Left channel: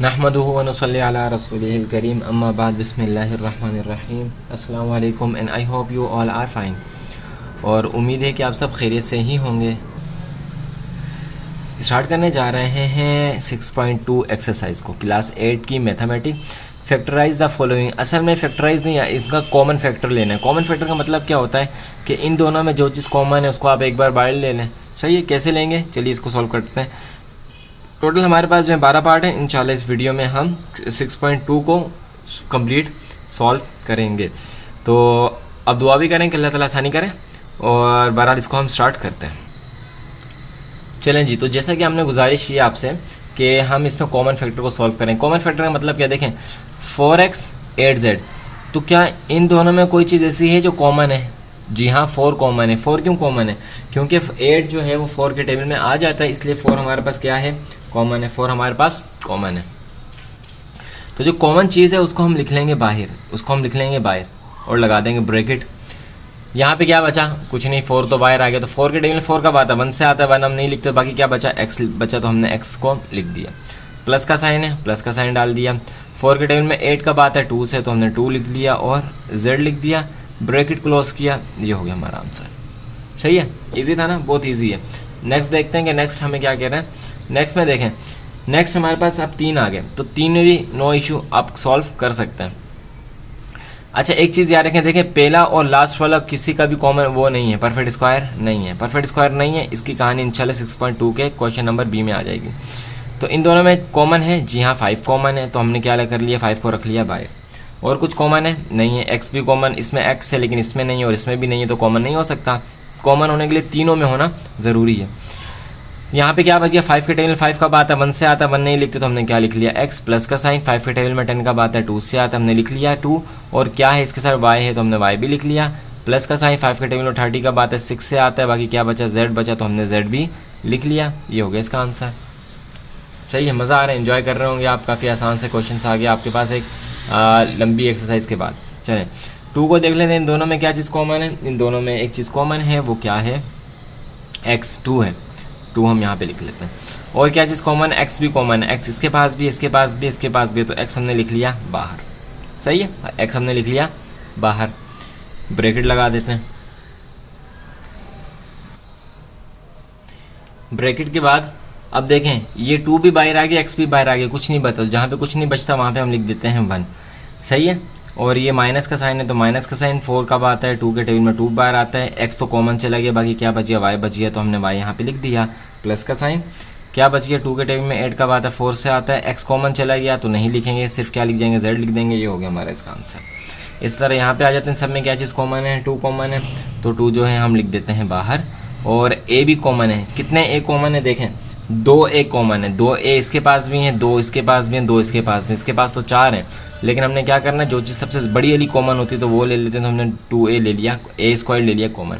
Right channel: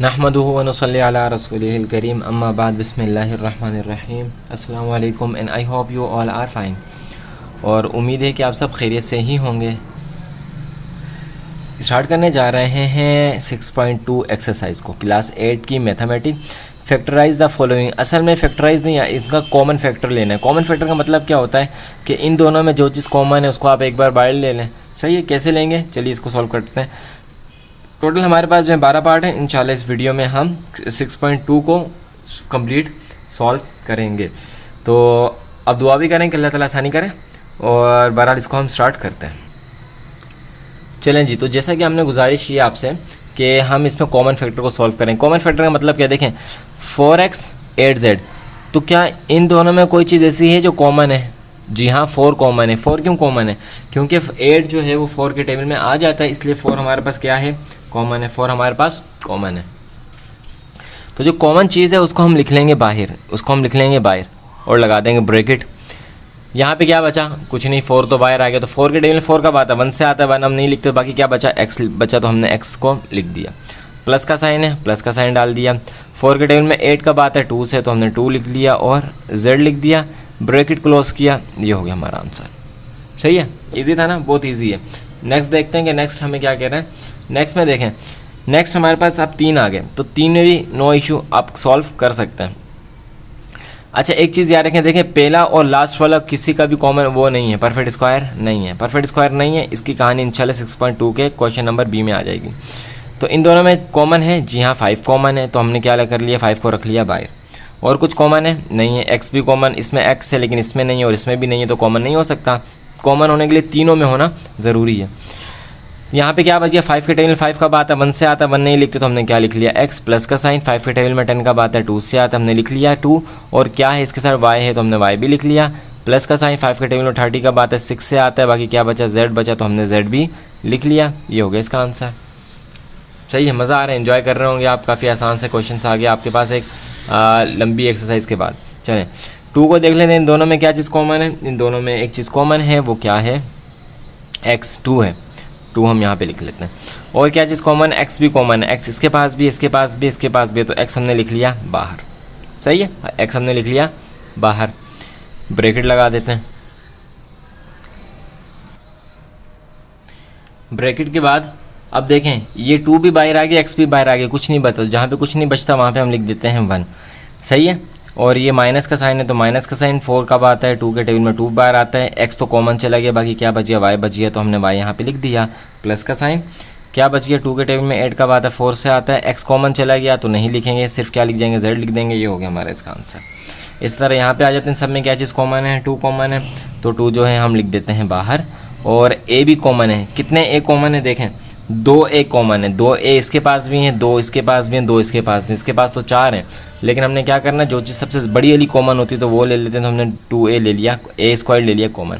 नहमदुहु व नुसल्ली अला रसूलिहिल करीम अम्मा बाद बिस्मिल्लाहिर रहमानिर रहीम। अस्सलामु अलैकुम and I hope you all are fine. और उम्मीद है कि आप सब खैरियत से ही होंगे। स्टार्ट करने जा रहे हैं 6.2 एक्सरसाइज को, क्लास 8 की मैथमेटिक। Factorise the following. असल में फैक्टराइज नहीं है, इसका कॉमन फैक्टर लेना है। कॉमन फैक्टर का मतलब क्या होता है कि इन दोनों में जो चीज़ कॉमन है उसको आप एक बार बाहर ले लें। सही है, कैसे लेंगे चलिए इसको सॉल्व करते हैं। टोटल हमारे पास जो है 12 पार्ट है। इंशाल्लाह इस वीडियो में हम 6.2 को कंप्लीट सॉल्व करेंगे। तो अब दुआ भी करें कि अल्लाह ताला आसानी करें और बहरहाल इसको हम स्टार्ट करते हैं। चलें जी, तो जैसा कि हमने गुजारिश की आपसे कि हम इसमें कॉमन फैक्टर को सॉल्व करें। कॉमन फैक्टर का मतलब क्या, देखें 4x 8z, तो क्या इन दोनों में कोई चीज़ ऐसी है जो कॉमन है? जी हाँ, 4 कॉमन है। 4 क्यों कॉमन है? क्योंकि 8 जो है वो 4 के टेबल में आ जाता है, इसलिए 4 हमारे पास क्या है, कॉमन है। 4 हमारे पास कॉमन है। तो जो कॉमन चीज़ है उसको हम लिख लेंगे बाहर, और लगा देंगे ब्रैकेट। यहाँ पे क्या बचा, कुछ नहीं, 4 तो बाहर आ गया। तो 4 के टेबल में 4 कब आता है, 1 से आता है। 1 हम नहीं लिखते, बाकी क्या बचा, x बचा, तो हमने x को लिख दिया। प्लस का साइन है, प्लस का साइन डाल दिया। 4 के टेबल में 8 कब आता है, 2 से, तो हमने 2 लिख दिया और z लिख दिया, ब्रैकेट क्लोज किया। ये हो गया हमारा आंसर। सही है, इजी था ना, बहुत इजी है। नेक्स्ट देखते हैं कि नेक्स्ट हमें क्या कह रहे हैं। नेक्स्ट में देखें, नेक्स्ट हमारे पास अब 3 आ गए, तो 3 में भी नो इशू, आप सॉल्व कर सकते हैं। अच्छा, एक चीज़ याद रखें, देखें पहला और लास्ट वाला किसी का भी कॉमन वो नहीं है, परफेक्ट स्क्वायर नहीं है। परफेक्ट स्क्वायर नहीं है, इसकी कहानी इंशाल्लाह 6.2 के क्वेश्चन नंबर बी में आ जाएगी। तो इन दोनों में कॉमन है, जी हाँ 5 कॉमन है, तो हमने क्या कर लिया, 5 को रख लिया बाहर। और कुछ कॉमन है नहीं है, एक्स भी कॉमन, इसमें एक्स है लेकिन इसमें नहीं है और इसमें भी नहीं है, तो कॉमन नहीं हो सकता। कॉमन होने के लिए तीनों में होना ज़रूरी है। यहाँ पे क्या बचिए, 5 के टेबल में 5 कब आता है, 1 से आता है। 1 नहीं लिखते तो हमने क्या लिख लिया, x प्लस का साइन। 5 के टेबल में 10 कब आता है, 2 से आता है, हमने लिख लिया 2। और क्या है इसके साथ, y है, तो हमने y भी लिख लिया। प्लस का साइन 5 के टेबल में 30 कब आता है, 6 से आता है। बाकी क्या बचा, z बचा, तो हमने z भी लिख लिया। ये हो गया इसका आंसर। सही है, मज़ा आ रहा है, इन्जॉय कर रहे होंगे आप। काफ़ी आसान से क्वेश्चन आ गया आपके पास एक लंबी एक्सरसाइज के बाद। चलें 2 को देख लेते हैं। इन दोनों में क्या चीज़ कॉमन है, इन दोनों में एक चीज़ कॉमन है, वो क्या है, x 2 है। 2 हम यहाँ पे लिख लेते हैं। और क्या चीज़ कॉमन, x भी कॉमन है। x इसके पास भी, इसके पास भी, इसके पास भी, तो x हमने लिख लिया बाहर। सही है, x हमने लिख लिया बाहर। ब्रैकेट लगा देते हैं। ब्रैकेट के बाद अब देखें, ये 2 भी बाहर आ गया, x भी बाहर आ गया, कुछ नहीं बचा। जहाँ पे कुछ नहीं बचता वहाँ पे हम लिख देते हैं 1। सही है। और ये माइनस का साइन है, तो माइनस का साइन 4 कब आता है, 2 के टेबल में 2 बार आता है। x तो कॉमन चला गया, बाकी क्या बच गया, y बच गया, तो हमने y यहाँ पे लिख दिया। प्लस का साइन क्या बच गया, 2 के टेबल में 8 कब आता है, 4 से आता है। x कॉमन चला गया तो नहीं लिखेंगे, सिर्फ क्या लिख देंगे, z लिख देंगे। ये हो गया हमारा इसका आंसर। इस तरह यहाँ पे आ जाते हैं। सब में क्या चीज़ कॉमन है, 2 कॉमन है, तो 2 जो है हम लिख देते हैं बाहर। और a भी कॉमन है। कितने a कॉमन है, देखें 2 a कॉमन है। 2 a इसके पास भी हैं, 2 इसके पास भी हैं, 2 इसके पास हैं, इसके पास तो 4 हैं। लेकिन हमने क्या करना है, जो चीज़ सबसे बड़ी वाली कॉमन होती है तो वो ले लेते हैं। तो हमने 2a ले लिया, a स्क्वायर ले लिया कॉमन।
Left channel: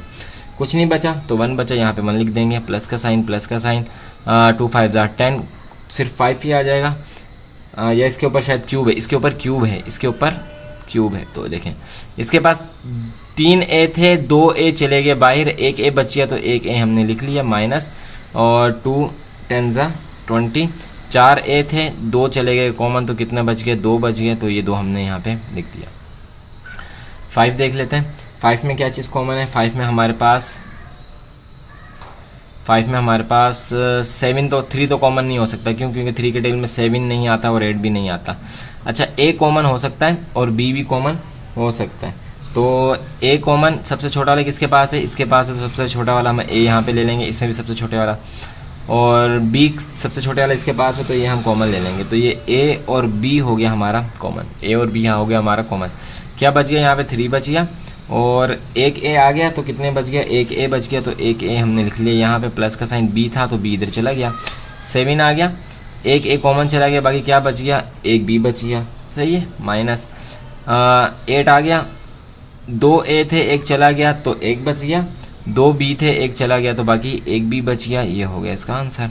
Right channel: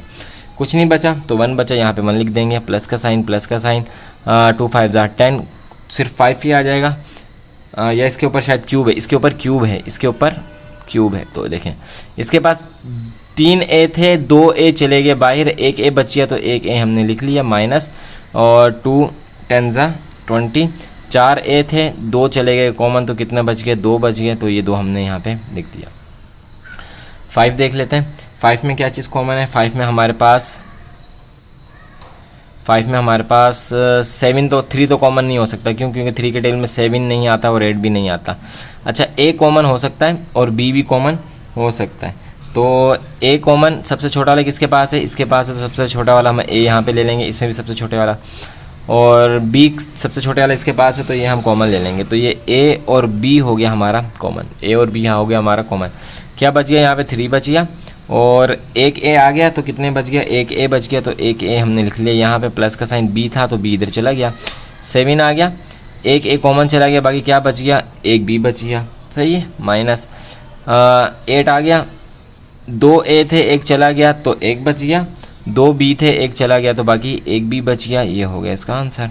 कुछ नहीं बचा तो 1 बचा, यहाँ पे 1 लिख देंगे। प्लस का साइन 2 5 10, सिर्फ 5 ही आ जाएगा। या इसके ऊपर शायद क्यूब है, इसके ऊपर क्यूब है, इसके ऊपर क्यूब है। तो देखें इसके पास 3 a थे, 2 a चले गए बाहर, 1 a बच गया, तो 1 a हमने लिख लिया माइनस। और 2 10 20, 4 a थे, 2 चले गए कॉमन, तो कितना बच गया, 2 बच गए, तो ये 2 हमने यहाँ पे लिख दिया। 5 देख लेते हैं। 5 में क्या चीज़ कॉमन है, 5 में हमारे पास 7 तो 3 तो कॉमन नहीं हो सकता, क्योंकि 3 के टेबल में 7 नहीं आता और 8 भी नहीं आता। अच्छा, a कॉमन हो सकता है और b भी कॉमन हो सकता है। तो a कॉमन सबसे छोटा वाला किसके पास है, इसके पास है, तो सबसे छोटा वाला हम a यहाँ पे ले लेंगे, इसमें भी सबसे छोटे वाला। और b सबसे छोटे वाला इसके पास है, तो ये हम कॉमन ले लेंगे। तो ये a और b हो गया हमारा कॉमन, a और b यहाँ हो गया हमारा कॉमन। क्या बच गया, यहाँ पे 3 बच गया और 1 a आ गया, तो कितने बच गया, 1 a बच गया, तो 1 a हमने लिख लिया। यहाँ पे प्लस का साइन b था तो b इधर चला गया। 7 आ गया, 1 a कॉमन चला गया, बाकी क्या बच गया, 1 b बच गया। सही है, माइनस 8 आ गया, 2 a थे, 1 चला गया तो 1 बच गया। 2 b थे, 1 चला गया, तो बाकी 1 b बच गया। ये हो गया इसका आंसर।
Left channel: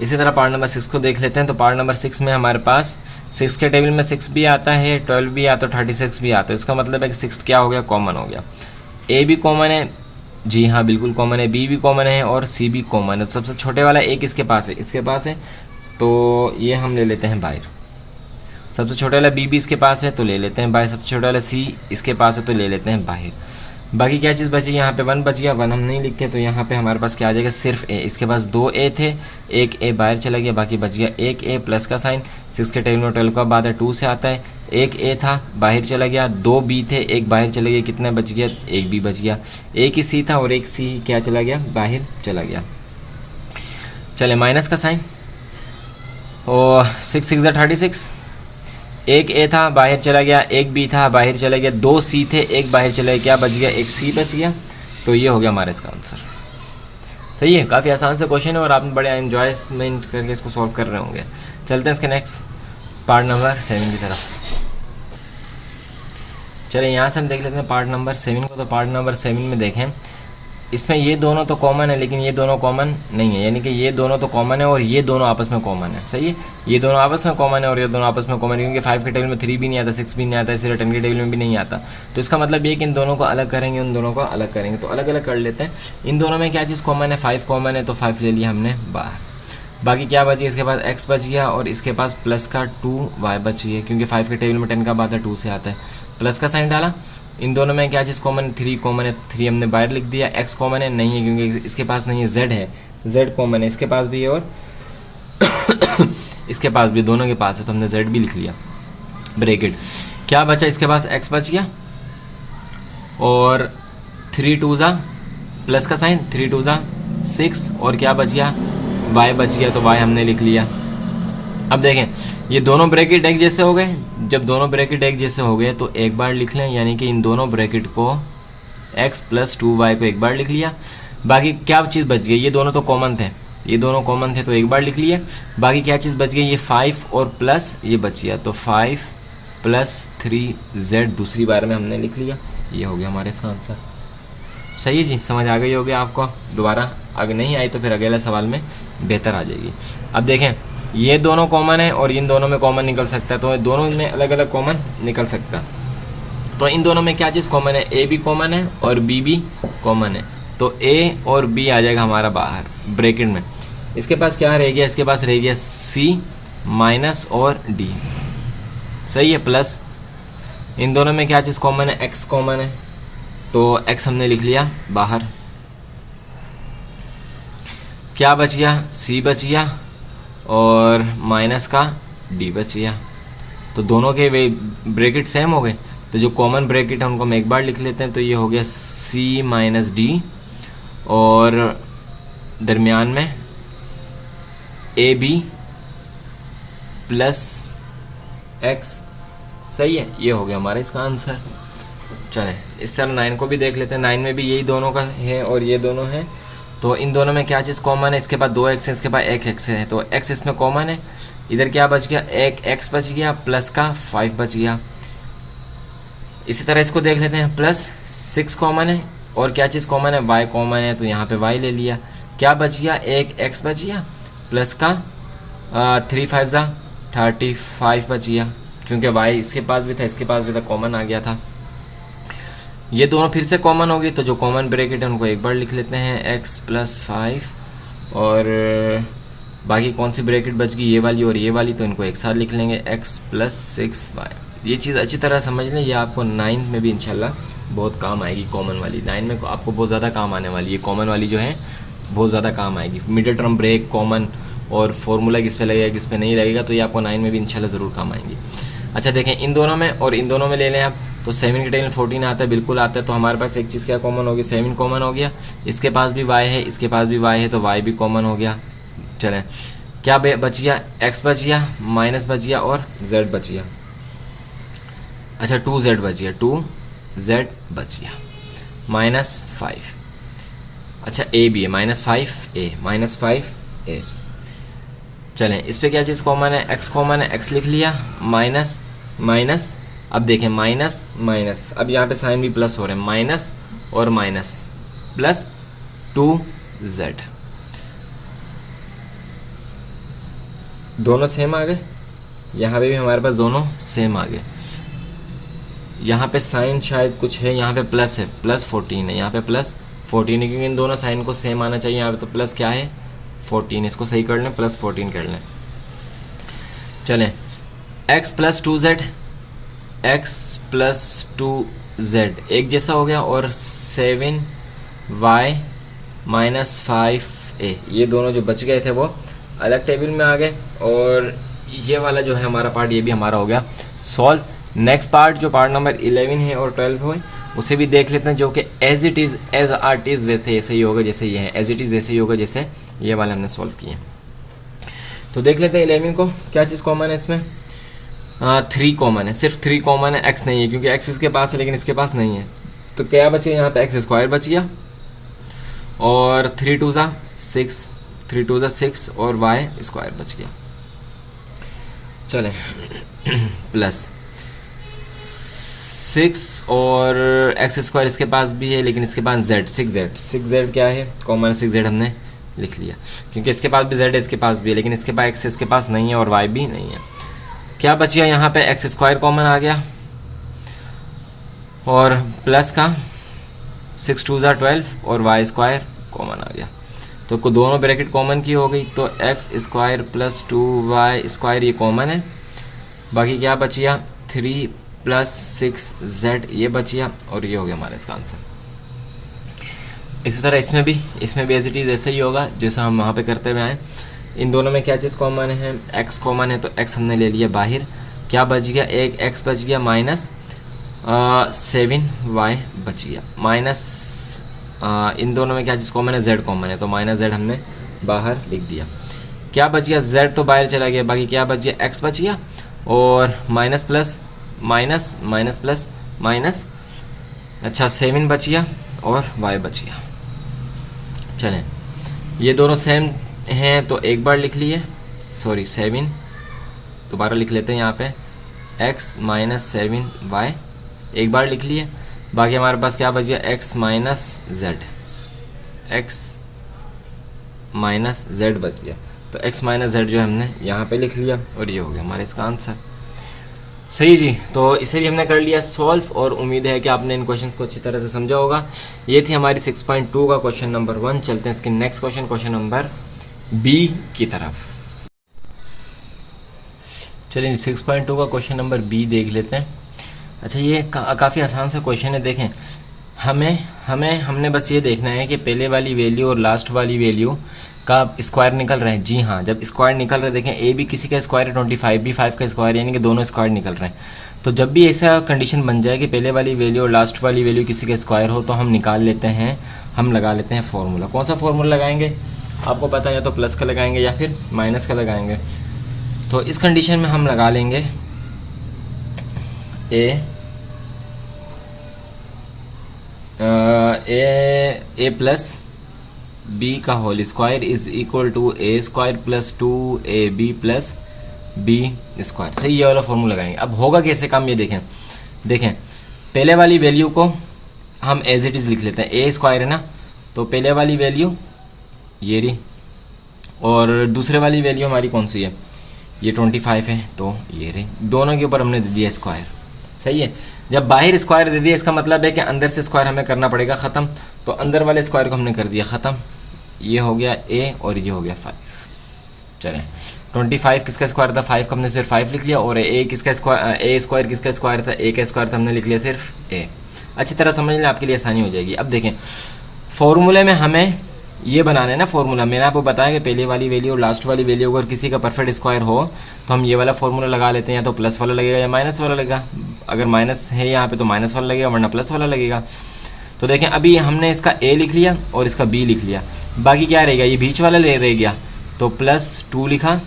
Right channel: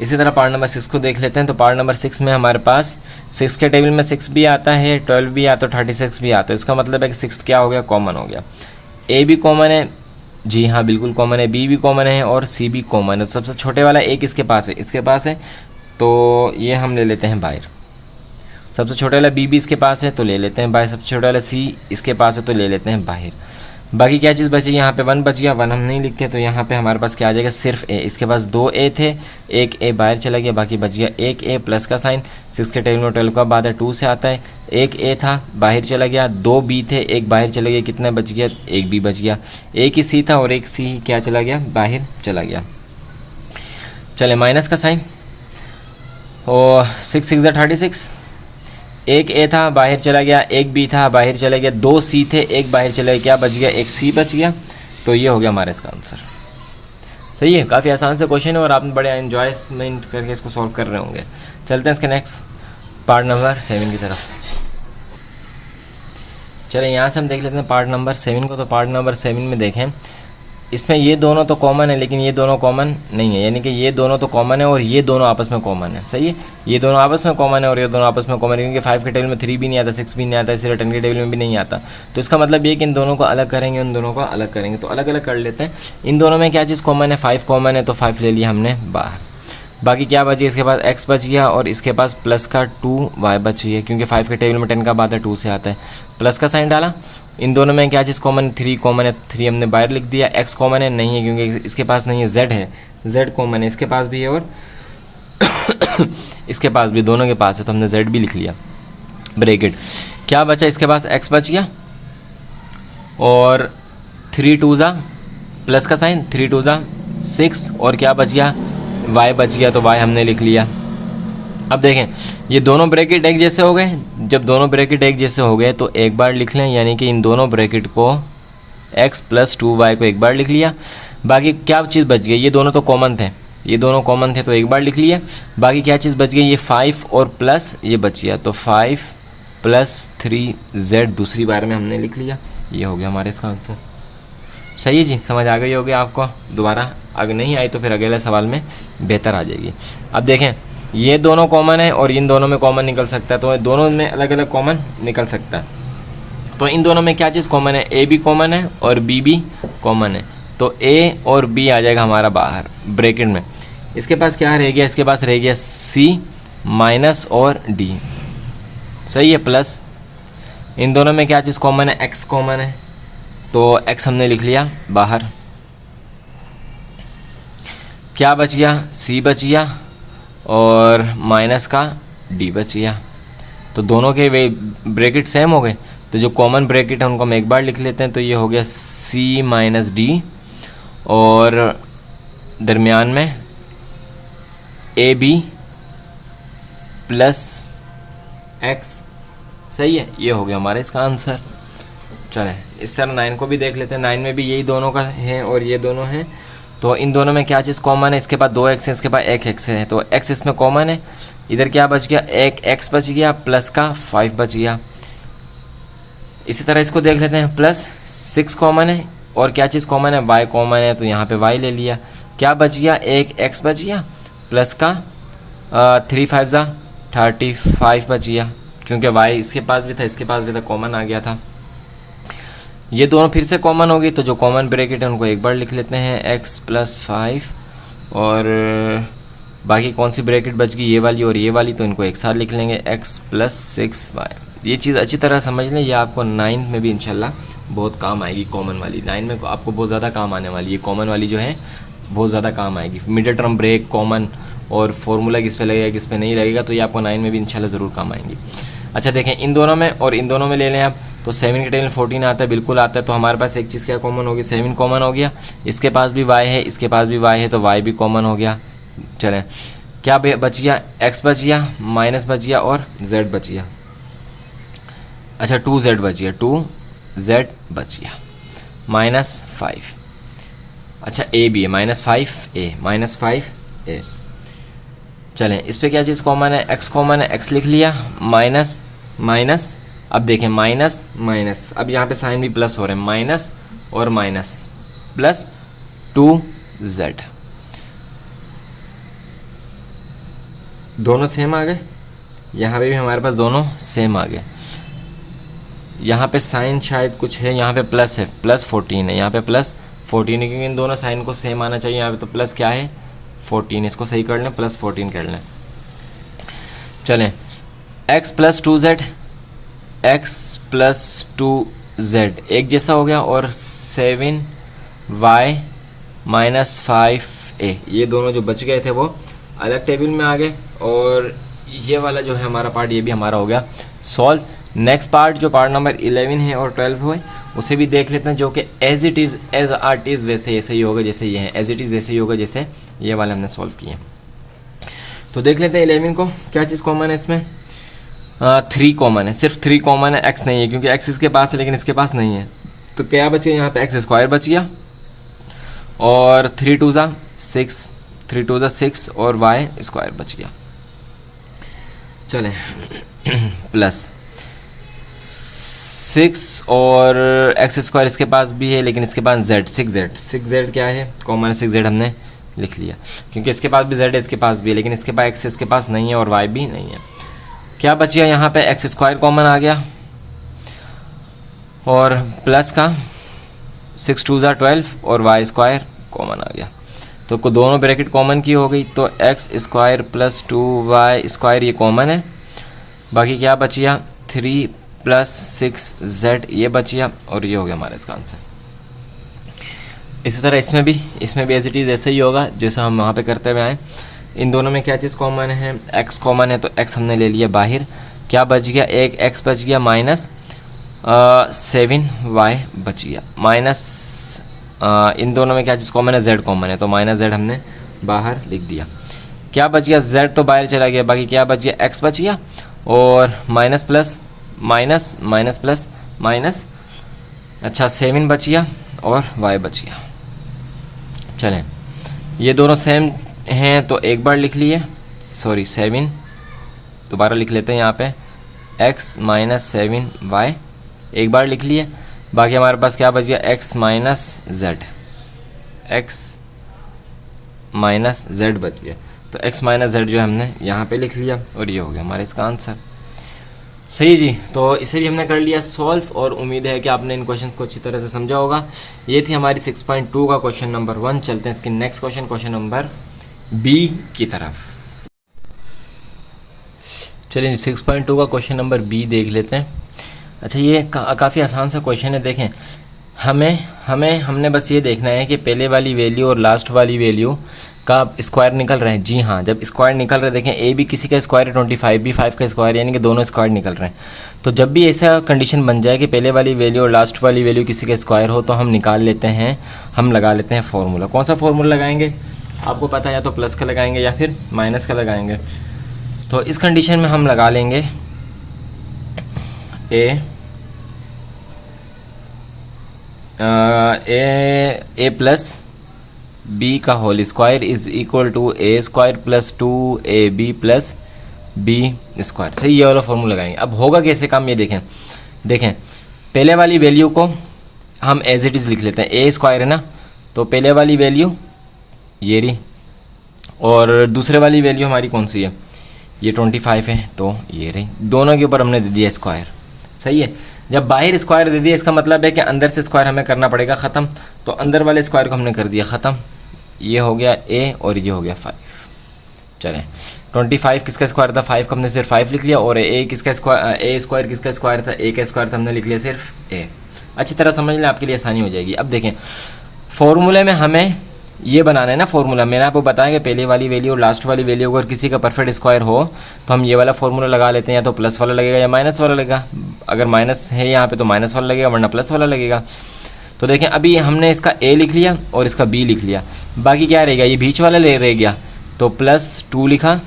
इसी तरह पार्ट नंबर 6 को देख लेते हैं। तो पार्ट नंबर 6 में हमारे पास 6 के टेबल में 6 भी आता है, 12 भी आता है, 36 भी आता है। इसका मतलब है कि 6 क्या हो गया, कॉमन हो गया। a भी कॉमन है, जी हाँ बिल्कुल कॉमन है, बी भी कॉमन है और सी भी कॉमन है। तो सबसे छोटे वाला 1 इसके पास है, इसके पास है, तो ये हम ले लेते हैं बाहर। सबसे छोटा वाला बी भी इसके पास है तो ले लेते हैं बाहर। सबसे छोटा वाला सी इसके पास है तो ले लेते हैं बाहर। बाकी क्या चीज़ बची, यहाँ पे 1 बच गया, 1 हम नहीं लिखते तो यहाँ पे हमारे पास क्या आ जाएगा, सिर्फ ए। इसके पास 2 ए थे, एक ए बाहर चला गया, बाकी बच गया एक ए प्लस का साइन। 6 के टेबल में 12 का बाद है 2 से आता है। एक ए था बाहर चला गया, 2 बी थे एक बाहर चले गए, कितना बच गया, एक बी बच गया। एक ही सी था और एक सी क्या चला गया, बाहर चला गया। चले माइनस का साइन और 6 6 36। एक ए था बाहर चला गया, एक बी था बाहर चला गया, 2 सी थे एक बाहर चला गया, क्या बच गया, एक सी बच गया। तो ये हो गया हमारा इसका आंसर। सही है, काफ़ी आसान से क्वेश्चन है और आपने बड़े एंजॉयमेंट करके इसको सॉल्व कर रहे होंगे। चलते हैं इसके नेक्स्ट पार्ट नंबर 7 की तरफ। चले यहाँ से हम देख लेते हैं पार्ट नंबर 7 को। तो पार्ट नंबर 7 में देखें, इसमें ये दोनों तो कॉमन है लेकिन ये दोनों कॉमन नहीं है, यानी कि ये दोनों तो कॉमन है और ये दोनों आपस में कॉमन है। सही है, ये दोनों आपस में कॉमन है और ये दोनों आपस में कॉमन है, क्योंकि 5 के टेबल में 3 भी नहीं आता, 6 भी नहीं आता, इसीलिए 10 के टेबल में भी नहीं आता। तो इसका मतलब ये कि इन दोनों को अलग करेंगे, उन दोनों को अलग करेंगे। तो अलग अलग कर लेते हैं। इन दोनों में क्या चीज़ कॉमन है, 5 कॉमन है तो 5 ले लिया हमने बाहर। बाकी क्या बची, इसके पास x बच गया और इसके पास प्लस का 2y बच गया, क्योंकि 5 के टेबल में 10 का बाद है 2 से आता है। प्लस का साइन डाला। इन दोनों में क्या चीज़ कॉमन है, 3 कॉमन है, 3 हमने बाहर लिख दिया। x कॉमन है नहीं है क्योंकि इसके पास नहीं है, z है, z कॉमन है, इसके पास भी है और इसके पास भी, दोनों के पास है तो हमने z भी लिख लिया। ब्रैकेट क्या बचा, इसके पास x बच गया और 3 2 जा प्लस का साइन, 3 2 जा 6 और क्या बच गया, y बच गया तो y हमने लिख लिया। अब देखें ये दोनों ब्रैकेट एक जैसे हो गए। जब दोनों ब्रैकेट एक जैसे हो गए तो एक बार लिख लें, यानी कि इन दोनों ब्रैकेट को x प्लस 2y को एक बार लिख लिया। बाकी क्या चीज़ बच गई, ये दोनों तो कॉमन थे, ये दोनों कॉमन थे तो एक बार लिख लिया। बाकी क्या चीज़ बच गई, ये 5 और प्लस ये बच गया तो 5 प्लस 3z दूसरी बार में हमने लिख लिया। ये हो गया हमारे इसका आंसर। सही है जी, समझ आ गई होगी आपको। दोबारा अगर नहीं आई तो फिर अगले सवाल में बेहतर आ जाएगी। अब देखें ये दोनों कॉमन है और इन दोनों में कॉमन निकल सकता है, तो दोनों में अलग अलग कॉमन निकल सकता है। तो इन दोनों में क्या चीज़ कॉमन है, ए भी कॉमन है और बी भी कॉमन है, तो ए और बी आ जाएगा हमारा बाहर ब्रैकेट में। इसके पास क्या रह गया, इसके पास रह गया सी माइनस और डी। सही है, प्लस इन दोनों में क्या चीज़ कॉमन है, एक्स कॉमन है तो एक्स हमने लिख लिया बाहर। क्या बच गया, सी बच गया और माइनस का डी बच गया। तो दोनों के वे ब्रैकेट सेम हो गए, तो जो कॉमन ब्रैकेट है उनको हम एक बार लिख लेते हैं। तो ये हो गया सी माइनस डी और दरमियान में ए बी प्लस एक्स। सही है, ये हो गया हमारा इसका आंसर। चलें इस तरह 9 को भी देख लेते हैं। 9 में भी यही दोनों का है और ये दोनों है, तो इन दोनों में क्या चीज़ कॉमन है, इसके पास 2x है, इसके पास 1x है, तो x इसमें कॉमन है। इधर क्या बच गया, 1x बच गया प्लस का 5 बच गया। इसी तरह इसको देख लेते हैं, प्लस 6 कॉमन है और क्या चीज़ कॉमन है, y कॉमन है, तो यहाँ पे y ले लिया। क्या बच गया, 1x बच गया प्लस का 3 5 जा 35 बच गया, क्योंकि y इसके पास भी था इसके पास भी था, कॉमन आ गया था। ये दोनों फिर से कॉमन होगी, तो जो कॉमन ब्रैकेट है उनको एक बार लिख लेते हैं, x प्लस 5 और बाकी कौन सी ब्रैकेट बच गई, ये वाली और ये वाली, तो इनको एक साथ लिख लेंगे, x प्लस 6y। ये चीज़ अच्छी तरह समझ लें, ये आपको 9 में भी इंशाल्लाह बहुत काम आएगी। कॉमन वाली 9 में आपको बहुत ज़्यादा काम आने वाली है, कॉमन वाली जो है बहुत ज़्यादा काम आएगी। मिडिल टर्म ब्रेक, कॉमन और फार्मूला किस पे लगेगा किस पे नहीं लगेगा, तो ये आपको 9 में भी इंशाल्लाह ज़रूर काम आएंगी। अच्छा देखें, इन दोनों में और इन दोनों में ले लें आप, तो 7 के टेबल 14 आता है, बिल्कुल आता है। तो हमारे पास एक चीज़ क्या कॉमन होगी, 7 कॉमन हो गया। इसके पास भी y है, इसके पास भी y है, तो y भी कॉमन हो गया। चलें क्या बच गया, x बच गया, माइनस बच गया और z बच गया। अच्छा 2z बच गया, 2z बच गया माइनस 5। अच्छा a भी है, माइनस 5a, माइनस 5a। चलें इस पर क्या चीज़ कॉमन है, x कॉमन है, x लिख लिया, माइनस माइनस। अब देखें माइनस माइनस, अब यहाँ पे साइन भी प्लस हो रहे हैं, माइनस और माइनस प्लस 2z, दोनों सेम आ गए। यहाँ पे भी हमारे पास दोनों सेम आ गए। यहाँ पे साइन शायद कुछ है, यहाँ पे प्लस है, प्लस 14 है, यहाँ पे प्लस 14 है, क्योंकि इन दोनों साइन को सेम आना चाहिए। यहाँ पे तो प्लस क्या है 14, इसको सही कर लें, प्लस 14 कर लें। चलें, x plus 2z, x plus 2z एक जैसा हो गया, और 7y माइनस 5a ये दोनों जो बच गए थे वो अलग टेबल में आ गए, और ये वाला जो है हमारा पार्ट, ये भी हमारा हो गया सॉल्व। नेक्स्ट पार्ट जो पार्ट नंबर 11 है और 12 है उसे भी देख लेते हैं, जो कि as it is as art is वैसे ऐसे ही होगा जैसे ये है, एज इट इज़ वैसे ही होगा जैसे ये वाला हमने सॉल्व किए। तो देख लेते हैं 11 को, क्या चीज़ कॉमन है इसमें? 3 कॉमन है, सिर्फ 3 कॉमन है, x नहीं है क्योंकि x इसके पास है लेकिन इसके पास नहीं है। तो क्या बच गया यहाँ पे? x स्क्वायर बच गया, और 3 2 ज़ा 6, 3 2 ज़ा 6 और y स्क्वायर बच गया। चलें प्लस 6 और एक्स स्क्वायर इसके पास भी है लेकिन इसके पास z 6z क्या है? कॉमन 6z हमने लिख लिया क्योंकि इसके पास भी z है, इसके पास भी है, लेकिन इसके पास x इसके पास नहीं है और y भी नहीं है। क्या बचिया यहाँ पे? एक्स स्क्वायर कॉमन आ गया, और प्लस का 6 2 ज़ा 12 और y स्क्वायर कॉमन आ गया। तो दोनों ब्रैकेट कॉमन की हो गई, तो x square plus 2y square ये कॉमन है। बाकी क्या बचिया? 3 प्लस 6z ये बचिया, और ये हो गया हमारा इसका आंसर। इसी तरह इसमें भी एज इट इज़ ऐसे ही होगा जैसा हम वहाँ पे करते हुए आए। इन दोनों में क्या चीज़ कॉमन है? x कॉमन है, तो x हमने ले लिया बाहर। क्या बच गया? एक x बच गया, माइनस 7y बच गया, माइनस इन दोनों में क्या चीज़ कॉमन है? z कॉमन है, तो माइनस z हमने बाहर लिख दिया। क्या बच गया? z तो बाहर चला गया, बाकी क्या बच गया? x बच गया, और minus plus minus minus plus minus, अच्छा 7 बच गया और y बच गया। चलें, ये दोनों सेम हैं तो एक बार लिख लिए, सॉरी 7 दोबारा लिख लेते हैं यहाँ पे, x माइनस 7y एक बार लिख लिए। बाकी हमारे पास क्या बच गया? x minus Z, x minus Z बच गया, तो x माइनस जेड जो हमने यहाँ पे लिख लिया, और ये हो गया हमारा इसका आंसर। सही जी, तो इसे भी हमने कर लिया सॉल्व, और उम्मीद है कि आपने इन क्वेश्चन को अच्छी तरह से समझा होगा। ये थी हमारी 6.2 का क्वेश्चन नंबर 1। चलते हैं इसके नेक्स्ट क्वेश्चन नंबर बी की तरफ। चलिए 6.2 का क्वेश्चन नंबर बी देख लेते हैं। अच्छा, ये काफ़ी आसान सा क्वेश्चन है। देखें, हमने बस ये देखना है कि पहले वाली वैल्यू और लास्ट वाली वैल्यू का स्क्वायर निकल रहे हैं। जी हाँ, जब स्क्वायर निकल रहे हैं, देखें ए भी किसी का स्क्वायर है 25, भी 5 का स्क्वायर, यानी कि दोनों स्क्वायर निकल रहे हैं। तो जब भी ऐसा कंडीशन बन जाए कि पहले वाली वैल्यू और लास्ट वाली वैल्यू किसी का स्क्वायर हो, तो हम निकाल लेते हैं, हम लगा लेते हैं फॉर्मूला। कौन सा फॉर्मूला लगाएंगे? आपको पता है, या तो प्लस का लगाएंगे या फिर माइनस का लगाएंगे। तो इस कंडीशन में हम लगा लेंगे ए प्लस बी का whole square is equal to a square plus 2ab plus B square. सही, ये वाला फॉर्मूला लगाएंगे। अब होगा कैसे काम, ये देखें पहले वाली वैल्यू को हम एज इट इज़ लिख लेते हैं। ए स्क्वायर है ना, तो पहले वाली वैल्यू ये रही, और दूसरे वाली वैल्यू हमारी कौन सी है? ये 25 है, तो ये रही। दोनों के ऊपर हमने दे दिया स्क्वायर। सही है, जब बाहर स्क्वायर दे दिया इसका मतलब है कि अंदर से स्क्वायर हमें करना पड़ेगा ख़त्म। तो अंदर वाले स्क्वायर को हमने कर दिया ख़त्म। ये हो गया a और ये हो गया 5। चलें, 25 किसका स्क्वायर था? 5 का हमने सिर्फ 5 लिख लिया, और a किसका स्क्वायर, a स्क्वायर किसका स्क्वायर था? a का स्क्वायर था, हमने लिख लिया सिर्फ a। अच्छी तरह समझ लें, आपके लिए आसानी हो जाएगी। अब देखें, फॉर्मूले में हमें ये बनाना है ना फॉर्मूला। मैंने आपको बताया कि पहले वाली वैल्यू और लास्ट वाली वैल्यू अगर किसी का परफेक्ट स्क्वायर हो तो हम ये वाला फॉर्मूला लगा लेते हैं, या तो प्लस वाला लगेगा या माइनस वाला लगेगा। अगर माइनस है यहाँ पे तो माइनस वाला लगेगा, वरना प्लस वाला लगेगा। तो देखें, अभी हमने इसका a लिख लिया और इसका b लिख लिया, बाकी क्या रहेगा? ये बीच वाला रह गया, तो +2 लिखा,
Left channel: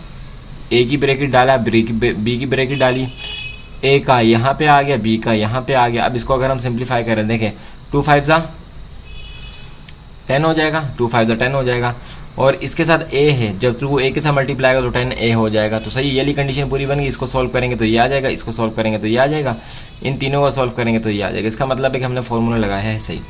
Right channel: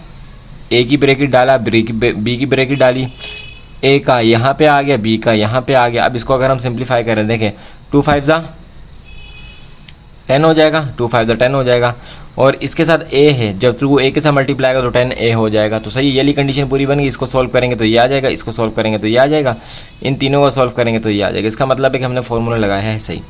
a की ब्रैकेट डाला, b की ब्रैकेट डाली, a का यहाँ पे आ गया, b का यहाँ पे आ गया। अब इसको अगर हम सिंप्लीफाई करें, देखें 2 5 ज़ा 10 हो जाएगा, 2 5 ज़ा 10 हो जाएगा, और इसके साथ a है, जब थ्रू a के साथ मल्टीप्लाई आएगा तो 10a हो जाएगा। तो सही, ये वाली कंडीशन पूरी बन गई। इसको सॉल्व करेंगे तो ये आ जाएगा, इसको सॉल्व करेंगे तो ये आ जाएगा, इन तीनों को सॉल्व करेंगे तो ये आ जाएगा। इसका मतलब है कि हमने फॉर्मूला लगाया है सही।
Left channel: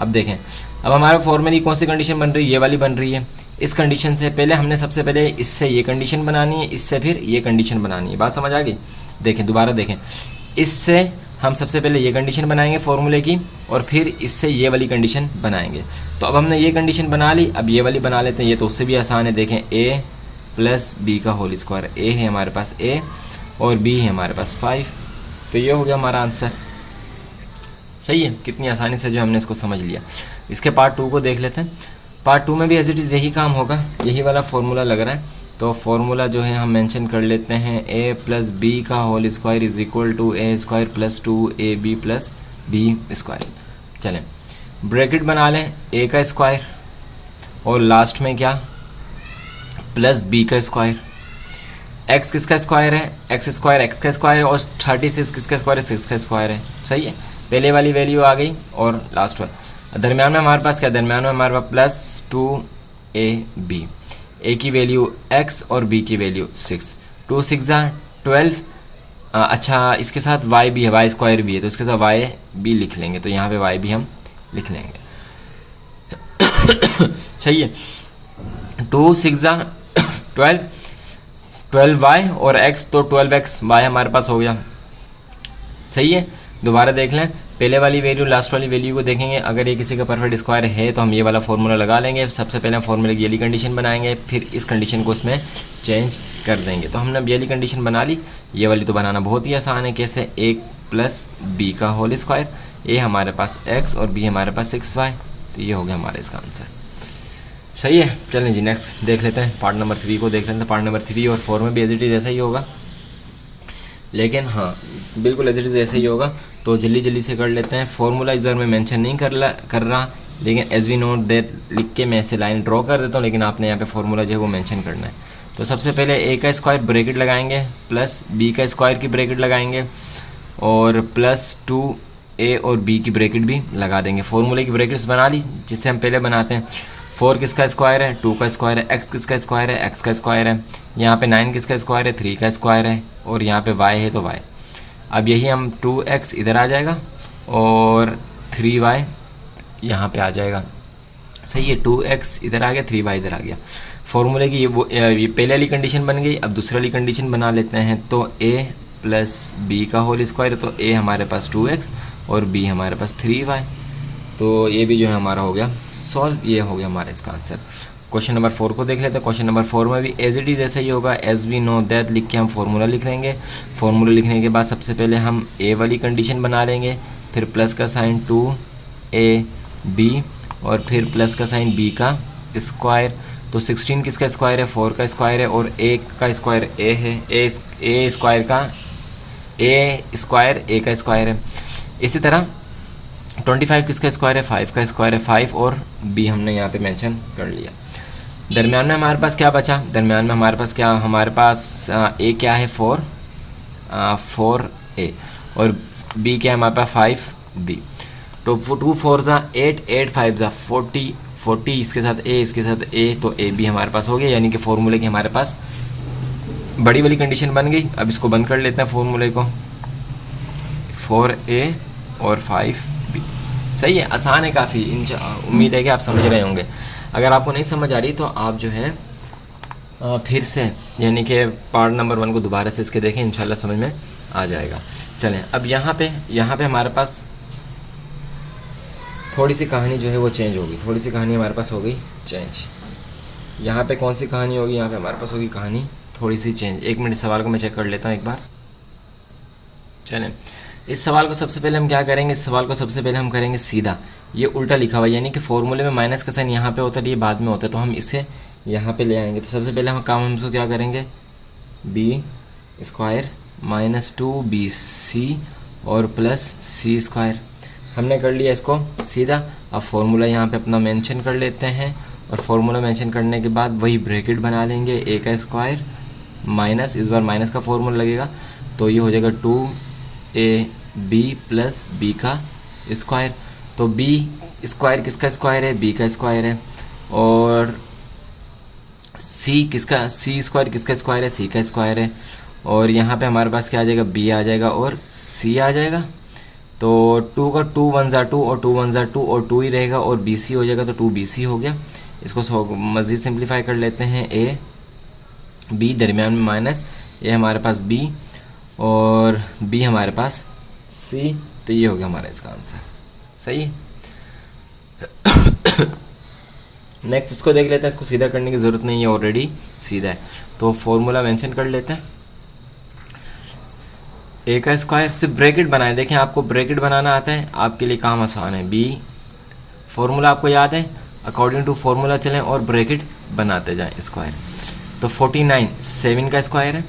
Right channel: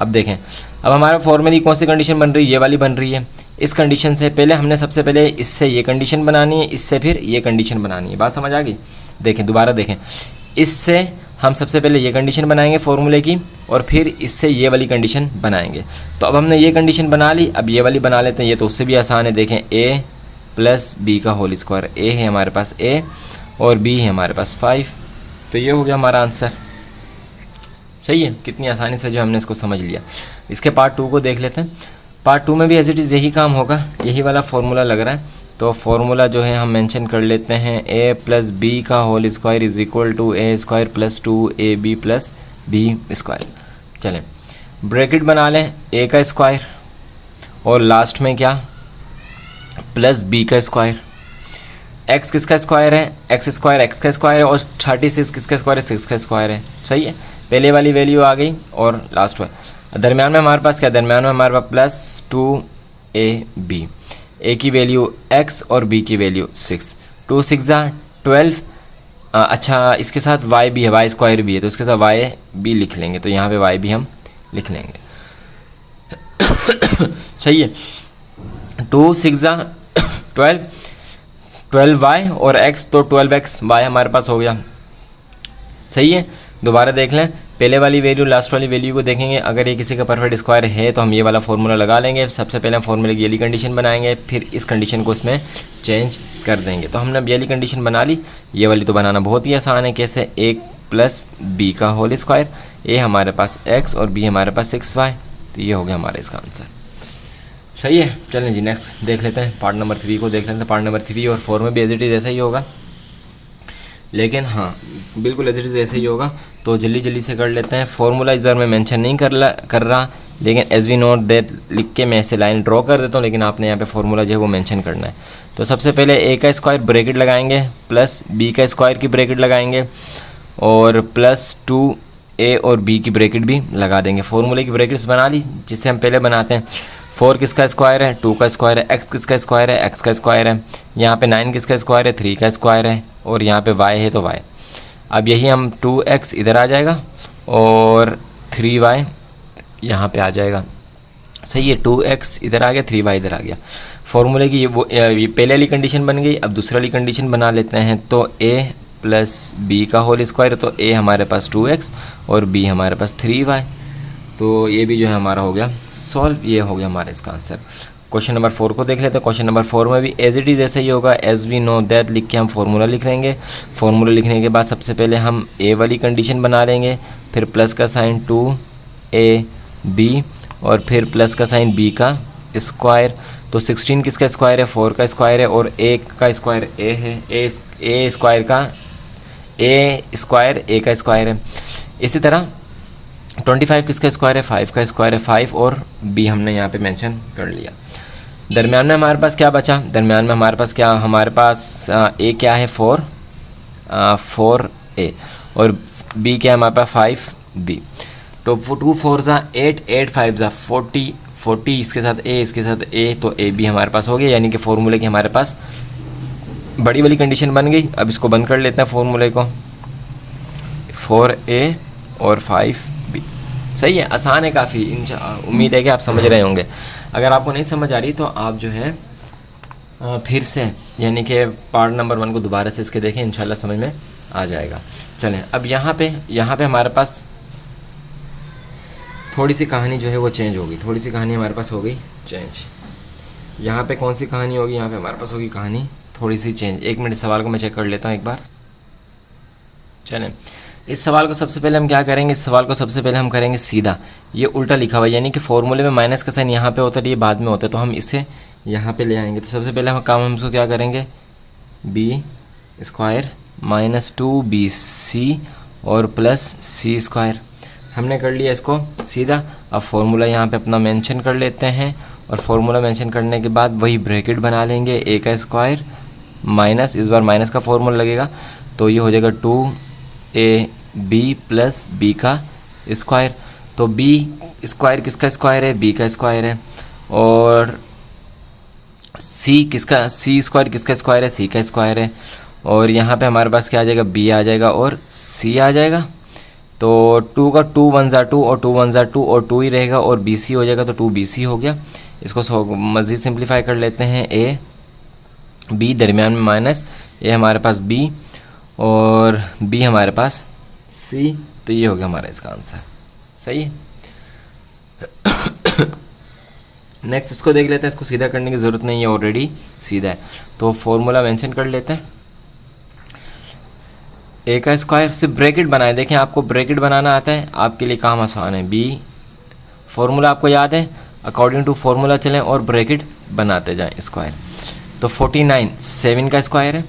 अब देखें, अब हमारे फॉर्मूले की कौन सी कंडीशन बन रही है? ये वाली बन रही है। इस कंडीशन से पहले हमने सबसे पहले इससे ये कंडीशन बनानी है, इससे फिर ये कंडीशन बनानी है। बात समझ आ गई? देखें, दोबारा देखें, इससे हम सबसे पहले ये कंडीशन बनाएंगे फॉर्मूले की, और फिर इससे ये वाली कंडीशन बनाएंगे। तो अब हमने ये कंडीशन बना ली, अब ये वाली बना लेते हैं। ये तो उससे भी आसान है। देखें, a प्लस बी का होल स्क्वायर। ए है हमारे पास ए और बी है हमारे पास 5। तो ये हो गया हमारा आंसर। सही है, कितनी आसानी से जो हमने इसको समझ लिया। इसके पार्ट 2 को देख लेते हैं। पार्ट 2 में भी एज इट इज़ यही काम होगा, यही वाला फॉर्मूला लग रहा है। तो फॉर्मूला जो है हम मेंशन कर लेते हैं, ए प्लस बी का whole square is equal to a square plus 2ab plus B square. चलें ब्रैकेट बना लें, ए का स्क्वायर और लास्ट में क्या प्लस बी का स्क्वायर। एक्स किसका स्क्वायर है, एक्स स्क्वायर एक्स का स्क्वायर है और 36 किसका स्क्वायर है, 6 का स्क्वायर है। सही है, पहले वाली वैल्यू आ गई और लास्ट वाली। दरम्यान में हमारे पास क्या, दरम्यान में हमारे पास प्लस 2ab, ए की वैल्यू x और b की वैल्यू 6। 2 6 12। अच्छा इसके साथ y भी है, y स्क्वायर भी है, तो इसके साथ y भी लिख लेंगे, तो यहाँ पे y भी हम लिख लेंगे। सही है, 2 6 12, 12y और x, तो 12x y हमारे पास हो गया। सही है, दोबारा देख लें, पहले वाली वैल्यू लास्ट वाली वैल्यू को देखेंगे। अगर ये किसी का परफेक्ट स्क्वायर है तो हम ये वाला फार्मूला लगा लेंगे। सबसे पहले हम फार्मूले की ये वाली कंडीशन बनाएंगे, फिर इस कंडीशन को इसमें चेंज कर देंगे। तो हमने अब ये वाली कंडीशन बना ली। ये वाली तो बनाना बहुत ही आसान है, कैसे, ए प्लस बी का होल स्क्वायर, ए हमारे पास x और b हमारे पास 6y। तो ये हो गया हमारा इसका आंसर। सही है, चलें जी नेक्स्ट देख लेते हैं, पार्ट नंबर 3 को देख लेते हैं। पार्ट नंबर 3 और 4 में भी एज इट इज़ ऐसा ही होगा, लेकिन हाँ बिल्कुल एज इट इज़ ऐसे ही होगा। तो जल्दी जल्दी से कर लेते हैं। फॉर्मूला इस बार मैं मेंशन नहीं कर रहा, लेकिन एज वी नोट दैट लिख के मैं ऐसे लाइन ड्रॉ कर देता हूँ, लेकिन आपने यहाँ पे फॉर्मूला जो है वो मेंशन करना है। तो सबसे पहले ए का स्क्वायर ब्रैकेट लगाएंगे प्लस बी का स्क्वायर की ब्रैकेट लगाएंगे और प्लस 2a और b की ब्रैकेट भी लगा देंगे। फॉर्मूले की ब्रैकेट्स बना ली जिससे हम पहले बनाते हैं। 4 किसका स्क्वायर है, 2 का स्क्वायर है, x किसका स्क्वायर है, x का स्क्वायर है, यहाँ पे 9 किसका स्क्वायर है, 3 का स्क्वायर है, और यहाँ पे y है तो y। अब यही हम 2x इधर आ जाएगा और 3y यहाँ पे आ जाएगा। सही है, 2x इधर आ गया, 3y इधर आ गया। फॉर्मूले की ये पहले वाली कंडीशन बन गई। अब दूसरी वाली कंडीशन बना लेते हैं। तो a प्लस बी का होल स्क्वायर, तो a हमारे पास 2x और b हमारे पास 3y। तो ये भी जो है हमारा हो गया सॉल्व। ये हो गया हमारा इसका आंसर। क्वेश्चन नंबर 4 को देख लेते हैं। क्वेश्चन नंबर 4 में भी एज इट इज़ ऐसे ही होगा, एज वी नो दैट लिख के हम फार्मूला लिख लेंगे। फार्मूला लिखने के बाद सबसे पहले हम ए वाली कंडीशन बना लेंगे, फिर प्लस का साइन 2ab और फिर प्लस का साइन b का स्क्वायर। तो 16 किसका स्क्वायर है, 4 का स्क्वायर है और a का स्क्वायर a है, a स्क्वायर का a स्क्वायर a का स्क्वायर है। इसी तरह 25 किसका स्क्वायर है, 5 का स्क्वायर है 5 और b हमने यहाँ पे मेंशन कर लिया। दरम्यान में हमारे पास क्या बचा, दरम्यान में हमारे पास क्या, हमारे पास a क्या है 4a और b क्या है हमारे पास 5b। तो 2 4 8, 8 5 40, इसके साथ a, इसके साथ a, तो a b हमारे पास हो गया। यानी कि फॉर्मूले की हमारे पास बड़ी वाली कंडीशन बन गई। अब इसको बंद कर लेते हैं फॉर्मूले को, 4a और 5b। सही है, आसान है काफ़ी। उम्मीद है कि आप समझ रहे होंगे। अगर आपको नहीं समझ आ रही तो आप जो है फिर से यानी कि पार्ट नंबर 1 को दोबारा से इसके देखें, इंशाल्लाह समझ में आ जाएगा। चलें अब यहाँ पे हमारे पास थोड़ी सी कहानी जो है वो चेंज होगी। थोड़ी सी कहानी हमारे पास हो गई चेंज। यहाँ पे कौन सी कहानी होगी, यहाँ पे हमारे पास होगी कहानी थोड़ी सी चेंज। 1 मिनट सवाल को मैं चेक कर लेता हूँ एक बार। चलें, इस सवाल को सबसे पहले हम क्या करेंगे, इस सवाल को सबसे पहले हम करेंगे सीधा। ये उल्टा लिखा हुआ है, यानी कि फॉर्मूले में माइनस का साइन यहाँ पे होता है, ये बाद में होता है, तो हम इसे यहाँ पे ले आएंगे। तो सबसे पहले हम काम हम क्या करेंगे, b स्क्वायर माइनस 2bc और प्लस c स्क्वायर। हमने कर लिया इसको सीधा। अब फॉर्मूला यहाँ पे अपना मेंशन कर लेते हैं और फॉर्मूला मेंशन करने के बाद वही ब्रैकेट बना लेंगे, a का स्क्वायर माइनस, इस बार माइनस का फॉर्मूला लगेगा, तो ये हो जाएगा 2ab प्लस b का स्क्वायर। तो b स्क्वायर किसका स्क्वायर है, b का स्क्वायर है, और c स्क्वायर किसका स्क्वायर है, c का स्क्वायर है, और यहाँ पे हमारे पास क्या आ जाएगा, b आ जाएगा और c आ जाएगा। तो 2 का 2 1 ज़ा 2 और 2 1 ज़ा 2 और 2 ही रहेगा और bc हो जाएगा, तो 2bc हो गया। इसको मज़ीद सिंप्लीफाई कर लेते हैं, a b दरमियान में माइनस, a हमारे पास b और b हमारे पास c। तो ये हो गया हमारा इसका आंसर। सही है। नेक्स्ट इसको देख लेते हैं, इसको सीधा करने की ज़रूरत नहीं है, ऑलरेडी सीधा है। तो फॉर्मूला मेंशन कर लेते हैं। ए का स्क्वायर, सिर्फ ब्रैकेट बनाए, देखें आपको ब्रैकेट बनाना आता है, आपके लिए काम आसान है। बी फॉर्मूला आपको याद है, अकॉर्डिंग टू फॉर्मूला चलें और ब्रैकेट बनाते जाएं स्क्वायर। तो 49 7 का स्क्वायर है,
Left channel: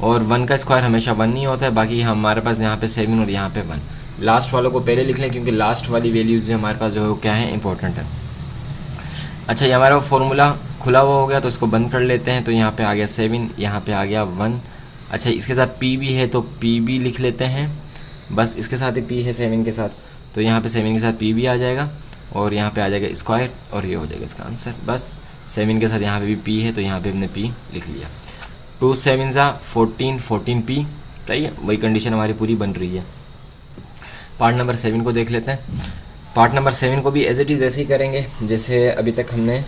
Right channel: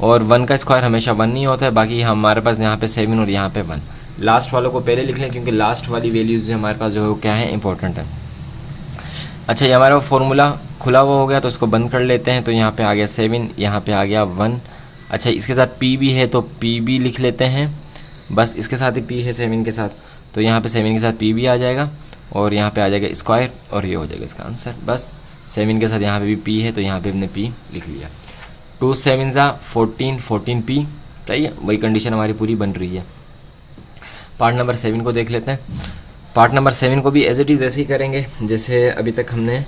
और 1 का स्क्वायर हमेशा 1 नहीं होता है, बाकी हमारे पास यहाँ पे 7 और यहाँ पे 1। लास्ट वालों को पहले लिख लें क्योंकि लास्ट वाली वैल्यूज हमारे पास जो है वो क्या है, इंपॉर्टेंट है। अच्छा, ये हमारा फॉर्मूला खुला हुआ हो गया तो इसको बंद कर लेते हैं। तो यहाँ पे आ गया 7, यहाँ पे आ गया 1। अच्छा, इसके साथ पी भी है तो पी भी लिख लेते हैं, बस इसके साथ ही पी है 7 के साथ, तो यहाँ पे 7 के साथ पी भी आ जाएगा, और यहाँ पे आ जाएगा स्क्वायर, और ये हो जाएगा इसका आंसर। बस 7 के साथ यहाँ पे भी पी है तो यहाँ पे हमने पी लिख लिया। 2 7 14, 14 पी, सही है, वही कंडीशन हमारी पूरी बन रही है। पार्ट नंबर 7 को देख लेते हैं। पार्ट नंबर 7 को भी एज इट इज़ ऐसे ही करेंगे जैसे अभी तक हमने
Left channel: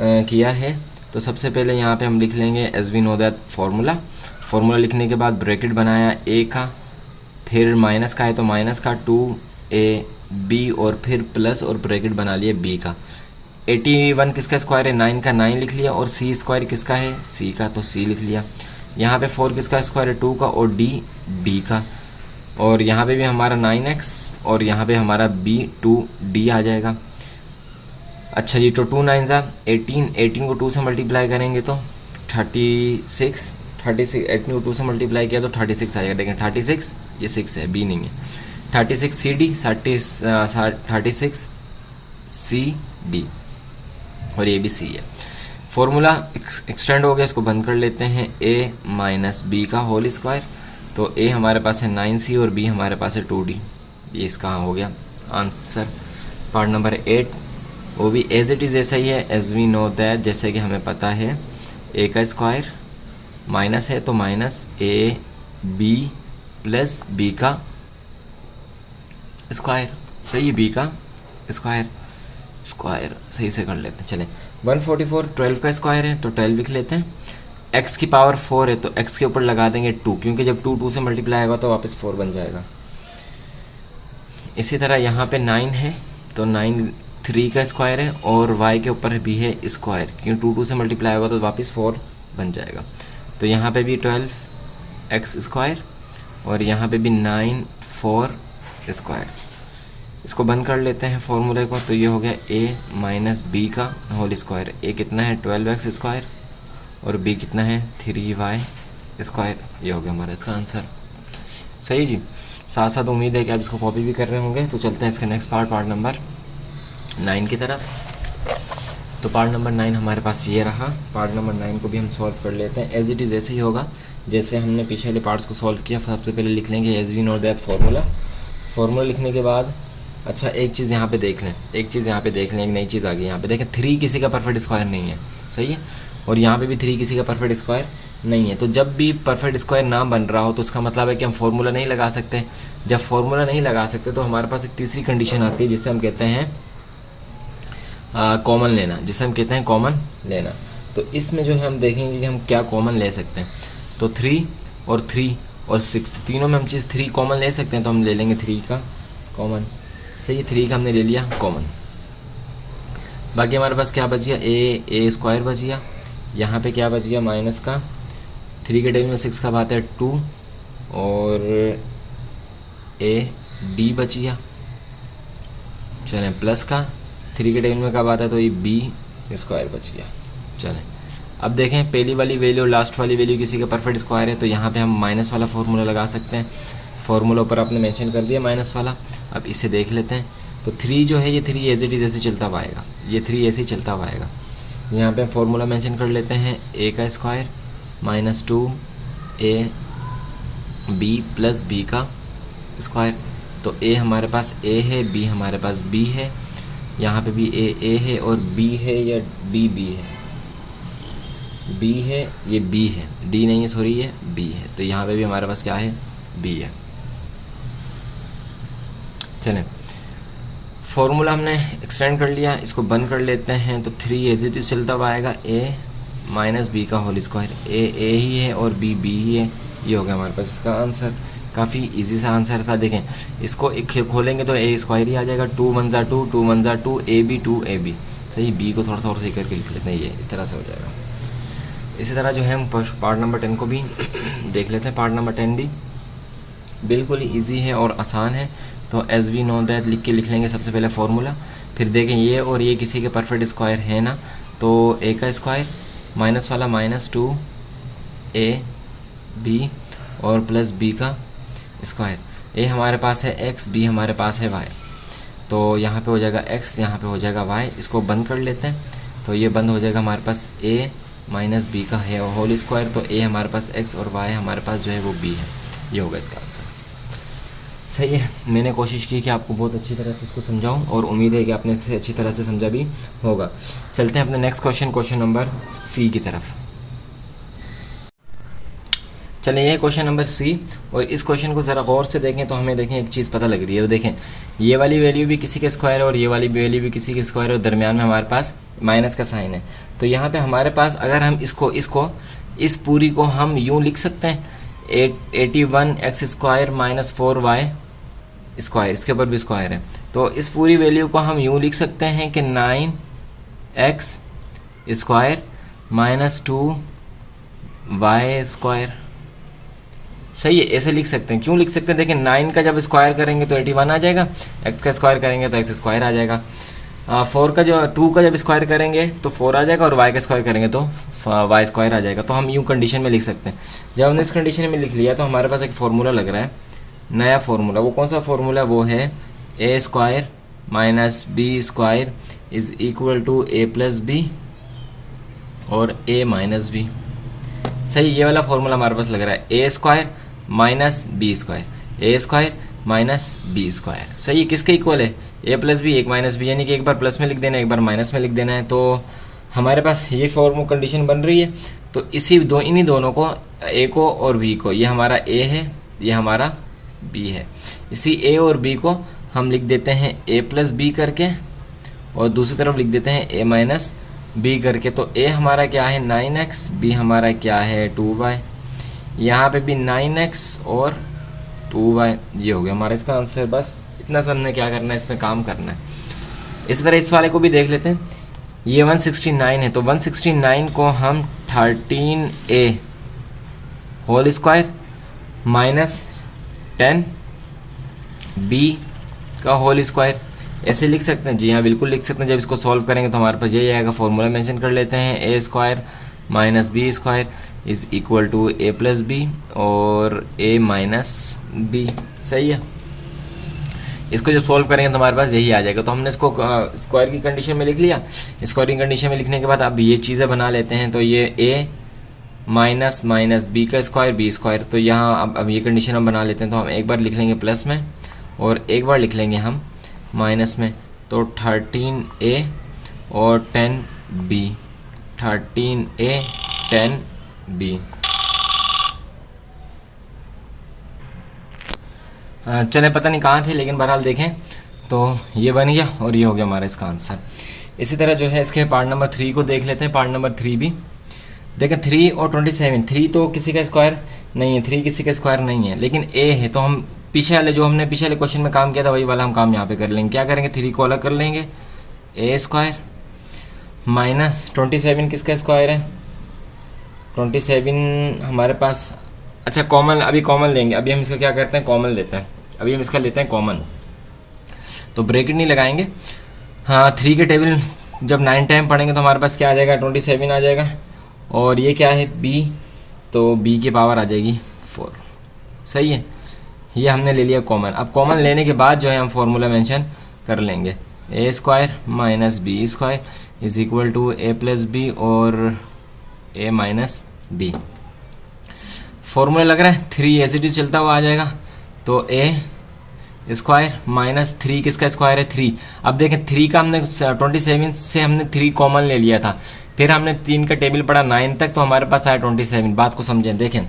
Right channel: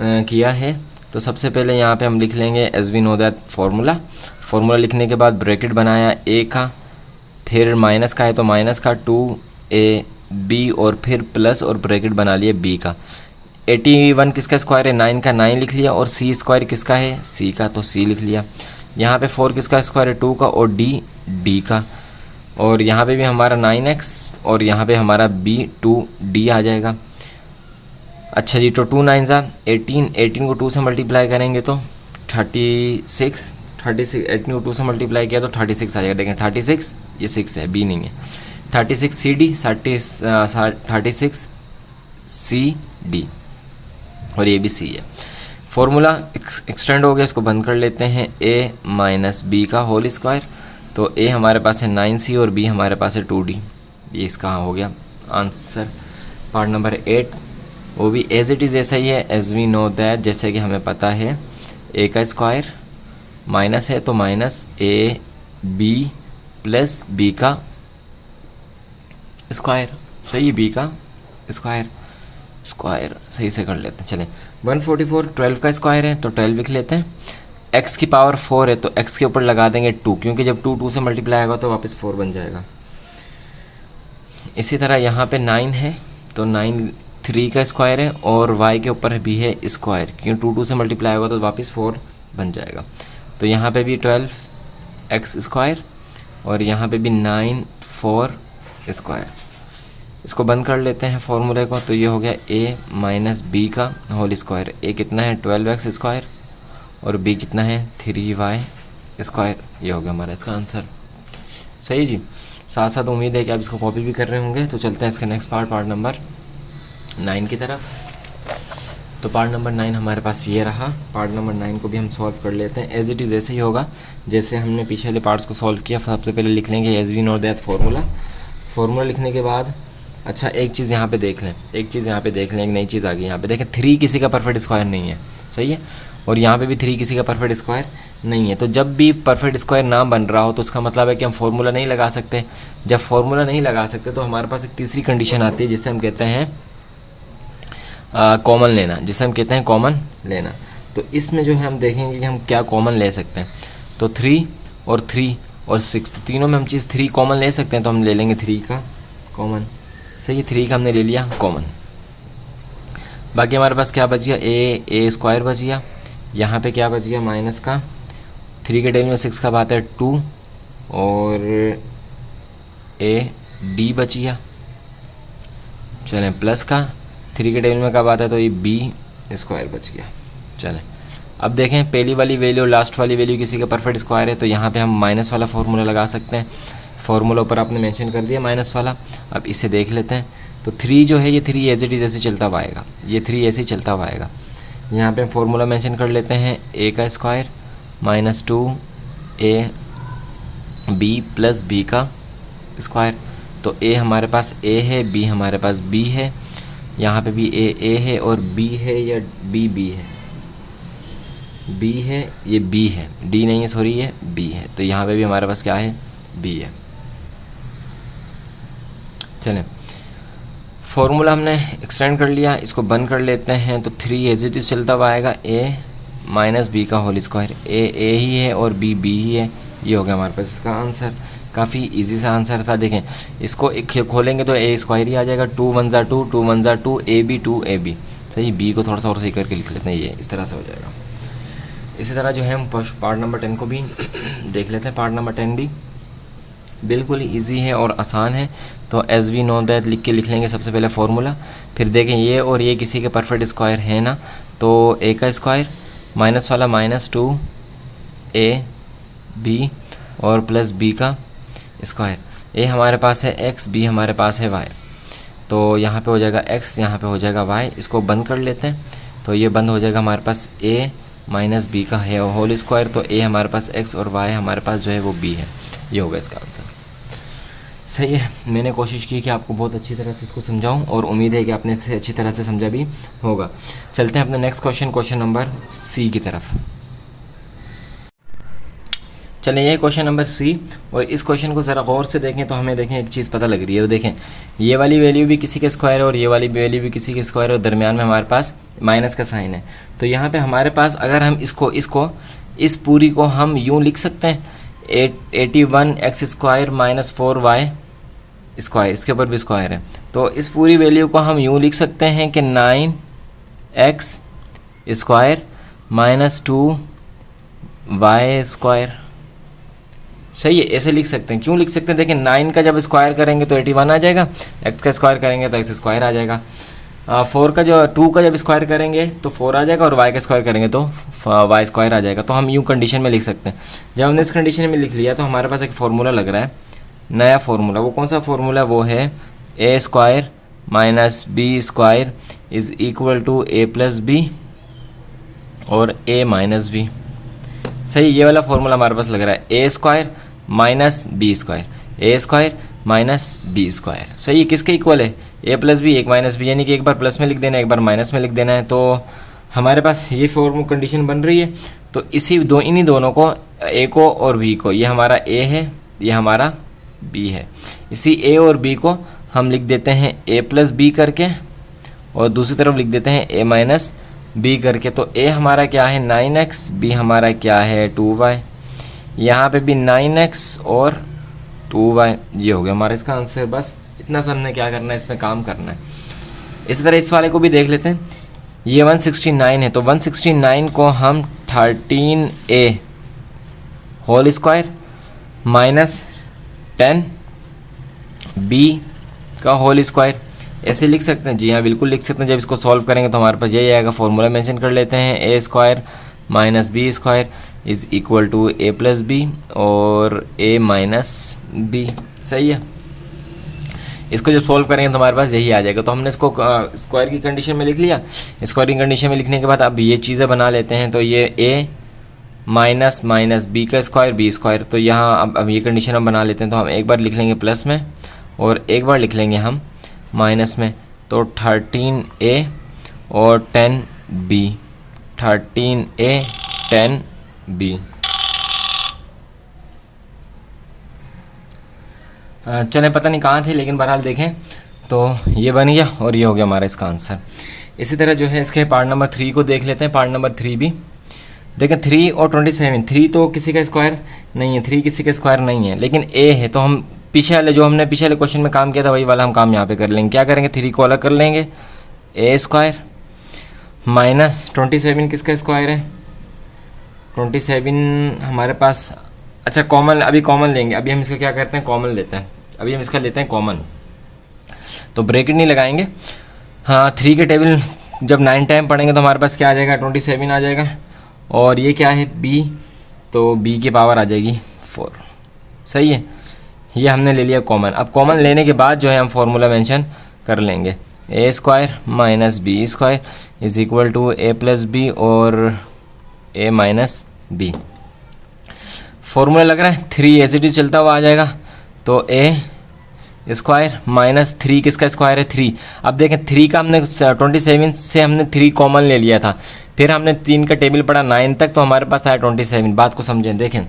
किया है। तो सबसे पहले यहाँ पे हम लिख लेंगे as we know that formula. Formula लिखने के बाद ब्रैकेट बनाया ए का, फिर माइनस का है तो माइनस का 2a b, और फिर प्लस और ब्रैकेट बना लिया b का। 81 किसका स्क्वायर है, 9 का 9 लिख लिया, और c स्क्वायर किसका है, c का, तो c लिख लिया। यहाँ पे 4 किसका स्क्वायर है, 2 का, और d का, और यहाँ पे भी हमारा 9x, और यहाँ पे हमारा b 2d आ जाएगा। अच्छा जी, तो 2 9 18, 18 को 2 से मल्टीप्लाई करेंगे तो 36, 18 को 2 से मल्टीप्लाई किया तो 36 आएगा। देखें 36, ये 6 है, b नहीं है। 36 CD, 36 CD, और ये भी c है। फॉर्मूला एक्सटेंड हो गया, इसको बंद कर लेते हैं। a माइनस बी का होल स्क्वायर, तो a हमारे पास है 9c और b हमारे पास है 2d, ये इसका हो गया आंसर। पार्ट नंबर 8, वो भी एज इट इज़ ऐसा ही है, एज वी नो दैट, जैसे कि हमें पता है a का स्क्वायर माइनस है तो minus a b plus b का स्क्वायर, सही है, b का स्क्वायर, स्क्वायर सही से कर लेते हैं। चलें 144 12 का स्क्वायर है तो 12 लिख लेते हैं। x की पावर 4 है तो x के ऊपर लगा देंगे 2, क्योंकि जब 2 2 से मल्टीप्लाई होगा तो वापस 4 बन जाएगा। इसी तरह यहाँ पे 9 है तो 9 3 का स्क्वायर है, और y के ऊपर भी है स्क्वायर, क्योंकि 2 2 से मल्टीप्लाई होगा तो वापस 4 बन जाएगा। तो यहाँ पे भी 12 x स्क्वायर, और यहाँ पे भी 9 4 स्क्वायर। इसको बंद कर लेते हैं फॉर्मूले को, तो ये हो गया a माइनस बी का होल स्क्वायर। a कितना है 12x स्क्वायर, और b कितना है 3y स्क्वायर, ये हो गया हमारा इसका आंसर। सही जी, साथ साथ उम्मीद है कि आप इसको कॉपी भी कर रहे होंगे। तो चलते हैं इसका नेक्स्ट पार्ट नंबर 9 की तरफ। तो पार्ट नंबर 9 हमारे पास ये रहा। पार्ट नंबर 9 को भी हम सॉल्व कर लेते हैं। एज इट इज़ ऐसे ही होगा जैसे हमने पिछले वाले पार्ट्स को सॉल्व किया। सबसे पहले लिख लेंगे as we know that formula लिखने के बाद अच्छा एक चीज़ यहाँ पे देख लें, एक नई चीज़ आ गई यहाँ पे देखें, 3 किसी का परफेक्ट स्क्वायर नहीं है, सही है, और यहाँ पे भी 3 किसी का परफेक्ट स्क्वायर नहीं है। तो जब भी परफेक्ट स्क्वायर ना बन रहा हो तो उसका मतलब है कि हम फार्मूला नहीं लगा सकते। जब फार्मूला नहीं लगा सकते तो हमारे पास एक तीसरी कंडीशन आती है जिसे हम कहते हैं कॉमन लेना, तो इसमें जो है हम देखेंगे कि हम क्या कॉमन ले सकते हैं। तो 3 और 6, तो तीनों में हम चीज़ 3 कॉमन ले सकते हैं, तो हम ले लेंगे 3 का कॉमन, सही है, 3 का हमने ले लिया कॉमन। बाकी हमारे पास क्या बच गया, ए स्क्वायर बच गया, यहाँ पे क्या बच गया माइनस का, 3 के टेबल में 6 का बात है 2, और ए डी बच गया। चलें प्लस का 3 के टेबल में कब आता है तो ये बी स्क्वायर बच गया। चलें अब देखें पहली वाली वैल्यू लास्ट वाली वैल्यू किसी का परफेक्ट स्क्वायर है, तो यहाँ पे हम माइनस वाला फार्मूला लगा सकते हैं। फार्मूला ऊपर आपने मेंशन कर दिया माइनस वाला। अब इसे देख लेते हैं। तो 3 जो है ये 3 एज इट इज़ ऐसे चलता हुआ आएगा, ये 3 ऐसे ही चलता हुआ आएगा। यहाँ पे हम फार्मूला मेंशन कर लेते हैं ए का square minus 2 b plus b का स्क्वायर। तो ए हमारे पास ए है, बी हमारे पास बी है, यहाँ पे भी ए है और बी है या बी है, बी है, ये बी है, डी नहीं है सॉरी, ये बी है। तो यहाँ पे भी हमारे पास क्या है, बी है। चलें फॉर्मूला हमने एक्सटेंड कर लिया, इसको बंद कर लेते हैं। तो 3 एज इट इज चलता हुआ आएगा, ए माइनस बी का होल स्क्वायर। ए ही है और बी ही है, ये हो गया हमारे पास इसका आंसर। काफ़ी इजी सा आंसर था। देखें इसको एक खोलेंगे तो ए स्क्वायर ही आ जाएगा, 2 1 2, 2 1 2, ए बी सही, बी को थोड़ा सा और सही करके लिख लेते हैं, ये इस तरह से हो जाएगा। इसी तरह जो है हम पार्ट नंबर 10 को भी देख लेते हैं। पार्ट नंबर 10 भी बिल्कुल ही ईजी है और आसान है। तो एज वी नो दैट लिख लेंगे सबसे पहले फार्मूला, फिर देखें ये और ये किसी के परफेक्ट स्क्वायर है ना, तो ए का स्क्वायर माइनस वाला -2 AB और प्लस बी का स्क्वायर। ए हमारे पास है x, बी हमारे पास है y, तो यहाँ पे हो जाएगा x, यहाँ पे हो जाएगा y। इसको बंद कर लेते हैं, तो ये बंद हो जाएगा हमारे पास a माइनस बी का है होल स्क्वायर, तो a हमारे पास x और y हमारे पास जो है वो b है। ये होगा इसका आंसर। सही है, मैंने कोशिश की कि आपको बहुत अच्छी तरह से इसको समझाऊं और उम्मीद है कि आपने इसे अच्छी तरह से समझा भी होगा। चलते हैं अपने नेक्स्ट क्वेश्चन नंबर सी की तरफ। चलिए ये क्वेश्चन नंबर सी, और इस क्वेश्चन को ज़रा गौर से देखें तो हमें देखें एक चीज़ पता लग रही है। देखें ये वाली वैल्यू भी किसी के स्क्वायर है और ये वाली वैल्यू भी किसी के स्क्वायर है, और दरमियान में हमारे पास माइनस का साइन है। तो यहाँ पे हमारे पास अगर हम इसको इस पूरी को हम यूँ लिख सकते हैं 81x square minus 4y square, इसके ऊपर भी स्क्वायर है, तो इस पूरी वैल्यू को हम यूँ लिख सकते हैं कि 9x square minus 2y square. सही है, ऐसे लिख सकते हैं। क्यों लिख सकते हैं? देखिए 9 का जब स्क्वायर करेंगे तो 81 आ जाएगा, x का स्क्वायर करेंगे तो x स्क्वायर आ जाएगा, 2 का जब स्क्वायर करेंगे तो 4 आ जाएगा, और y का स्क्वायर करेंगे तो y स्क्वायर आ जाएगा। तो हम यूँ कंडीशन में लिख सकते हैं। जब हमने इस कंडीशन में लिख लिया तो हमारे पास एक फार्मूला लग रहा है, नया फार्मूला। वो कौन सा फार्मूला? वो है a square minus b square is equal to a plus b और a माइनस बी। सही, ये वाला फार्मूला हमारे पास लग रहा है, a square minus b square, a square minus b square. सही है, किसके इक्वल है? a प्लस बी, एक माइनस बी, यानी कि एक बार प्लस में लिख देना है, एक बार माइनस में लिख देना है। तो हमारे पास ये फॉर्म कंडीशन बन रही है। तो इन्हीं दोनों को, a को और b को, ये हमारा a है, ये हमारा b है, इसी a और b को हम लिख देते हैं a प्लस बी करके, और दूसरी तरफ लिख देते हैं a माइनस बी करके। तो a हमारा क्या है 9x, b हमारा क्या है 2y, यहाँ पे भी 9x और 2y। ये हो गया हमारा इसका आंसर। बस इतना सा हमने क्या करना है, इसमें काम करना है। इसी तरह इस वाले को भी देख लेते हैं। ये 169 है, तो 169 को हम 13a whole square minus 10b का होल स्क्वायर ऐसे लिख सकते हैं। जी हाँ, बिल्कुल लिख सकते हैं। जब इसको सॉल्व करेंगे तो हमारे पास यही आएगा। फॉर्मूला मेंशन कर लेते हैं, a square minus b square is equal to a plus b और a माइनस बी। सही है, इसको जब सॉल्व करेंगे तो हमारे पास यही आ जाएगा। तो हमने इसको स्क्वायर की कंडीशन में लिख लिया। स्क्वायर की कंडीशन में लिखने के बाद अब ये चीज़ें बना लेते हैं। तो ये a माइनस बी का स्क्वायर बी स्क्वायर, तो यहाँ अब ये कंडीशन हम बना लेते हैं। तो हम एक बार लिख लेंगे प्लस में और एक बार लिख लेंगे हम माइनस में। तो 13a और 10b, 13a 10b। चले पता नहीं कहाँ थे, लेकिन बहरहाल देखें तो ये बन गया और ये हो गया हमारा इसका आंसर। इसी तरह जो है इसके पार्ट नंबर 3 को देख लेते हैं। पार्ट नंबर 3 भी देखें, 3 और 27, 3 तो किसी का स्क्वायर नहीं है, 3 किसी का स्क्वायर नहीं है, लेकिन a है। तो हम पीछे वाले क्वेश्चन में काम किया था वही वाला हम काम यहाँ पे कर लेंगे। क्या करेंगे? 3 को अलग कर लेंगे, a स्क्वायर माइनस 27 किसका स्क्वायर है? 27 हमारे पास, अच्छा कॉमन, अभी कॉमन लेंगे। अभी हम इसका क्या करते हैं, कॉमन लेते हैं। अभी हम इसका लेते हैं कॉमन, तो ब्रैकेट नहीं लगाएंगे। हाँ, 3 के टेबल जब 9 टाइम पढ़ेंगे तो हमारे पास क्या आ जाएगा? 27 आ जाएगा। और ये क्या है? b, तो b की पावर आ जाएगी 4। सही है, ये हमने ले लिया कॉमन। अब कॉमन लेने के बाद जो है हम फॉर्मूला मेंशन कर लेंगे, a square minus b square is equal to a plus b और a माइनस बी। फॉर्मूला लग रहा है 3 एज इट इज चलता हुआ आ जाएगा। तो a स्क्वायर माइनस 3 किसका स्क्वायर है? 3। अब देखें 3 का हमने 27 से हमने 3 कॉमन ले लिया था, फिर हमने 3 का टेबल पढ़ा 9 तक, तो हमारे पास आया 27। बात को समझें, देखें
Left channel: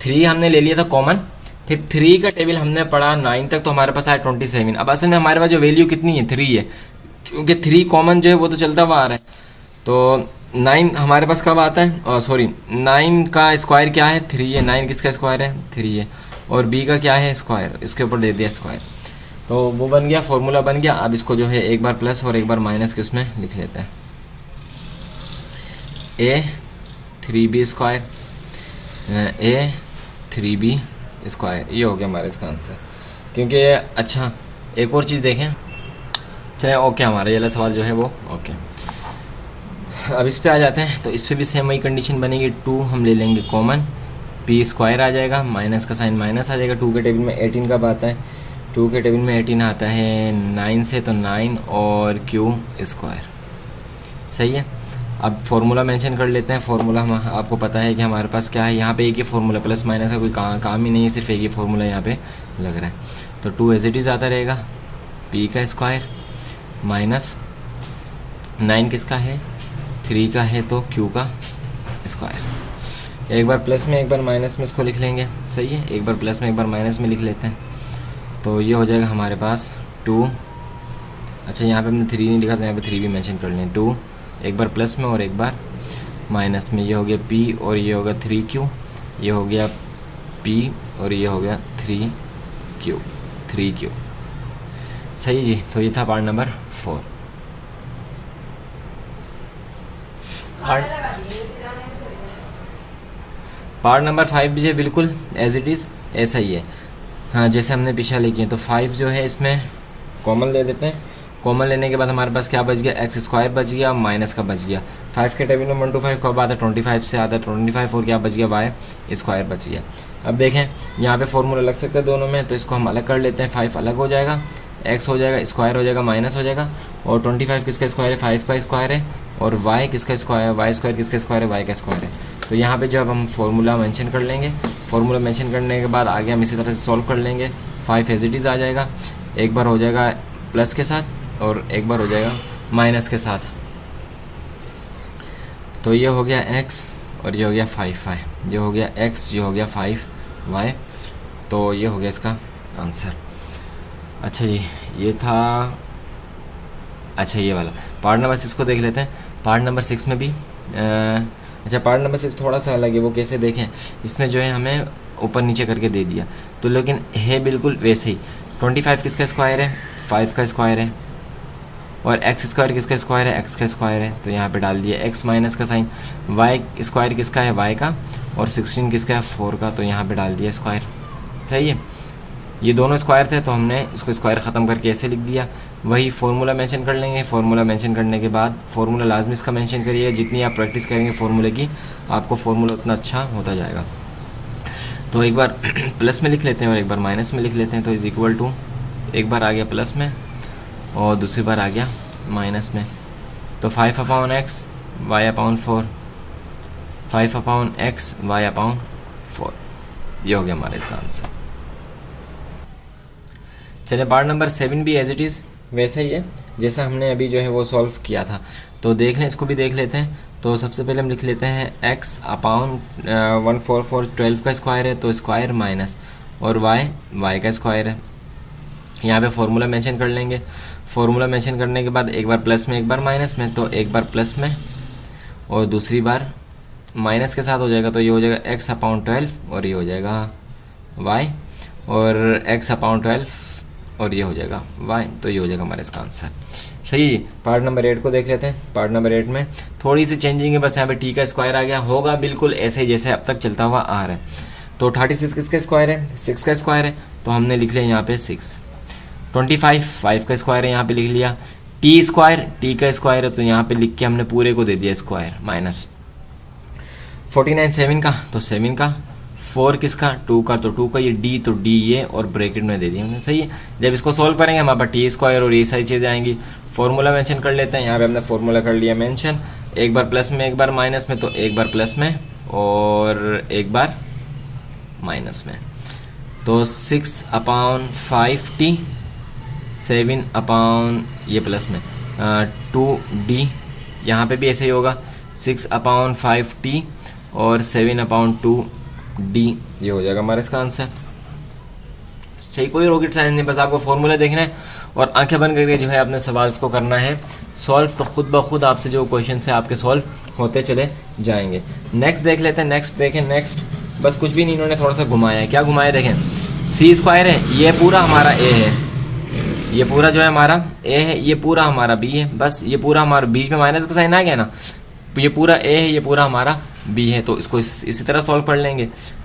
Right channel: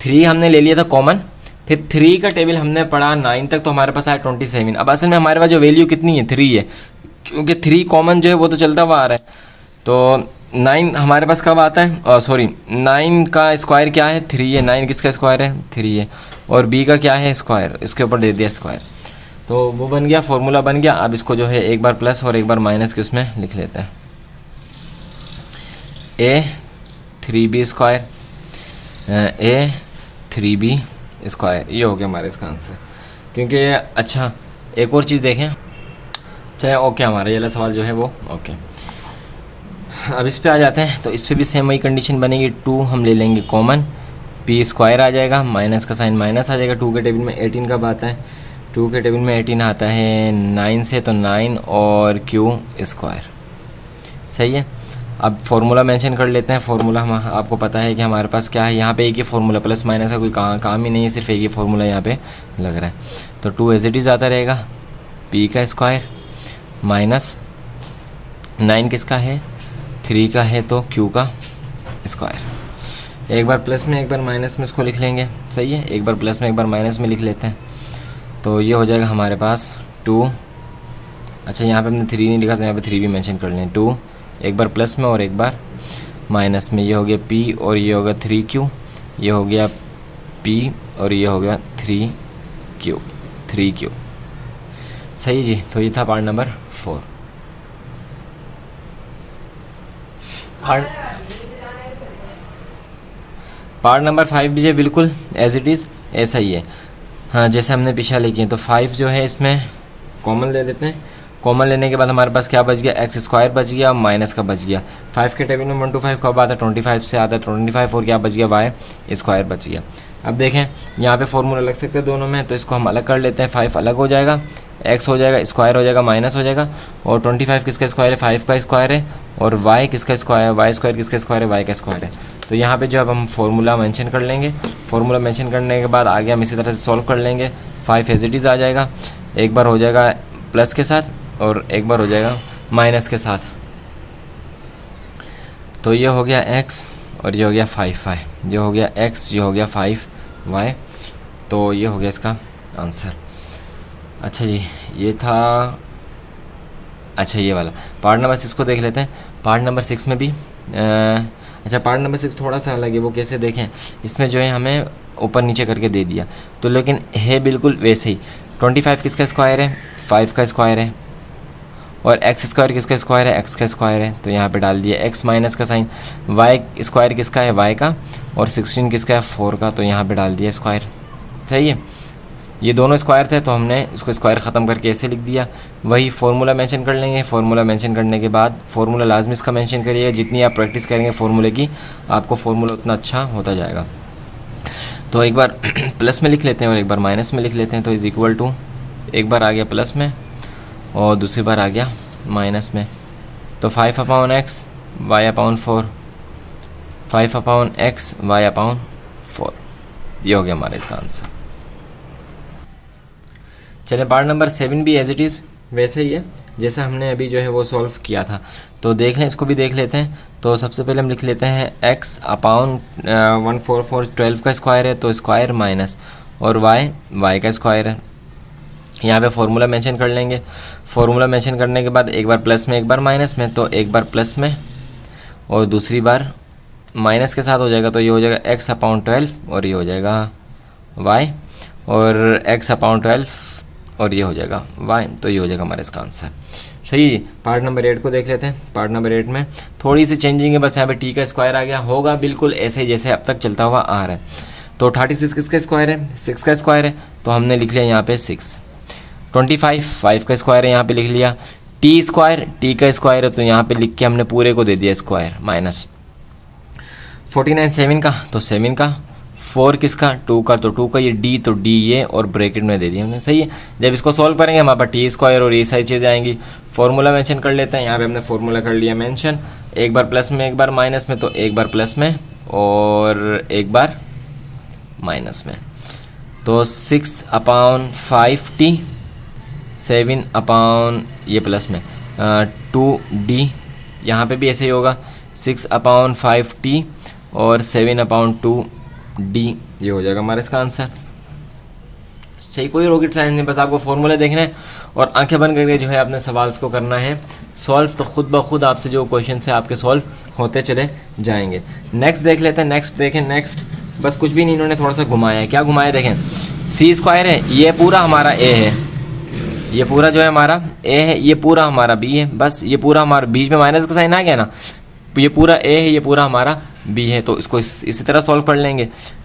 3 हमने ले लिया था कॉमन, फिर 3 का टेबल हमने पढ़ा 9 तक, तो हमारे पास आया 27। अब असल में हमारे पास जो वैल्यू कितनी है? 3 है, क्योंकि 3 कॉमन जो है वो तो चलता हुआ आ रहा है। तो 9 हमारे पास कब आता है? सॉरी, 9 का स्क्वायर क्या है? 3 है। 9 किसका स्क्वायर है? 3 है। और b का क्या है? स्क्वायर, इसके ऊपर दे दिया स्क्वायर। तो वो बन गया, फॉर्मूला बन गया। अब इसको जो है एक बार प्लस और एक बार माइनस के उसमें लिख लेते हैं। ए 3b स्क्वायर ए 3b स्क्वायर, ये हो गया हमारा इसका आंसर। क्योंकि अच्छा एक और चीज़ देखें, चाहे ओके हमारा ये वाला सवाल जो है वो ओके। अब इस पे आ जाते हैं, तो इस पे भी सेम वही कंडीशन बनेगी। 2 हम ले लेंगे कॉमन, पी स्क्वायर आ जाएगा, माइनस का साइन माइनस आ जाएगा। 2 के टेबल में 18 कब आता है? 2 के टेबल में 18 आता है 9 से, तो 9 और क्यू स्क्वायर, सही है। अब फॉर्मूला मेंशन कर लेते हैं। फॉर्मूला हम आपको पता है कि हमारे पास क्या है, यहाँ पे एक ही फॉर्मूला, प्लस माइनस का कोई काम ही नहीं है, सिर्फ एक ही फॉर्मूला यहाँ पे लग रहा है। तो 2 एज इट इज़ आता रहेगा, पी का स्क्वायर माइनस 9 किसका है? 3 का है, तो क्यू का स्क्वायर। एक बार प्लस में एक बार माइनस में इसको लिख लेंगे, सही है। एक बार प्लस में एक बार माइनस में लिख लेते हैं, तो ये हो जाएगा हमारे पास 2। अच्छा यहाँ पे हमने 3 नहीं लिखा, तो यहाँ पे 3 भी मेंशन कर लें। 2 एक बार प्लस में और एक बार माइनस में, ये हो गया पी और ये हो गया 3q, ये हो गया पी और ये हो गया 3q, सही जी। तो ये था पार्ट नंबर 4। पार्ट नंबर 5 भी जो बिल्कुल एज इट इज़ ऐसा ही है, हाँ जैसे हमने पीछे लिखी है। तो 5 जो है इसमें कॉमन ले लेते हैं। कॉमन लेने के बाद हमारे पास क्या बच गया? एक्स स्क्वायर बच गया, माइनस का बच गया। 5 के टेबल में 1 to 5 कब आता है? 25 से आता है 25, और क्या बच गया? वाई स्क्वायर बच गया। अब देखें यहाँ पे फॉर्मूला लग सकता है दोनों में, तो इसको हम अलग कर लेते हैं। 5 अलग हो जाएगा, एक्स हो जाएगा, स्क्वायर हो जाएगा, माइनस हो जाएगा, और 25 किसका स्क्वायर है? 5 का स्क्वायर है, और वाई किसका स्क्वायर है? वाई स्क्वायर किसका स्क्वायर है? वाई का स्क्वायर है। तो यहाँ पे जो अब हम फॉर्मूला मेंशन कर लेंगे, फॉर्मूला मेंशन करने के बाद आगे हम इसी तरह से सॉल्व कर लेंगे। 5 एज इट इज़ आ जाएगा, एक बार हो जाएगा प्लस के साथ और एक बार हो जाएगा माइनस के साथ। तो ये हो गया x और ये हो गया 5y, ये हो गया x, ये हो गया 5y। तो ये हो गया इसका आंसर। अच्छा जी, ये था, अच्छा ये वाला पार्ट नंबर 6 को देख लेते हैं। पार्ट नंबर 6 में भी अच्छा पार्ट नंबर 6 थोड़ा सा अलग है। वो कैसे देखें, इसमें जो है हमें ऊपर नीचे करके दे दिया, तो लेकिन है बिल्कुल वैसे ही। 25 किसका स्क्वायर है? 5 का स्क्वायर है, और एक्स स्क्वायर किसका स्क्वायर है? एक्स का स्क्वायर है, तो यहाँ पे डाल दिया एक्स माइनस का साइन। वाई स्क्वायर किसका है? वाई का, और 16 किसका है? 4 का, तो यहाँ पे डाल दिया स्क्वायर, सही है। ये दोनों स्क्वायर थे, तो हमने इसको स्क्वायर ख़त्म करके ऐसे लिख दिया। वही फार्मूला मेंशन कर लेंगे। फार्मूला मेंशन करने के बाद फार्मूला लाजमी इसका मेंशन करिए, जितनी आप प्रैक्टिस करेंगे फार्मूले की, आपको फार्मूला उतना अच्छा होता जाएगा। तो एक बार प्लस में लिख लेते हैं और एक बार माइनस में लिख लेते हैं। तो इज़ इक्वल टू, एक बार आ गया प्लस में और दूसरी बार आ गया माइनस में। तो 5/x y/4, 5/x y/4, ये हो गया हमारा इसका आंसर। चलिए पार्ट नंबर 7 भी एज इट इज़ वैसे ही है जैसे हमने अभी जो है वो सॉल्व किया था। तो देख लें, इसको भी देख लेते हैं। तो सबसे पहले हम लिख लेते हैं x/144, 12 का स्क्वायर है, तो स्क्वायर माइनस, और y का स्क्वायर है। यहाँ पे फॉर्मूला मेंशन कर लेंगे। फॉर्मूला मेंशन करने के बाद एक बार प्लस में एक बार माइनस में, तो एक बार प्लस में और दूसरी बार माइनस के साथ हो जाएगा। तो ये हो जाएगा x/12 और ये हो जाएगा y, और x/12 और ये हो जाएगा y। तो ये हो जाएगा हमारा इसका आंसर, सही। पार्ट नंबर 8 को देख लेते हैं। पार्ट नंबर 8 में थोड़ी सी चेंजिंग है, बस यहाँ पे t का स्क्वायर आ गया, होगा बिल्कुल ऐसे ही जैसे अब तक चलता हुआ आ रहा है। तो 36 किसका स्क्वायर है? 6 का स्क्वायर है, तो हमने लिख लिया यहाँ पे 6। 25 5 का स्क्वायर है, यहाँ पे लिख लिया। टी स्क्वायर टी का स्क्वायर है, तो यहाँ पे लिख के हमने पूरे को दे दिया स्क्वायर माइनस। 49 7 का, तो 7 का। 4 किसका? 2 का, तो 2 का ये डी, तो डी ये और ब्रैकेट में दे दिया हमने, सही है। जब इसको सॉल्व करेंगे हमारे पास टी स्क्वायर और ये सारी चीज़ें आएंगी। फॉर्मूला मेंशन कर लेते हैं। यहाँ पे हमने फॉर्मूला कर लिया मेंशन, एक बार प्लस में एक बार माइनस में, तो एक बार प्लस में और एक बार माइनस में। तो 6/5t, 7/ ये प्लस में 2d, यहाँ पे भी ऐसे ही होगा 6/5t और 7/2d, ये हो जाएगा हमारा इसका आंसर, सही। कोई रॉकेट साइंस नहीं, बस आपको फॉर्मूला देखना है और आंखें बंद करके जो है अपने सवाल को करना है सॉल्व। तो खुद ब खुद आपसे जो क्वेश्चन है आपके सॉल्व होते चले जाएंगे। नेक्स्ट देख लेते हैं। नेक्स्ट देखें, नेक्स्ट बस कुछ भी नहीं, इन्होंने थोड़ा सा घुमाया है। क्या घुमाया देखें, सी स्क्वायर है, ये पूरा हमारा ए है, ये पूरा जो है हमारा ए है, ये पूरा हमारा बी है, बस ये पूरा हमारा बीच में माइनस का साइन आ गया ना, ये पूरा ए है, ये पूरा हमारा बी है, तो इसको इसी तरह सॉल्व कर लेंगे।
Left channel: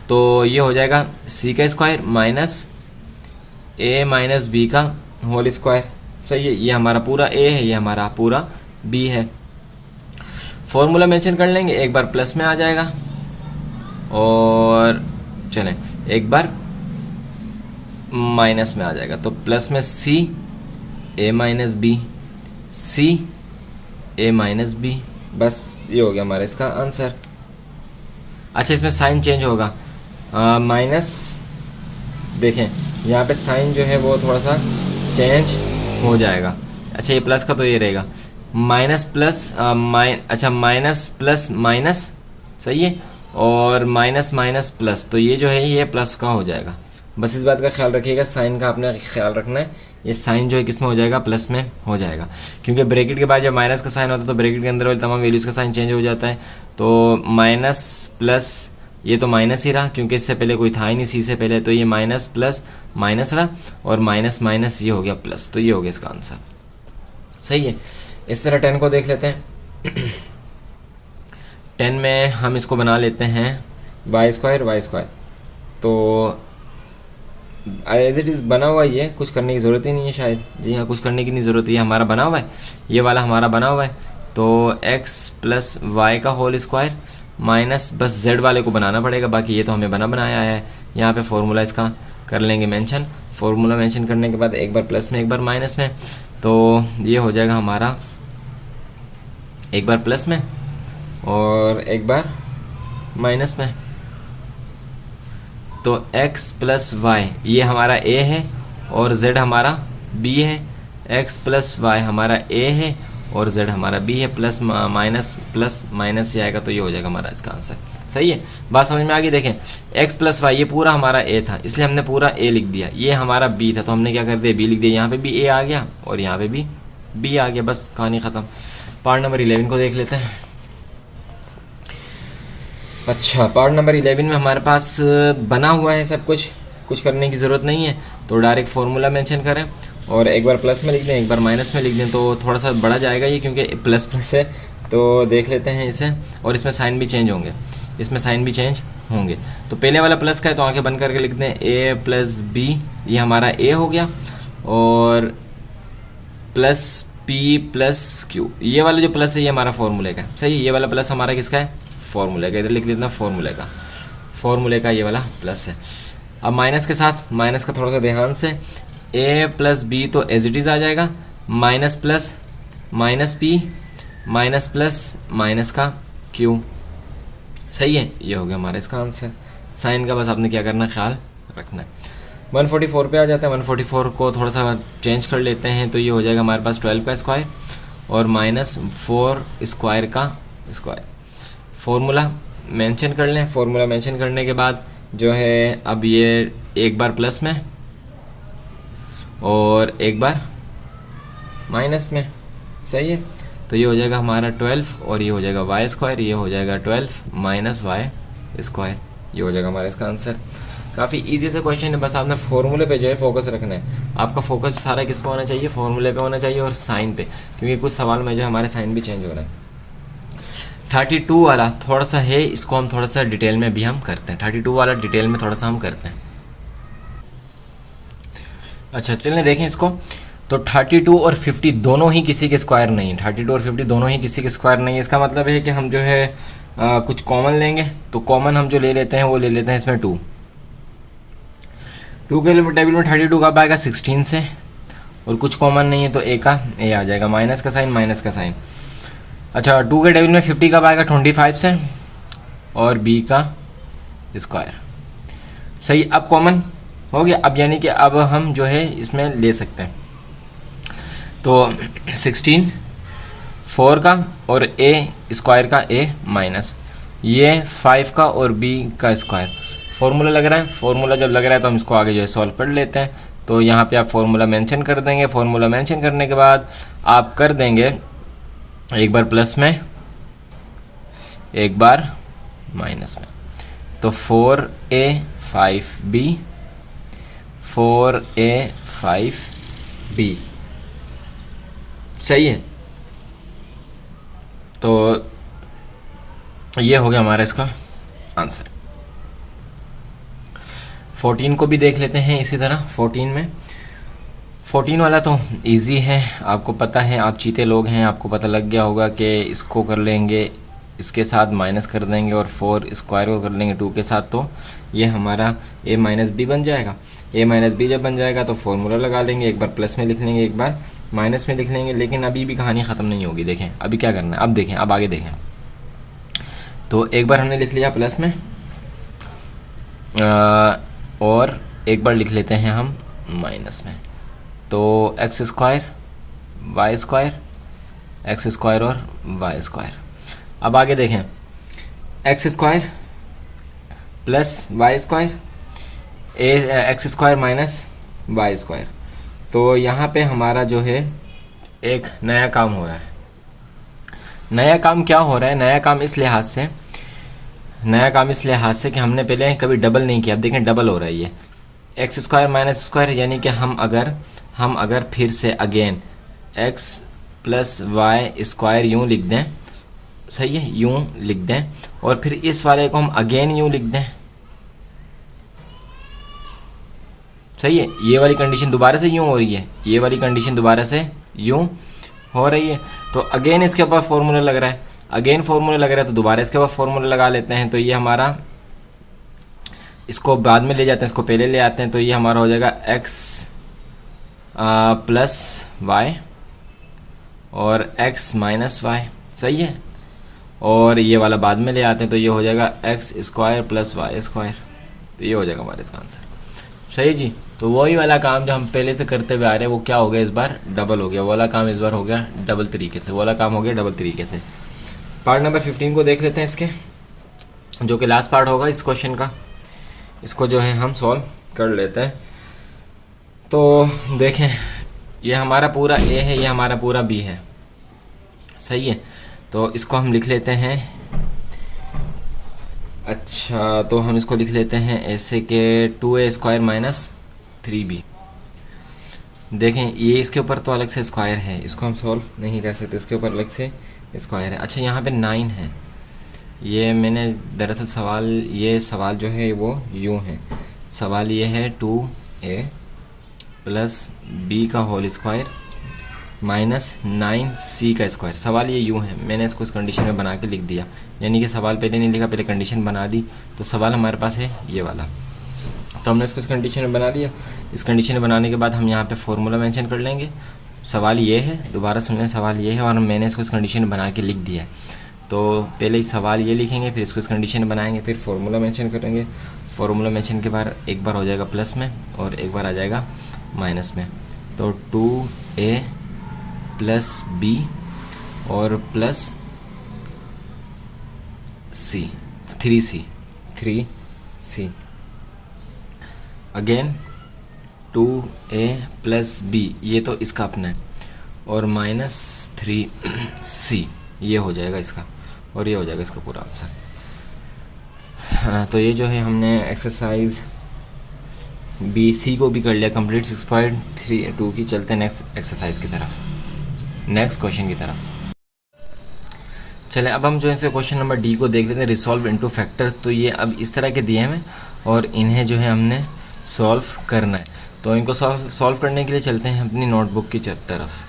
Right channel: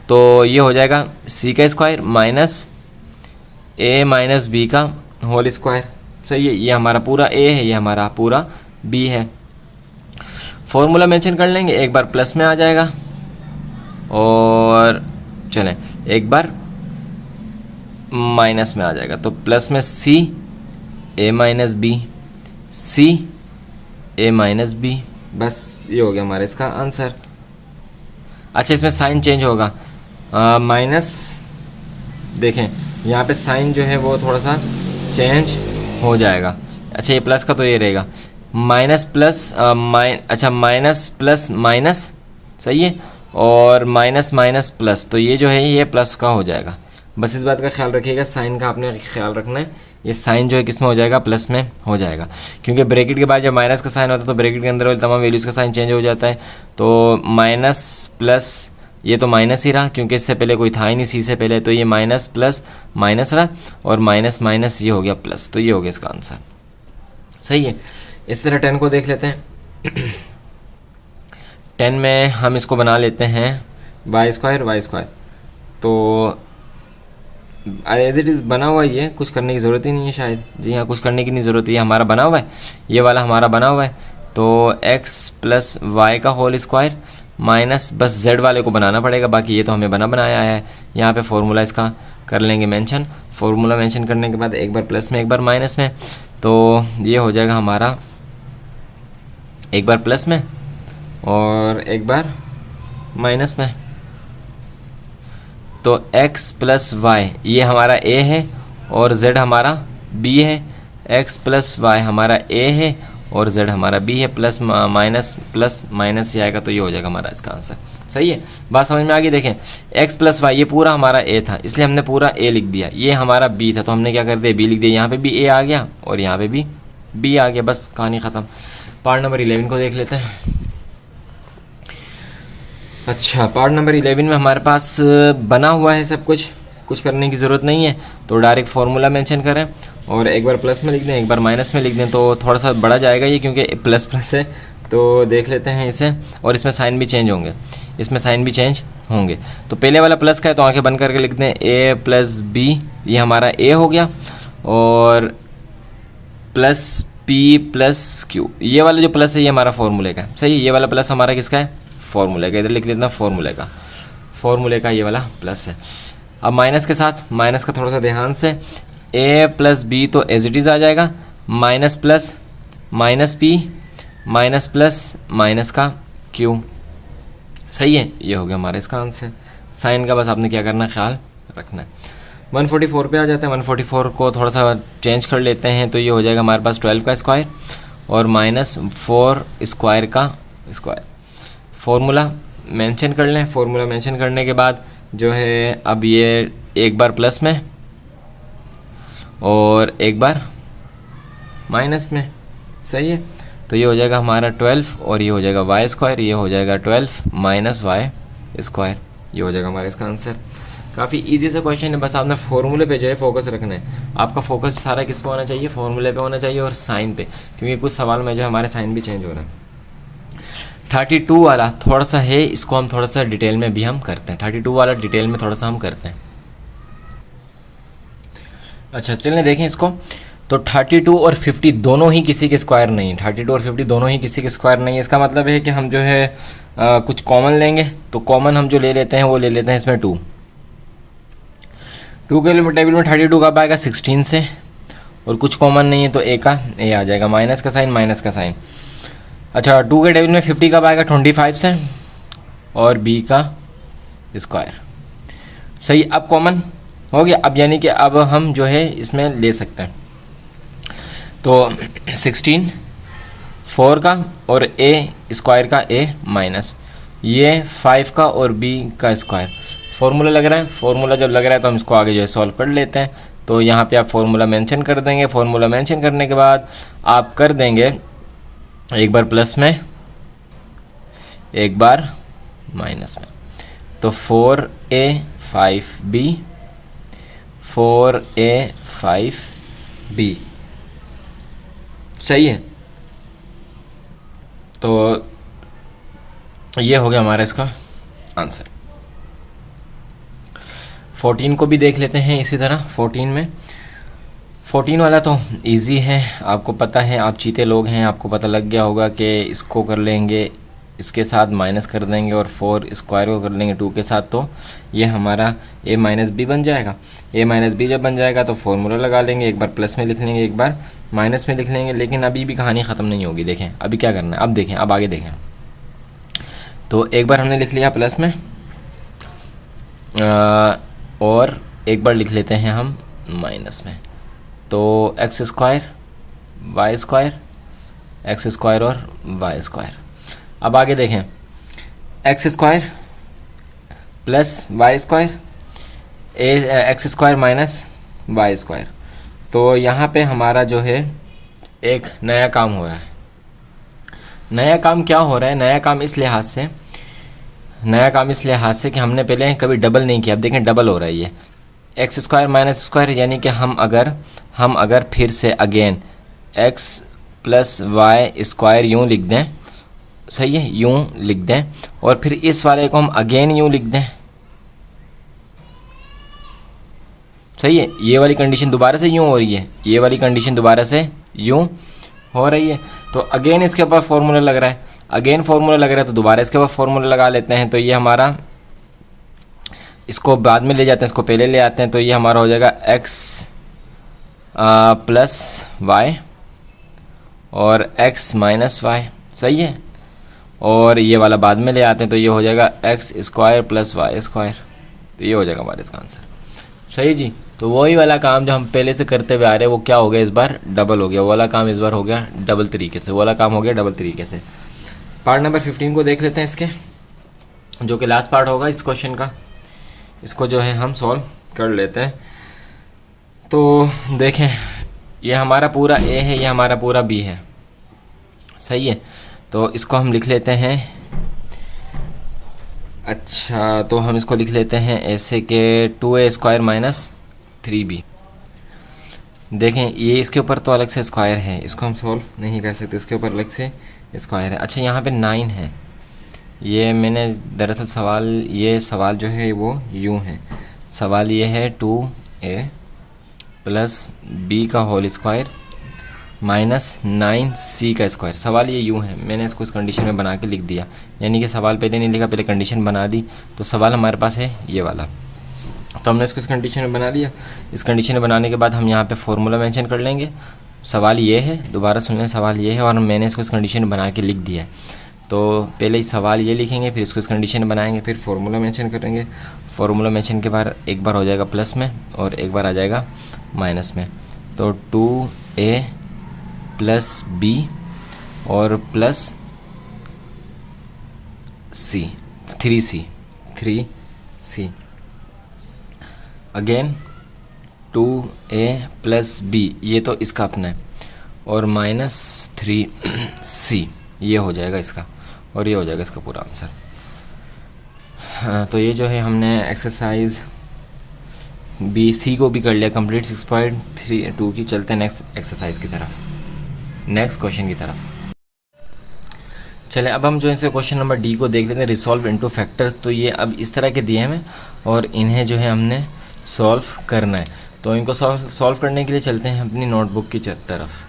तो ये हो जाएगा सी का स्क्वायर माइनस ए माइनस बी का होल स्क्वायर। सही है, ये हमारा पूरा ए है, ये हमारा पूरा बी है। फॉर्मूला मेंशन कर लेंगे, एक बार प्लस में आ जाएगा और चलें एक बार माइनस में आ जाएगा, तो प्लस में सी ए माइनस बी, सी ए माइनस बी, बस ये हो गया हमारा इसका आंसर। अच्छा, इसमें साइन चेंज होगा, माइनस देखें यहाँ पे साइन जो है वो थोड़ा सा चेंज हो जाएगा। अच्छा, ये प्लस का तो ये रहेगा माइनस प्लस अच्छा माइनस प्लस माइनस, सही है, और माइनस माइनस प्लस, तो ये जो है ये प्लस का हो जाएगा। बस इस बात का ख्याल रखिएगा, साइन का आपने ख्याल रखना है, ये साइन जो है किस में हो जाएगा, प्लस में हो जाएगा, क्योंकि ब्रैकेट के बाद जब माइनस का साइन होता है तो ब्रैकेट के अंदर वाली तमाम वैल्यूज़ का साइन चेंज हो जाता है। तो माइनस प्लस, ये तो माइनस ही रहा क्योंकि इससे पहले कोई था ही नहीं सी से पहले, तो ये माइनस प्लस माइनस रहा और माइनस माइनस ये हो गया प्लस, तो ये हो गया इसका आंसर। सही है, इस तरह 10 को देख लेते हैं। 10 में हम इसको बना लेते हैं वाई स्क्वायर, तो एज इट इज़ बना हुआ, ये कुछ करने की ज़रूरत ही नहीं है शायद। जी हाँ, कुछ करने की नहीं ज़रूरत है, ये हमारा बना हुआ है, ये वाला हमारा बना हुआ है। तो x प्लस वाई का होल स्क्वायर माइनस, बस z वाले को बनाना पड़ेगा, बाकी ये तो हमें बनाया है। यहाँ पे फॉर्मूला इसका कर लेंगे मेंशन, फॉर्मूला मेंशन करने के बाद एक बार प्लस में एक बार माइनस में, तो ये हो जाएगा हमारा एक बार प्लस में और एक बार माइनस में। तो x प्लस वाई ये हमारा a है और z हमारा b है, x प्लस वाई हमारा a है और z हमारा b है, प्लस माइनस ये आएगा, तो ये हो जाएगा हमारा इसका आंसर। सही है, बात समझ में आ गई। देखें x प्लस वाई ये पूरा हमारा a था, इसलिए हमने पूरा a लिख दिया, ये हमारा b था तो हमने क्या कर दिया, b लिख दिया, यहाँ पे भी a आ गया और यहाँ पे भी b आ गया, बस कहानी ख़त्म। पार्ट नंबर 11 को देख लेते हैं। अच्छा, पार्ट नंबर 11 में हमारे पास बना हुआ है सब कुछ करने की ज़रूरत नहीं है, तो डायरेक्ट फार्मूला मेंशन करें और एक बार प्लस में लिख दें एक बार माइनस में लिख दें, तो थोड़ा सा बड़ा जाएगा ये क्योंकि प्लस प्लस है। तो देख लेते हैं इसे, और इसमें साइन भी चेंज होंगे, तो पहले वाला प्लस का है तो आंखें बंद करके लिख दें a प्लस बी, ये हमारा a हो गया, और प्लस p प्लस q, ये वाला जो प्लस है ये हमारा फॉर्मूले का। सही है, ये वाला प्लस हमारा किसका है, फॉर्मूले का, इधर लिख लेते हैं फॉर्मूले का ये वाला प्लस है। अब माइनस के साथ, माइनस का थोड़ा सा ध्यान से, a प्लस बी तो एज इट इज़ आ जाएगा, minus plus minus p minus plus minus का q। सही है, ये हो गया हमारा इसका आंसर। साइन का बस आपने क्या करना, ख्याल रखना है। 144 पे आ जाते हैं, 144 को थोड़ा सा चेंज कर लेते हैं, तो ये हो जाएगा हमारे पास 12 का स्क्वायर और माइनस 4 स्क्वायर का स्क्वायर। फॉर्मूला मेंशन कर लें, फॉर्मूला मेंशन करने के बाद जो है अब ये एक बार प्लस में और एक बार माइनस में। सही है, तो ये हो जाएगा हमारा 12 और ये हो जाएगा वाई स्क्वायर, ये हो जाएगा 12 माइनस वाई स्क्वायर, ये हो जाएगा हमारा इसका आंसर। काफ़ी इजी सा क्वेश्चन है, बस आपने फार्मूले पे जो है फोकस रखना है। आपका फोकस सारा किस पे होना चाहिए, फार्मूले पे होना चाहिए और साइन पे, क्योंकि कुछ सवाल में जो हमारे साइन भी चेंज हो रहे हैं। 32 वाला थोड़ा सा है, इसको हम थोड़ा सा डिटेल में भी हम करते हैं। 32 वाला डिटेल में थोड़ा सा हम करते हैं। अच्छा, चलिए देखें इसको। तो 32 और 50 दोनों ही किसी के स्क्वायर नहीं है, 32 और 50 दोनों ही किसी के स्क्वायर नहीं है। इसका मतलब है कि हम जो है कुछ कॉमन लेंगे, तो कॉमन हम जो ले लेते हैं वो ले लेते हैं इसमें 2 के टेबल में 32 कब आएगा, 16 से, और कुछ कॉमन नहीं है तो a का a आ जाएगा, माइनस का साइन। अच्छा, 2 के टेबल में 50 कब आएगा, 25 से, और b का स्क्वायर। सही, अब कॉमन हो गया, अब यानी कि अब हम जो है इसमें ले सकते हैं। तो 16 4 का और a स्क्वायर का a माइनस, ये 5 का और b का स्क्वायर। फॉर्मूला लग रहा है, फॉर्मूला जब लग रहा है तो हम इसको आगे जो है सॉल्व कर लेते हैं। तो यहाँ पे आप फॉर्मूला मेंशन कर देंगे, फॉर्मूला मेंशन करने के बाद आप कर देंगे एक बार प्लस में एक बार माइनस में, तो 4a 5b 4a 5 बी। सही है, तो ये हो गया हमारा इसका आंसर। 14 को भी देख लेते हैं इसी तरह। 14 वाला तो इजी है, आपको पता है, आप चीते लोग हैं, आपको पता लग गया होगा कि इसको कर लेंगे, इसके साथ माइनस कर देंगे और 4 स्क्वायर को कर लेंगे 2 के साथ, तो ये हमारा a माइनस बी बन जाएगा। a माइनस बी जब बन जाएगा तो फॉर्मूला लगा लेंगे, एक बार प्लस में लिख लेंगे, एक बार माइनस में लिख लेंगे। लेकिन अभी भी कहानी ख़त्म नहीं होगी। देखें अभी क्या करना है, अब देखें, अब आगे देखें। तो एक बार हमने लिख लिया प्लस में, और एक बार लिख लेते हैं हम माइनस में। तो x square y square, x square और वाई स्क्वायर। अब आगे देखें, x square plus Y square, x square minus y square. तो यहाँ पे हमारा जो है एक नया काम हो रहा है। नया काम क्या हो रहा है? नया काम इस लिहाज से कि हमने पहले कभी डबल नहीं किया। अब देखें डबल हो रहा है ये, एक्स स्क्वायर माइनस स्क्वायर, यानी कि हम अगर फिर से again x plus Y square यूँ लिख दें, सही है, यूँ लिख दें, और फिर इस वाले को हम अगेन यूँ लिख दें, सही है। ये वाली कंडीशन दोबारा से यूँ हो रही है, ये वाली कंडीशन दोबारा से यूँ हो रही है। तो अगेन इसके ऊपर फॉर्मूला लग रहा है, तो दोबारा इसके ऊपर फॉर्मूला लगा लेते हैं। तो ये हमारा, इसको बाद में ले जाते हैं, इसको पहले ले आते हैं। तो ये हमारा हो जाएगा एक्स प्लस वाई और एक्स माइनस वाई, सही है। और ये वाला बाद में ले आते हैं, तो ये हो जाएगा x square plus Y square. तो ये हो जाएगा हमारा इसका आंसर, सही जी। तो वही वाला काम जो हम पहले से करते हुए आ रहे हैं, वो क्या हो गया इस बार? डबल हो गया। वो वाला काम इस बार हो गया डबल तरीके से। पार्ट नंबर 15 को देख लेते हैं इसके, जो कि लास्ट पार्ट होगा इस क्वेश्चन का। इसको जो है हम सॉल्व कर लेते हैं। तो देखें, ये हमारा पूरा ए है, ये हमारा पूरा बी है, सही है। तो इसको हम लिख लेते हैं, अच्छा तो हम इसको लिख लेते हैं ऐसे कि 2a स्क्वायर माइनस 3b। देखें ये इसके ऊपर तो अलग से स्क्वायर है, इसको हम सॉल्व नहीं कर सकते, इसके ऊपर अलग से स्क्वायर है। अच्छा यहाँ पे 9 है, ये मैंने दरअसल सवाल जो है वो यूँ है। सवाल ये है 2a प्लस b का होल स्क्वायर माइनस 9c का स्क्वायर। सवाल ये यूँ है, मैंने इसको इस कंडीशन में बना के लिख दिया, यानी कि सवाल पहले नहीं लिखा, पहले कंडीशन बना दी। तो सवाल हमारे पास है ये वाला, तो हमने इसको इस कंडीशन में बना दिया। इस कंडीशन में बनाने के बाद हम यहाँ पे फॉर्मूला मेंशन कर लेंगे। सवाल ये है, दोबारा सुन लें, सवाल ये है और मैंने इसको इस कंडीशन में बना के लिख दिया है। तो पहले ही सवाल ये लिखेंगे, फिर इसको इस कंडीशन में बनाएंगे, फिर फार्मूला मेंशन करेंगे। फार्मूला मेंशन के बाद एक बार हो जाएगा प्लस में और एक बार आ जाएगा माइनस में। तो 2a प्लस b और plus c, 3c again 2a plus b, ये तो इसका अपना है, और माइनस 3c ये हो जाएगा इसका, और ये हो जाएगा इसका पूरा आंसर। हाँ, तो ये जो है हमने एक्सरसाइज BC को भी कर लिया कंप्लीट 6.32 की। चलते हैं नेक्स्ट एक्सरसाइज की तरफ, नेक्स्ट क्वेश्चन की तरफ। चले अब हम जो है क्वेश्चन नंबर D को देख लेते हैं, रिसॉल्व इनटू फैक्टर्स। तो ये अब इस तरह के दिए हमें और इन्हें जो है हमने सॉल्व करना है। तो इनको सॉल्व करने के लिए चलते हैं अपनी नोटबुक की तरफ।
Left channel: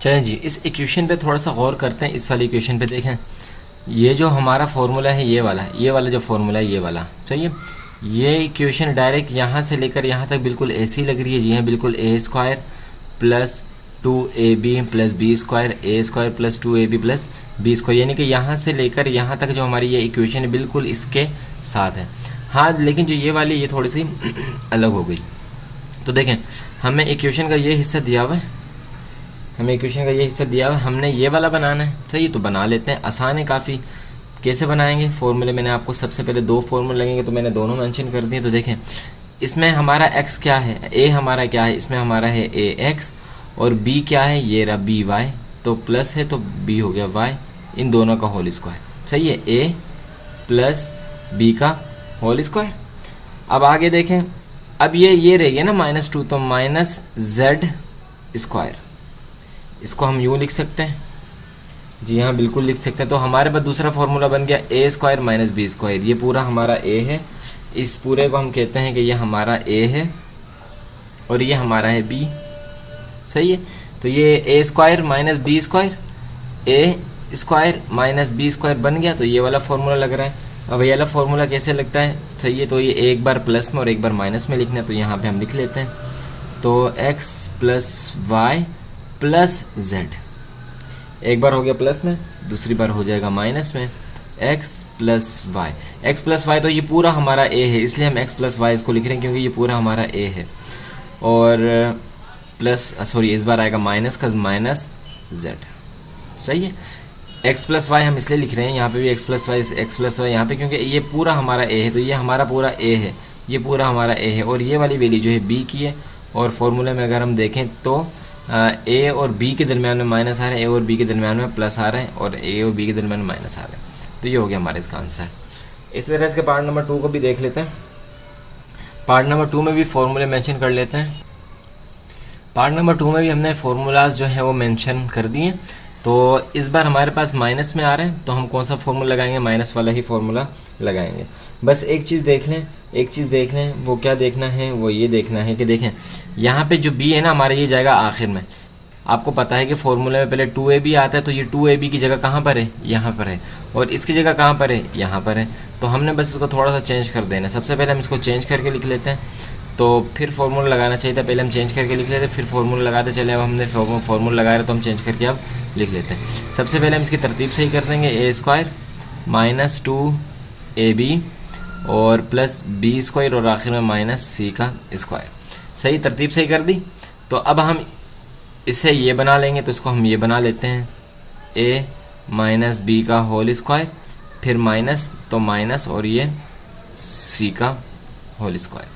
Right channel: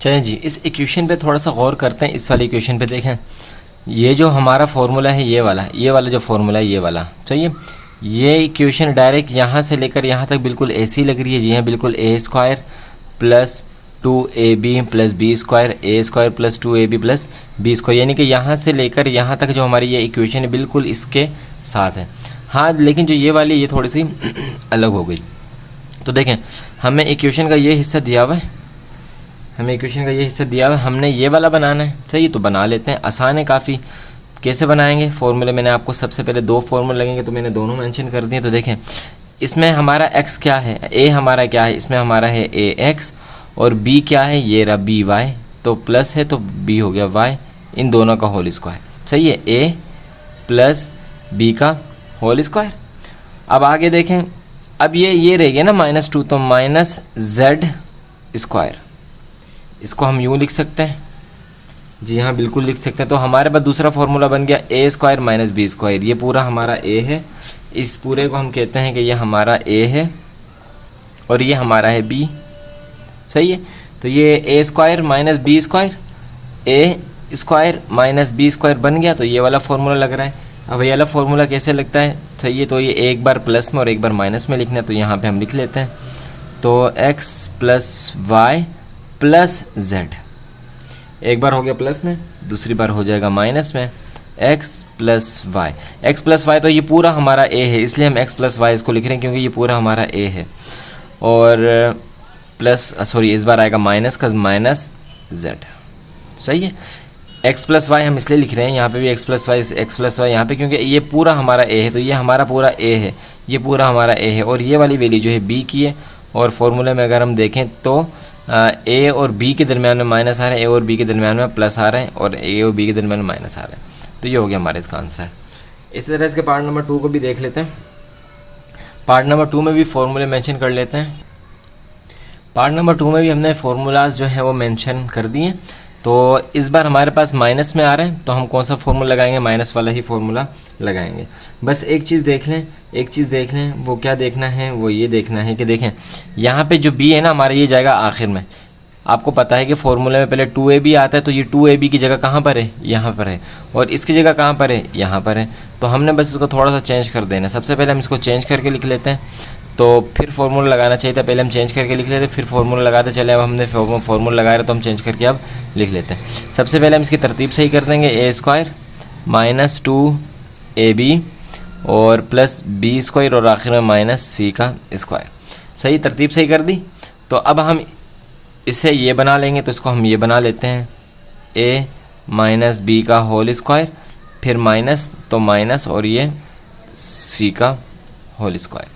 चलें जी, इस इक्वेशन पे थोड़ा सा गौर करते हैं। इस वाली इक्वेशन पे देखें, ये जो हमारा फॉर्मूला है ये वाला जो फॉर्मूला है ये वाला, चाहिए। ये इक्वेशन डायरेक्ट यहाँ से लेकर यहाँ तक बिल्कुल ऐसी लग रही है जी हाँ, बिल्कुल a square plus 2ab plus B square, a square plus 2ab plus B square, यानी कि यहाँ से लेकर यहाँ तक जो हमारी ये इक्वेशन है बिल्कुल इसके साथ है। हाँ, लेकिन जो ये वाली ये थोड़ी सी अलग हो गई। तो देखें, हमें इक्वेशन का ये हिस्सा दिया हुआ है, हमने ये वाला बनाना है, सही। तो बना लेते हैं, आसान है काफ़ी। कैसे बनाएंगे? फॉर्मूले मैंने आपको सबसे पहले 2 फॉर्मूले लगेंगे, तो मैंने दोनों मेंशन कर दिए। तो देखें, इसमें हमारा x क्या है, a हमारा क्या है, इसमें हमारा है ax, और b क्या है, ये रहा by, तो प्लस है तो b हो गया y, इन दोनों का होल स्क्वायर, सही है, a प्लस b का होल स्क्वायर। अब आगे देखें, अब ये रह गया ना -2, तो माइनस जेड स्क्वायर, इसको हम यूँ लिख सकते हैं। जी हाँ, बिल्कुल लिख सकते हैं। तो हमारे पास दूसरा फॉर्मूला बन गया ए स्क्वायर माइनस बी स्क्वायर। ये पूरा हमारा ए है, इस पूरे को हम कहते हैं कि ये हमारा ए है और ये हमारा है बी। सही है। तो ये ए स्क्वायर माइनस बी स्क्वायर, ए स्क्वायर माइनस बी स्क्वायर बन गया। तो ये वाला फॉर्मूला लग रहा है। अब ये वाला फॉर्मूला कैसे लगता है? सही है। तो ये एक बार प्लस में और एक बार माइनस में लिखना है, तो यहाँ पे हम लिख लेते हैं। तो x plus y plus z, एक बार हो गया प्लस में, दूसरी बार हो जाएगा माइनस में, x plus y. X plus y तो ये पूरा हमारा a है, इसलिए हम x प्लस वाई इसको लिख रहे हैं क्योंकि ये पूरा हमारा a है। और प्लस सॉरी इस बार आएगा माइनस का माइनस z। सही है। x प्लस वाई हम इसलिए लिख रहे हैं यहाँ पे भी x प्लस वाई यहाँ पे, क्योंकि ये पूरा हमारा a है। तो ये हमारा पूरा a है, ये पूरा हमारा a है और ये वाली वैल्यू जो है b की है। और फॉर्मूले में अगर हम देखें तो a और b के दरमियान में माइनस आ रहा है, a और b के दरमियान में प्लस आ रहा है और a और b के दरमियान में माइनस आ रहा है। तो ये हो गया हमारे इसका आंसर। इसी तरह इसके पार्ट नंबर 2 को भी देख लेते हैं। पार्ट नंबर 2 में भी फॉर्मूले मेंशन कर लेते हैं। पार्ट नंबर 2 में भी हमने फार्मूलाज जो है वो मेंशन कर दिए। तो इस बार हमारे पास माइनस में आ रहे हैं, तो हम कौन सा फॉर्मूला लगाएंगे? माइनस वाला ही फॉर्मूला लगाएंगे। बस एक चीज़ देख लें, वो क्या देखना है? वो ये देखना है कि देखें यहाँ पे जो b है ना हमारा, ये जाएगा आखिर में। आपको पता है कि फॉर्मूले में पहले 2ab आता है, तो ये 2ab की जगह कहाँ पर है? यहाँ पर है। और इसकी जगह कहाँ पर है? यहाँ पर है। तो हमने बस इसको थोड़ा सा चेंज कर देना। सबसे पहले हम इसको चेंज करके लिख लेते हैं, तो फिर फॉर्मूला लगाना चाहिए था। पहले हम चेंज करके लिख लेते, फिर फॉर्मूला लगाते चले। अब हमने फॉर्मूला लगाया तो हम चेंज करके अब लिख लेते हैं। सबसे पहले हम इसकी तरतीब सही कर देंगे। ए स्क्वायर माइनस 2ab और प्लस बी स्क्वायर और आखिर में माइनस सी का स्क्वायर। सही, तरतीब सही कर दी। तो अब हम इसे ये बना लेंगे, तो इसको हम ये बना लेते हैं, a माइनस बी का होल स्क्वायर, फिर माइनस तो माइनस और ये c का होल स्क्वायर।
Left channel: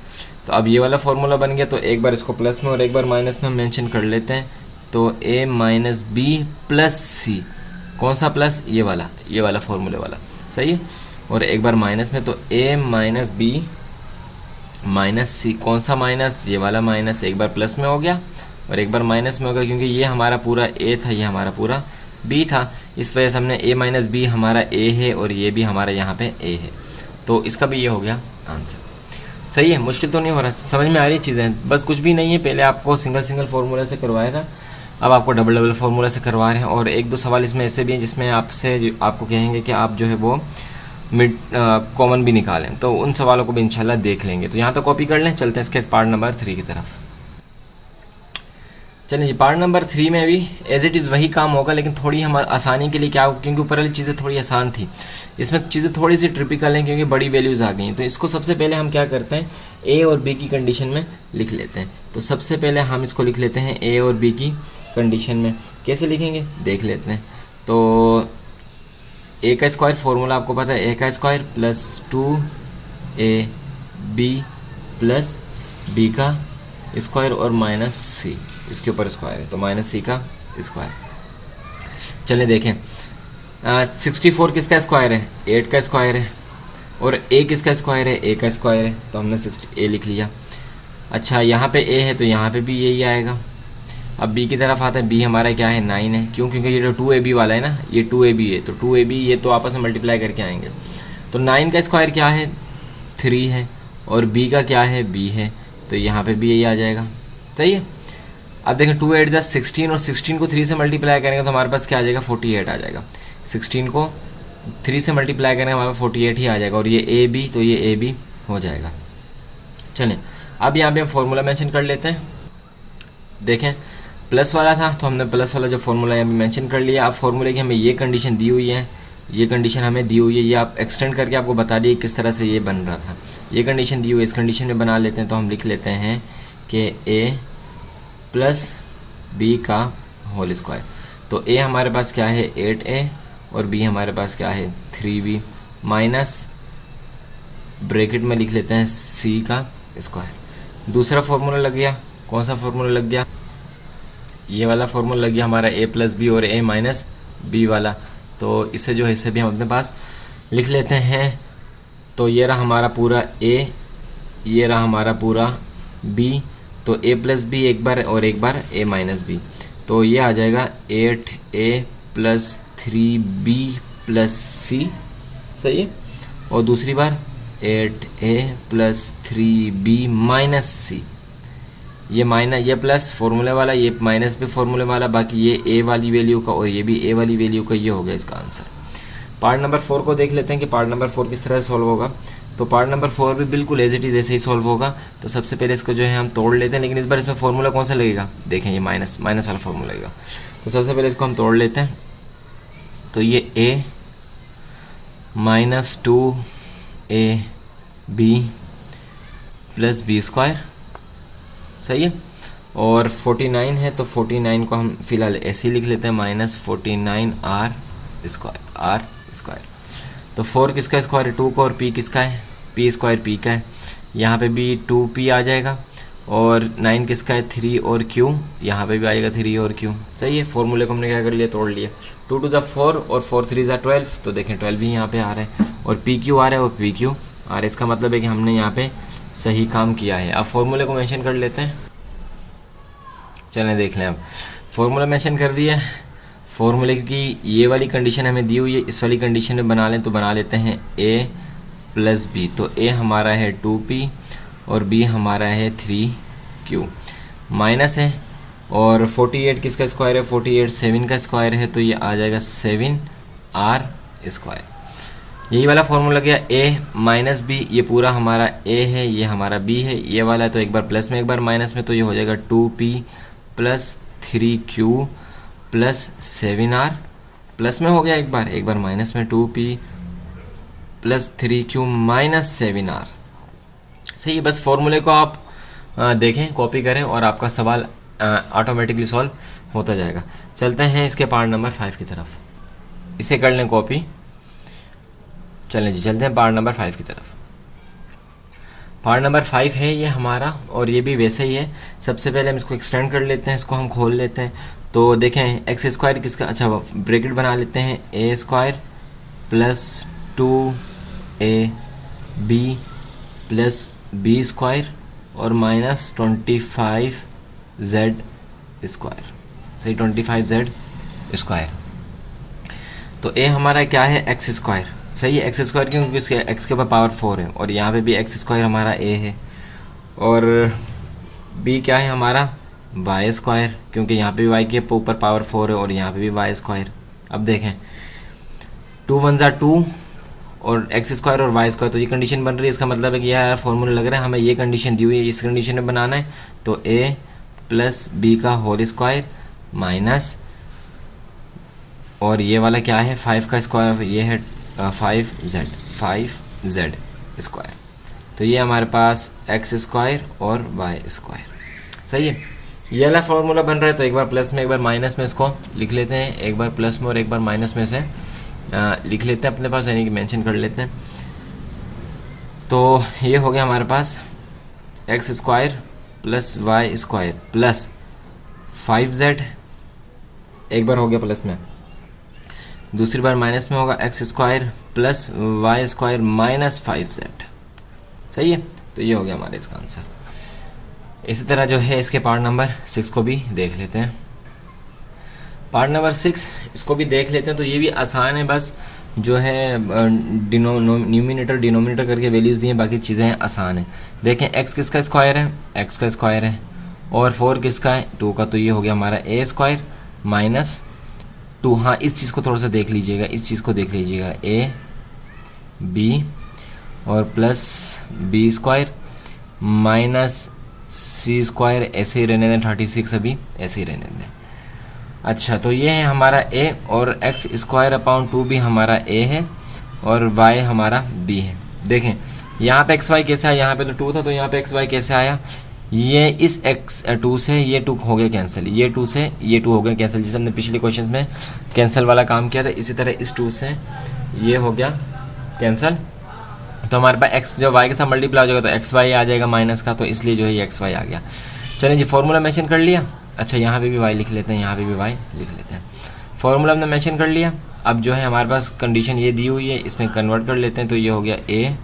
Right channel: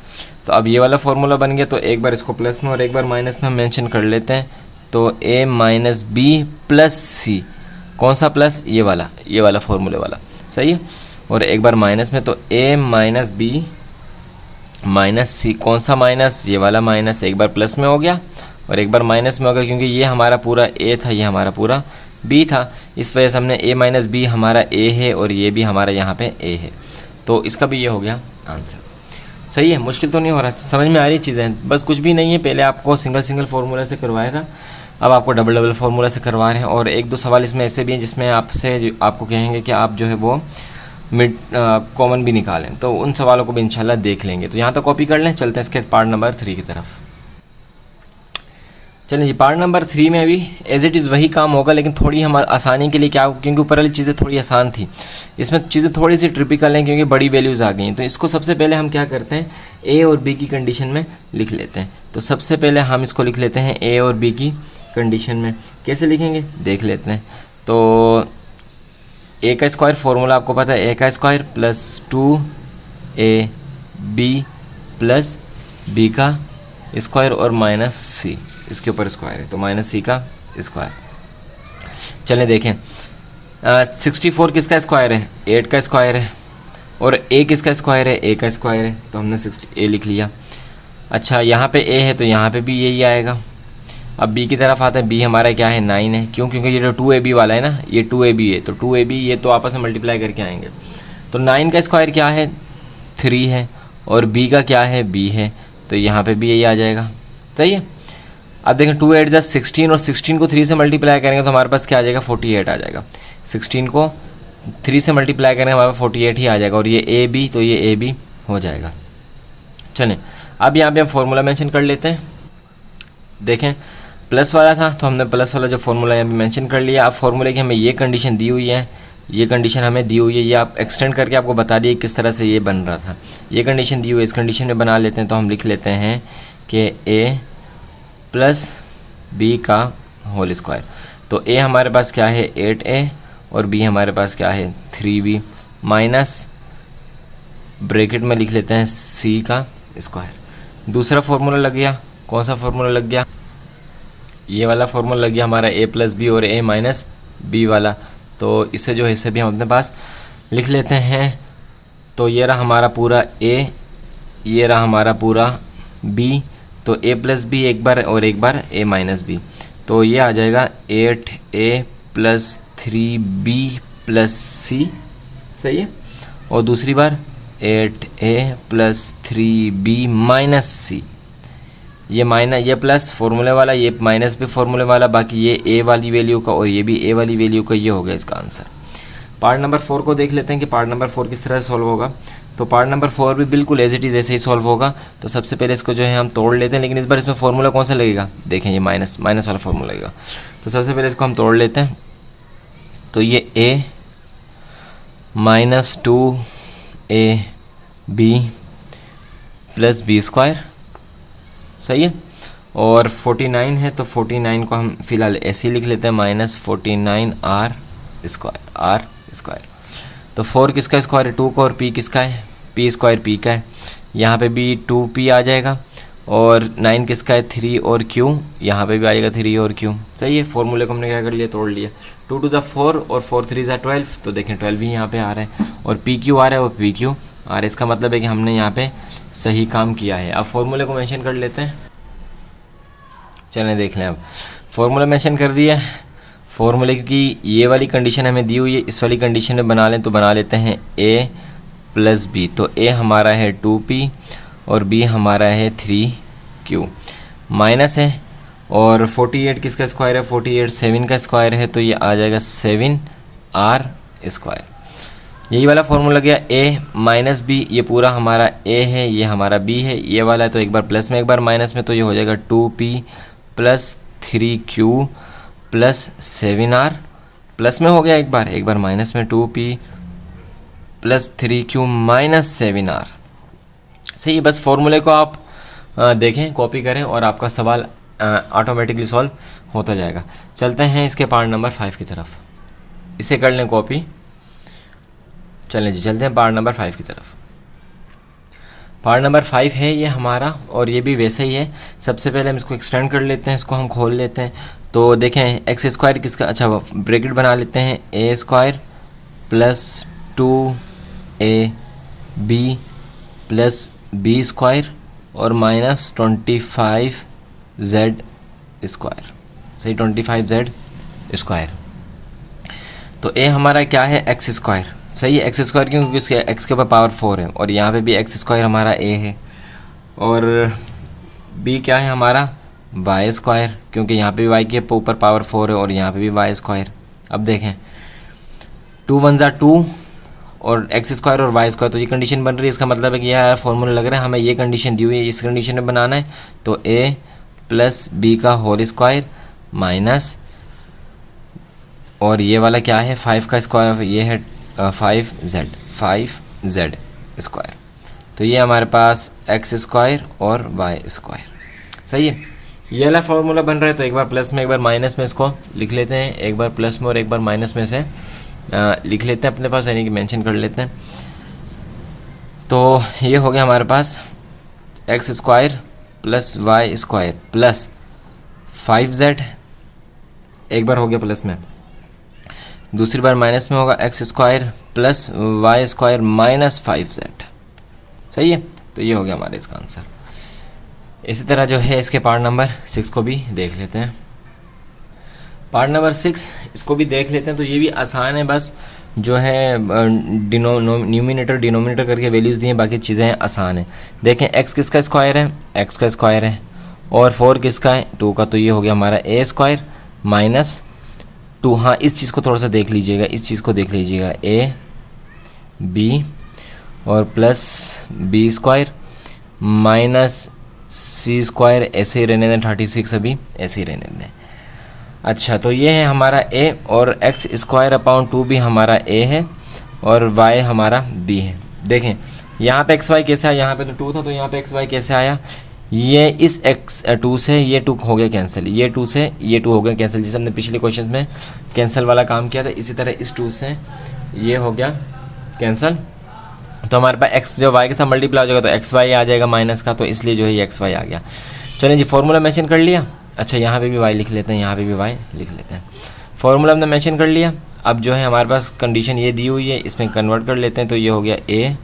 तो अब ये वाला फॉर्मूला बन गया। तो एक बार इसको प्लस में और एक बार माइनस में हम मेंशन कर लेते हैं। तो a माइनस बी प्लस सी, कौन सा प्लस? ये वाला फॉर्मूले वाला। सही है। और एक बार माइनस में, तो a माइनस बी माइनस सी, कौन सा माइनस? ये वाला माइनस। एक बार प्लस में हो गया और एक बार माइनस में हो गया, क्योंकि ये हमारा पूरा a था, ये हमारा पूरा b था। इस वजह से हमने a माइनस बी हमारा a है और ये भी हमारा यहाँ पे a है। तो इसका भी ये हो गया आंसर। सही है, मुश्किल तो नहीं हो रहा, समझ में आ रही चीज़ें। बस कुछ भी नहीं है, पहले आपको सिंगल फार्मूला से करवाया था, अब आपको डबल फार्मूला से करवा रहे हैं। और एक दो सवाल इसमें ऐसे भी हैं जिसमें आपको कहेंगे कि आप जो है वो मिड कॉमन भी निकालें, तो उन सवालों को भी इंशाल्लाह देख लेंगे। तो यहाँ तक कॉपी कर लें। चलते हैं इसके पार्ट नंबर 3 की तरफ। चलिए जी, पार्ट नंबर 3 में भी एज इट इज़ वही काम होगा, लेकिन थोड़ी हम आसानी के लिए क्या होगा, क्योंकि ऊपर वाली चीज़ें थोड़ी आसान थी, इसमें चीज़ें थोड़ी सी ट्रिपिकल हैं क्योंकि बड़ी वैल्यूज़ आ गई हैं। तो इसको सबसे पहले हम क्या करते हैं, ए और बी की कंडीशन में लिख लेते हैं। तो सबसे पहले हम इसको लिख लेते हैं ए और बी की कंडीशन में। कैसे लिखेंगे देख लेते हैं। तो ए का स्क्वायर फॉर्मूला आपको पता है, ए का square plus 2ab plus b का स्क्वायर और माइनस सी, इसके ऊपर स्क्वायर है तो माइनस सी का स्क्वायर। चलें देखें, 64 किसका स्क्वायर है? 8 का स्क्वायर है। और a किसका स्क्वायर है? a का स्क्वायर है, तो हमने a लिख लिया। अच्छा, यहाँ पे a है तो यहाँ पे भी यही आएगा। अब b की तरफ आता है, b हमारा क्या है? 9 है। क्यों? क्योंकि ये जो 2ab वाला है ना, ये 2ab है, तो 2ab ये तो आपस में मल्टीप्लाई करके आएंगे। तो 9 का स्क्वायर क्या है? 3 है। और b का क्या है? b है, तो यहाँ पे भी यही आ जाएगा। सही है। अब देखें 2 8 16 और 16 को 3 से मल्टीप्लाई करेंगे तो हमारे पास क्या आ जाएगा? 48 आ जाएगा। 16 को 3 से मल्टीप्लाई करेंगे हमारे पास 48 ही आ जाएगा। और ये ए बी, तो ये ए बी हो जाएगा। चलें, अब यहाँ पे हम फॉर्मूला मेंशन कर लेते हैं। देखें, प्लस वाला था तो हमने प्लस वाला जो फॉर्मूला यहाँ पे मेंशन कर लिया। अब फॉर्मूले की हमें ये कंडीशन दी हुई है, ये कंडीशन हमें दी हुई है, ये आप एक्सटेंड करके आपको बता दिए किस तरह से ये बन रहा था। ये कंडीशन दी हुई है, इस कंडीशन में बना लेते हैं। तो हम लिख लेते हैं कि a प्लस बी का होल स्क्वायर। तो a हमारे पास क्या है? 8a और b हमारे पास क्या है? 3b माइनस ब्रैकेट में लिख लेते हैं c का स्क्वायर। दूसरा फॉर्मूला लग गया। कौन सा फॉर्मूला लग गया? ये वाला फॉर्मूला लग गया हमारा a प्लस बी और a माइनस बी वाला। तो इसे जो है इसे भी हम अपने पास लिख लेते हैं। तो ये रहा हमारा पूरा a, ये रहा हमारा पूरा बी, तो ए प्लस बी एक बार और एक बार ए माइनस बी, तो ये आ जाएगा 8a प्लस 3b प्लस सी, सही है। और दूसरी बार 8a प्लस 3b माइनस सी, ये माइनस ये प्लस फॉर्मूले वाला, ये माइनस भी फॉर्मूले वाला, बाकी ये ए वाली वैल्यू का और ये भी ए वाली वैल्यू का, ये हो गया इसका आंसर। पार्ट नंबर 4 को देख लेते हैं कि पार्ट नंबर 4 किस तरह से सॉल्व होगा। तो पार्ट नंबर 4 भी बिल्कुल एज इट इज़ ऐसे ही सॉल्व होगा। तो सबसे पहले इसको जो है हम तोड़ लेते हैं, लेकिन इस बार इसमें फॉर्मूला कौन सा लगेगा, देखें ये माइनस वाला फॉर्मूला लगेगा। तो सबसे पहले इसको हम तोड़ लेते हैं। तो ये a minus 2ab plus B square, सही है। और 49 है तो 49 को हम फिलहाल ऐसे ही लिख लेते हैं, माइनस 49 आर स्क्वायर। तो 4 किसका स्क्वायर है, 2 का, और p किसका है, p स्क्वायर p का है। यहाँ पे भी 2p आ जाएगा। और 9 किसका है, 3 और q, यहाँ पे भी आएगा 3 और q, सही है। फॉर्मूले को हमने क्या कर लिया, तोड़ लिया। 2 टू ज़ा 4 और 4 3 ज़ा 12, तो देखें 12 ही यहाँ पे आ रहा है और PQ आ रहा है और PQ आ रहा है। इसका मतलब है कि हमने यहाँ पे सही काम किया है। अब फॉर्मूले को मेंशन कर लेते हैं, चलें देख लें। अब फॉर्मूला मेंशन कर दिया है। फॉर्मूले की ये वाली कंडीशन हमें दी हुई है, इस वाली कंडीशन में बना लें, तो बना लेते हैं a प्लस बी। तो a हमारा है 2p और b हमारा है 3q, माइनस है। और 48 किसका स्क्वायर है, 48 7 का स्क्वायर है, तो ये आ जाएगा 7r स्क्वायर। यही वाला फॉर्मूला गया a माइनस बी, ये पूरा हमारा a है, ये हमारा b है, ये वाला है तो एक बार प्लस में एक बार माइनस में, तो ये हो जाएगा 2p plus 3q plus 7r, plus में हो गया एक बार माइनस में, 2p plus 3q minus 7r, सही है। बस फॉर्मूले को आप देखें, कॉपी करें और आपका सवाल ऑटोमेटिकली सॉल्व होता जाएगा। चलते हैं इसके पार्ट नंबर 5 की तरफ, इसे कर लें कॉपी। चलें जी, चलते हैं पार्ट नंबर 5 की तरफ। पार्ट नंबर 5 है ये हमारा, और ये भी वैसे ही है। सबसे पहले हम इसको एक्सटेंड कर लेते हैं, इसको हम खोल लेते हैं। तो देखें एक्स स्क्वायर किसका, अच्छा ब्रैकेट बना लेते हैं, a square plus 2ab plus b square और माइनस 25z स्क्वायर, सही, 25z स्क्वायर। तो a हमारा क्या है, एक्स स्क्वायर, सही है। एक्स स्क्वायर क्यों, क्योंकि उसके एक्स के ऊपर पावर 4 है, और यहाँ पे भी एक्स स्क्वायर हमारा a है। और b क्या है हमारा, वाई स्क्वायर, क्योंकि यहाँ पे भी y के ऊपर पावर 4 है और यहाँ पे भी वाई स्क्वायर। अब देखें 2 1 ज़ा 2 और एक्स स्क्वायर और वाई स्क्वायर, तो ये कंडीशन बन रही है। इसका मतलब है कि यार फॉर्मूला लग रहा है हमें ये कंडीशन दी हुई है, इस कंडीशन में बनाना है। तो a प्लस बी का होल स्क्वायर माइनस, और ये वाला क्या है 5 का स्क्वायर, ये है 5z स्क्वायर। तो ये हमारे पास एक्स स्क्वायर और वाई स्क्वायर, सही है। ये वाला फॉर्मूला बन रहा है, तो एक बार प्लस में एक बार माइनस में इसको लिख लेते हैं, एक बार प्लस में और एक बार माइनस में से लिख लेते हैं अपने पास, यानी कि मेंशन कर लेते हैं। तो ये हो गया हमारे पास X square plus Y square plus 5z, एक बार हो गया प्लस में, दूसरी बार माइनस में होगा x square plus Y square minus 5z, सही है। तो ये हो गया हमारे इसका आंसर। इसी तरह जो है इसके पार्ट नंबर 6 को भी देख लेते हैं। पार्ट नंबर 6 इसको भी देख लेते हैं। तो ये भी आसान है, बस जो है न्यूमिनेटर डिनोमिनेटर करके वैल्यूज़ दी हैं, बाकी चीज़ें आसान हैं। देखें एक्स किसका स्क्वायर है, एक्स का स्क्वायर है, और 4 किसका है, 2 का, तो ये हो गया हमारा a स्क्वायर माइनस 2। हाँ, इस चीज़ को थोड़ा सा देख लीजिएगा, इस चीज़ को देख लीजिएगा, a b और plus b square minus c square, ऐसे ही रहने दें, 36 अभी ऐसे ही रहने दें। अच्छा, तो ये है हमारा a, और एक्स स्क्वायर अपॉन 2 भी हमारा a है और y हमारा b है। देखें यहाँ पे एक्स वाई कैसा है, यहाँ पे तो 2 था, तो यहाँ पे एक्स वाई कैसे आया, ये इस x2 से ये 2 हो गया कैंसिल, ये 2 से ये 2 हो गया कैंसिल, जैसे हमने पिछले क्वेश्चन में कैंसिल वाला काम किया था, इसी तरह इस 2 से ये हो गया कैंसिल। तो हमारे पास x जो y के साथ मल्टीप्लाई हो जाएगा तो एक्स वाई आ जाएगा माइनस का, तो इसलिए जो है ये एक्स वाई आ गया। चलिए जी, फॉर्मूला मेंशन कर लिया। अच्छा, यहाँ पे भी y लिख लेते हैं, यहाँ पे भी y लिख लेते हैं। फॉर्मूला हमने मेंशन कर लिया। अब जो है हमारे पास कंडीशन ये दी हुई है, इसमें कन्वर्ट कर लेते हैं। तो ये हो गया a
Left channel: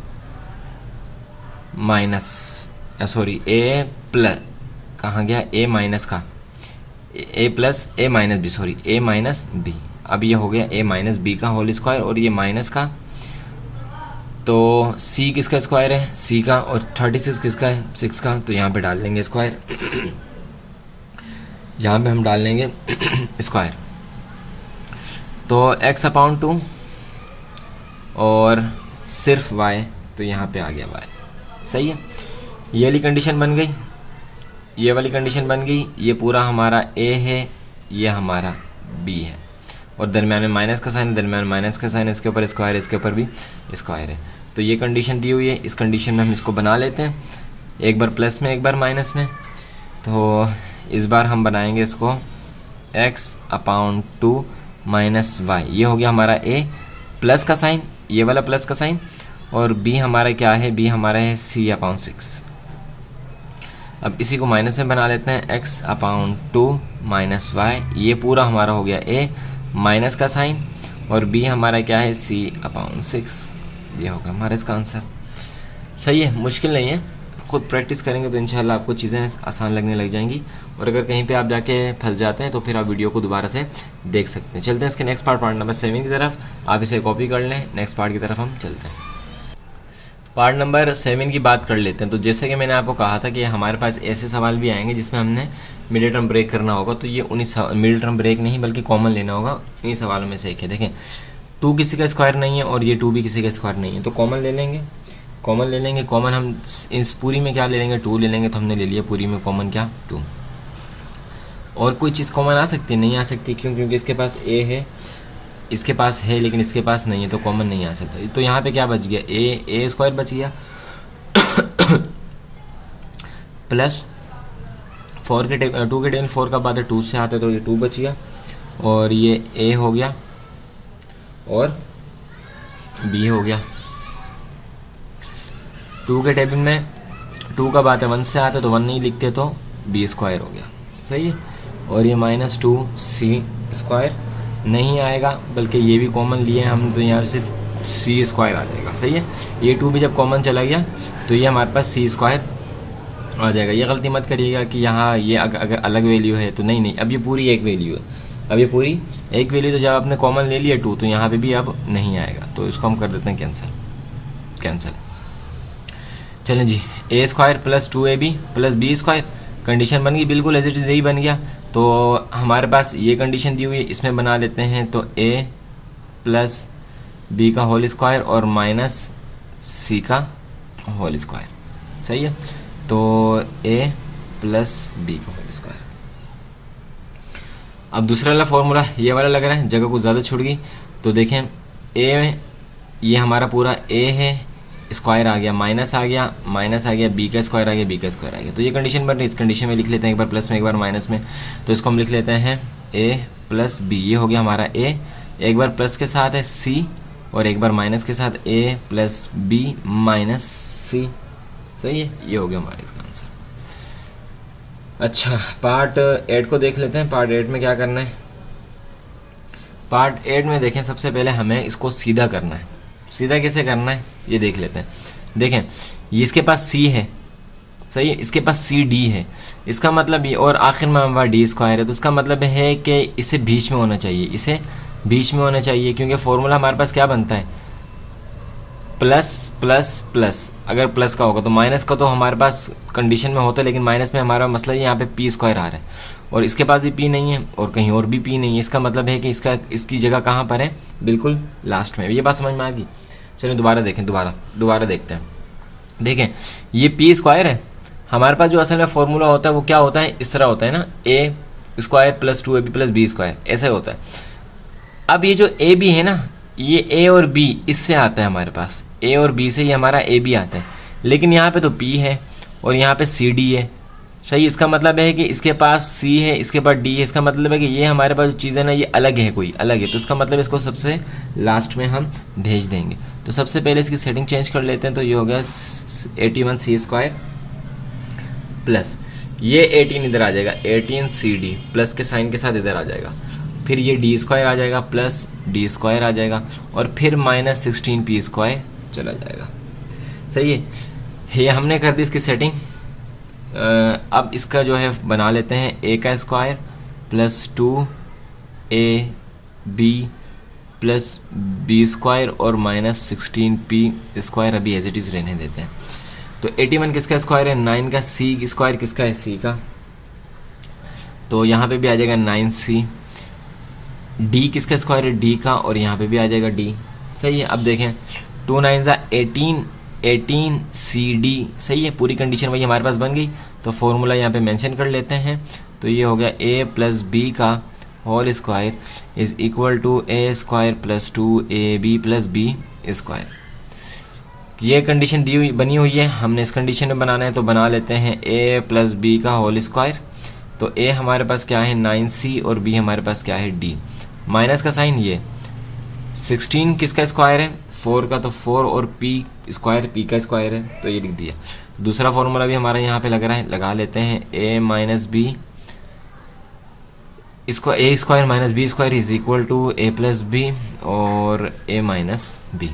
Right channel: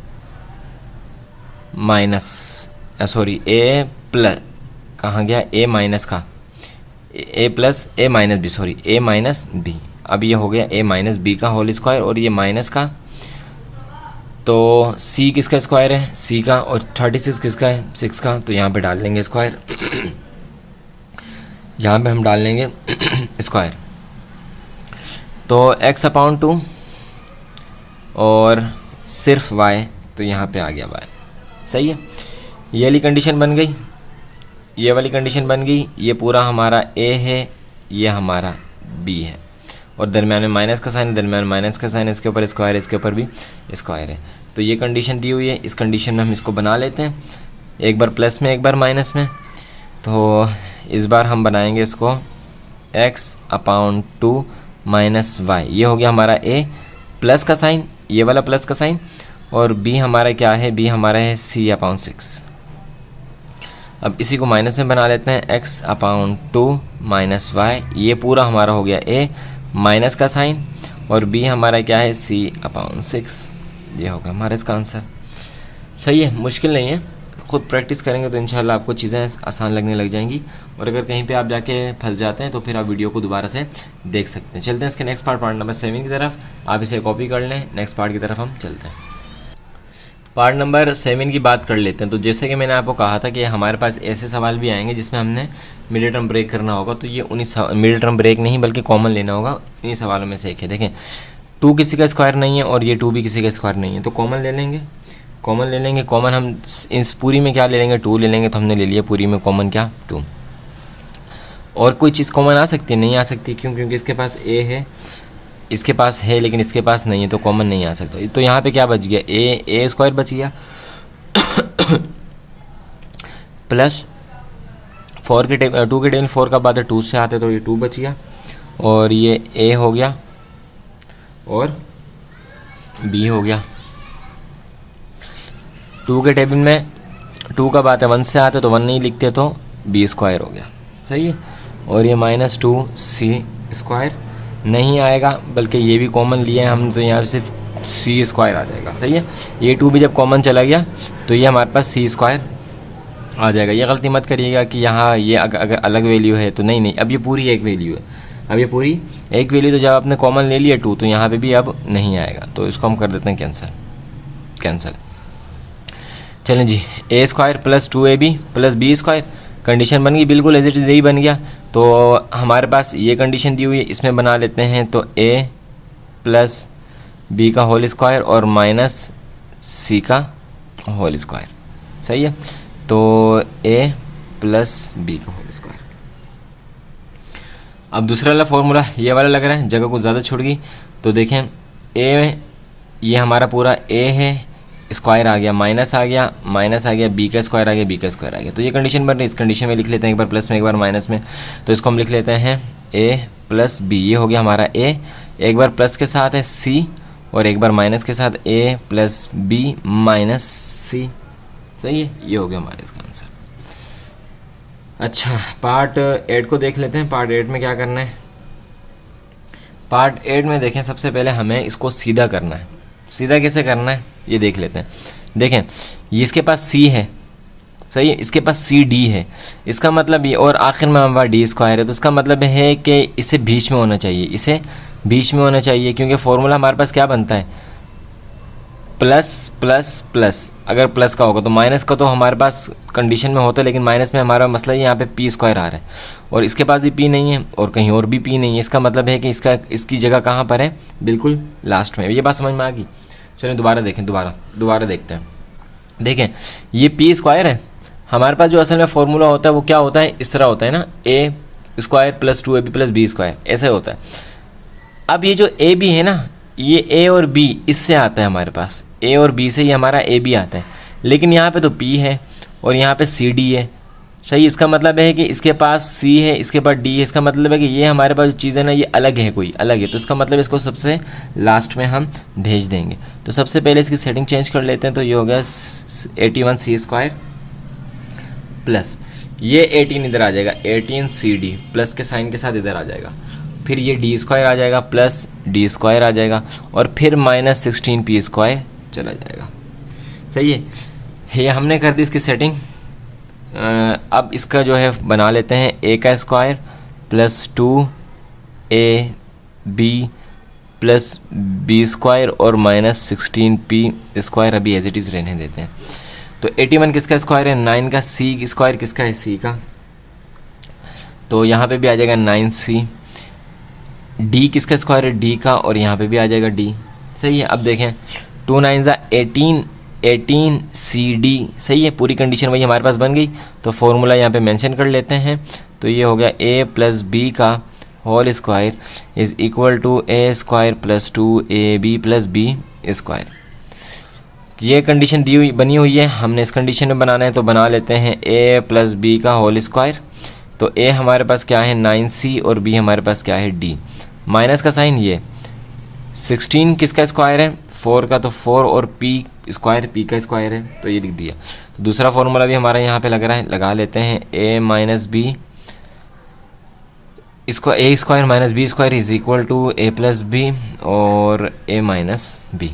minus sorry A plus, कहाँ गया, ए माइनस का, ए प्लस ए माइनस बी, सॉरी ए माइनस बी। अब ये हो गया ए माइनस बी का होल स्क्वायर और ये माइनस का, तो सी किसका स्क्वायर है, सी का, और 36 किसका है, 6 का। तो यहाँ पे डाल लेंगे स्क्वायर यहाँ पे हम डाल लेंगे स्क्वायर। तो x अपॉन 2 और सिर्फ y, तो यहाँ पे आ गया y। सही है, ये वाली कंडीशन बन गई, ये वाली कंडीशन बन गई। ये पूरा हमारा a है, ये हमारा b है, और दरम्यान में माइनस का साइन, दरम्यान माइनस का साइन, इसके ऊपर स्क्वायर, इसके ऊपर भी स्क्वायर है। तो ये कंडीशन दी हुई है, इस कंडीशन में हम इसको बना लेते हैं, एक बार प्लस में एक बार माइनस में। तो इस बार हम बनाएंगे इसको x अपॉन 2 माइनस वाई, ये हो गया हमारा a प्लस का साइन, ये वाला प्लस का साइन, और b हमारा क्या है, b हमारा है c अपॉन 6। अब इसी को माइनस में बना लेते हैं, x अपॉन 2 माइनस वाई, ये पूरा हमारा हो गया a माइनस का साइन, और b हमारा क्या है, c अपॉन 6। ये होगा हमारा इसका आंसर। सही है, मुश्किल नहीं है, खुद प्रैक्टिस करेंगे तो इंशाल्लाह आपको चीज़ें आसान लगने लग जाएंगी। और अगर कहीं पे आप जाके फंस जाते हैं तो फिर आप वीडियो को दोबारा से देख सकते हैं। चलते हैं इसके नेक्स्ट पार्ट नंबर 7 की तरफ, आप इसे कॉपी कर लें, नेक्स्ट पार्ट की तरफ हम चलते हैं। पार्ट नंबर 7 की बात कर लेते हैं। तो जैसे कि मैंने आपको कहा था कि हमारे पास ऐसे सवाल भी आएंगे जिसमें हमने मिडिल टर्म ब्रेक करना होगा, तो ये उन्हीं मिडिल टर्म ब्रेक नहीं बल्कि कॉमन लेना होगा, इन्हीं सवालों में से एक है। देखें 2 किसी का स्क्वायर नहीं है और ये 2 भी किसी का स्क्वायर नहीं है, तो कॉमन ले लेंगे, कॉमन ले लेंगे। कॉमन हम इस पूरी में क्या ले लेंगे, 2 ले लेंगे, तो हमने ले लिया पूरी में कॉमन क्या, 2। और कोई चीज़ कॉमन आ सकती है, नहीं आ सकती, क्यों, क्योंकि इसके पास a है, इसके पास है लेकिन इसके पास नहीं है, तो कॉमन नहीं आ सकता। तो यहाँ पे क्या बच गया, a स्क्वायर बच गया प्लस 2 के टेबल 4 का बाद 2 से आते तो ये 2 बच गया, और ये a हो गया और b हो गया। 2 के टेबल में 2 का बात है 1 से आते तो 1 नहीं लिखते, तो b स्क्वायर हो गया। सही है, और ये माइनस 2c स्क्वायर नहीं आएगा, बल्कि ये भी कॉमन लिया है हम, तो यहाँ सिर्फ c स्क्वायर आ जाएगा। सही है, ये 2 भी जब कॉमन चला गया तो ये हमारे पास c स्क्वायर आ जाएगा। ये गलती मत करिएगा कि यहाँ ये अगर अलग वैल्यू है तो नहीं, अब ये पूरी एक वैल्यू है, अब ये पूरी एक वैल्यू, तो जब आपने कॉमन ले लिया 2 तो यहाँ पे भी अब नहीं आएगा, तो इसको हम कर देते हैं कैंसिल। चलें जी, a square plus 2ab plus b square, condition बन गई, बिल्कुल एज इट इज़ यही बन गया। तो हमारे पास ये कंडीशन दी हुई है, इसमें बना लेते हैं, तो a प्लस b का होल स्क्वायर और माइनस c का होल स्क्वायर। सही है, तो a प्लस b का होल स्क्वायर। अब दूसरा वाला फॉर्मूला ये वाला लग रहा है, जगह को ज़्यादा छूट गई, तो देखें a, ये हमारा पूरा a है, स्क्वायर आ गया, माइनस आ गया, माइनस आ गया, b का स्क्वायर आ गया, b का स्क्वायर आ गया। तो ये कंडीशन बन रही है, इस कंडीशन में लिख लेते हैं, एक बार प्लस में एक बार माइनस में, तो इसको हम लिख लेते हैं a प्लस b, ये हो गया हमारा a, एक बार प्लस के साथ है c और एक बार माइनस के साथ a plus b minus c। सही है, ये हो गया हमारे इसका आंसर। अच्छा, पार्ट 8 को देख लेते हैं। पार्ट 8 में क्या करना है, पार्ट 8 में देखें, सबसे पहले हमें इसको सीधा करना है। सीधा कैसे करना है ये देख लेते हैं। देखें, ये इसके पास c है, सही है, इसके पास सी डी है, इसका मतलब ये, और आखिर में हमारा डी स्क्वायर है, तो इसका मतलब है कि इसे बीच में होना चाहिए, इसे बीच में होना चाहिए, क्योंकि फॉर्मूला हमारे पास क्या बनता है, प्लस प्लस प्लस। अगर प्लस का होगा तो माइनस का तो हमारे पास कंडीशन में होता है, लेकिन माइनस में हमारा मसला है, यहाँ पे पी स्क्वायर आ रहा है और इसके पास भी पी नहीं है और कहीं और भी पी नहीं है। इसका मतलब है कि इसकी जगह कहाँ पर है, बिल्कुल लास्ट में। ये बात समझ में आ गई। चलिए दोबारा देखें, दोबारा देखते हैं। देखें, ये पी स्क्वायर है, हमारे पास जो असल में फॉर्मूला होता है वो क्या होता है, इस तरह होता है ना, A square plus 2ab plus B square, ऐसा होता है। अब ये जो ए बी है ना, ये ए और बी इससे आता है हमारे पास, ए और बी से ये हमारा ए बी आता है, लेकिन यहाँ पे तो पी है और यहाँ पे सी डी है। सही, इसका मतलब है कि इसके पास सी है, इसके पास डी है, इसका मतलब है कि ये हमारे पास जो चीज़ है ना ये अलग है, कोई अलग है, तो इसका मतलब इसको सबसे लास्ट में हम भेज देंगे। तो सबसे पहले इसकी सेटिंग चेंज कर लेते हैं, तो ये हो गया 81 सी स्क्वायर प्लस ये 18 इधर आ जाएगा, 18 सी डी प्लस के साइन के साथ इधर आ जाएगा, फिर ये डी स्क्वायर आ जाएगा प्लस डी स्क्वायर आ जाएगा और फिर माइनस 16 पी स्क्वायर चला जाएगा। सही है, ये हमने कर दी इसकी सेटिंग। अब इसका जो है बना लेते हैं ए का square plus 2ab plus B square और माइनस 16p स्क्वायर अभी एज इट इज़ रहने देते हैं। तो 81 किसका स्क्वायर है, 9 का। सी स्क्वायर किसका है, सी का। तो यहाँ पे भी आ जाएगा 9c। डी किसका स्क्वायर है, डी का, और यहाँ पे भी आ जाएगा डी। सही है। अब देखें 2 9 18 CD। सही है, पूरी कंडीशन वही हमारे पास बन गई। तो फॉर्मूला यहाँ पे मेंशन कर लेते हैं। तो ये हो गया a प्लस बी का whole square is equal to a square plus 2ab plus B square. ये कंडीशन दी हुई बनी हुई है, हमने इस कंडीशन में बनाना है। तो बना लेते हैं a प्लस बी का होल स्क्वायर। तो a हमारे पास क्या है 9c और b हमारे पास क्या है d। माइनस का साइन, ये 16 किसका स्क्वायर है, 4 का। तो 4 और p स्क्वायर p का स्क्वायर है, तो ये लिख दिया। दूसरा फॉर्मूला भी हमारा यहाँ पे लग रहा है, लगा लेते हैं a माइनस बी, इसको a square minus b square is equal to a plus b और a माइनस बी।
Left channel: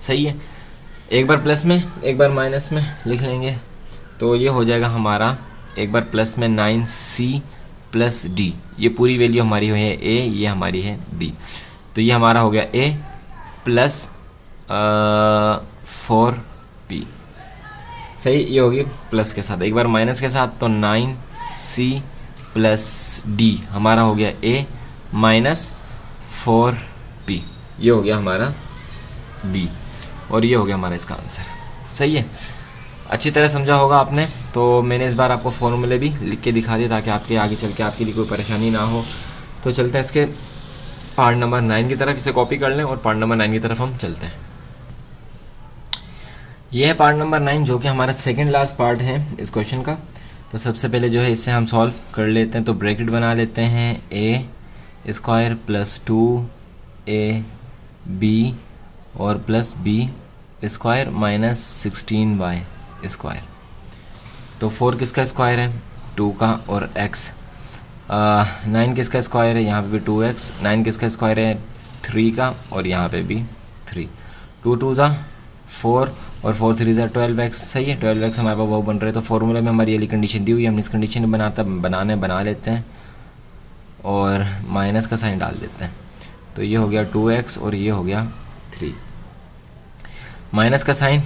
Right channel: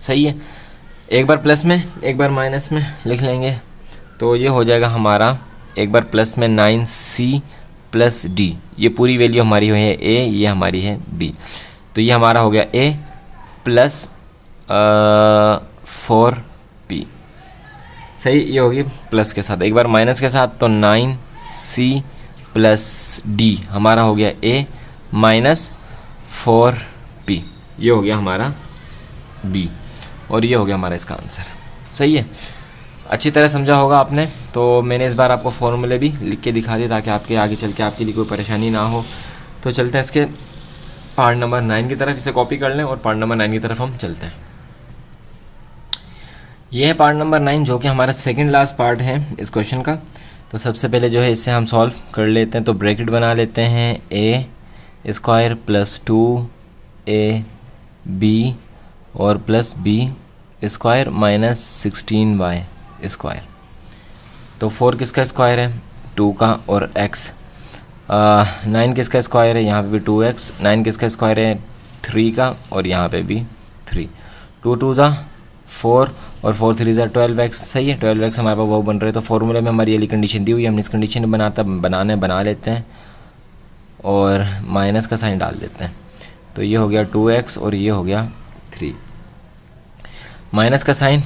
सही है, एक बार प्लस में एक बार माइनस में लिख लेंगे। तो ये हो जाएगा हमारा एक बार प्लस में 9c प्लस d, ये पूरी वैल्यू हमारी है a, ये हमारी है b। तो ये हमारा हो गया a प्लस 4p। सही, ये होगी प्लस के साथ। एक बार माइनस के साथ, तो 9c प्लस d हमारा हो गया a माइनस 4p। ये हो गया हमारा b और ये हो गया हमारा इसका आंसर। सही है, अच्छी तरह समझा होगा आपने। तो मैंने इस बार आपको फॉर्मूले भी लिख के दिखा दिए ताकि आपके आगे चल के आपके लिए कोई परेशानी ना हो। तो चलते हैं इसके पार्ट नंबर 9 की तरफ, इसे कॉपी कर लें और पार्ट नंबर 9 की तरफ हम चलते हैं। यह है पार्ट नंबर 9 जो कि हमारा सेकंड लास्ट पार्ट है इस क्वेश्चन का। तो सबसे पहले जो है इसे हम सॉल्व कर लेते हैं। तो ब्रैकेट बना लेते हैं a स्क्वायर प्लस 2ab और plus b square minus 16y square. तो 4 किसका स्क्वायर है, 2 का, और x 9 किसका स्क्वायर है, यहाँ पे भी 2x। 9 किसका स्क्वायर है, 3 का, और यहाँ पे भी 3। 2 2 ज़ा 4 और 4 3 ज़ा 12x। सही है, 12x हमारे पास वो बन रहे हैं। तो फॉर्मूले में हमारी ये कंडीशन दी हुई है, हमने इस कंडीशन में बना लेते हैं और माइनस का साइन डाल देते हैं। तो ये हो गया 2x और ये हो गया 3। माइनस का साइन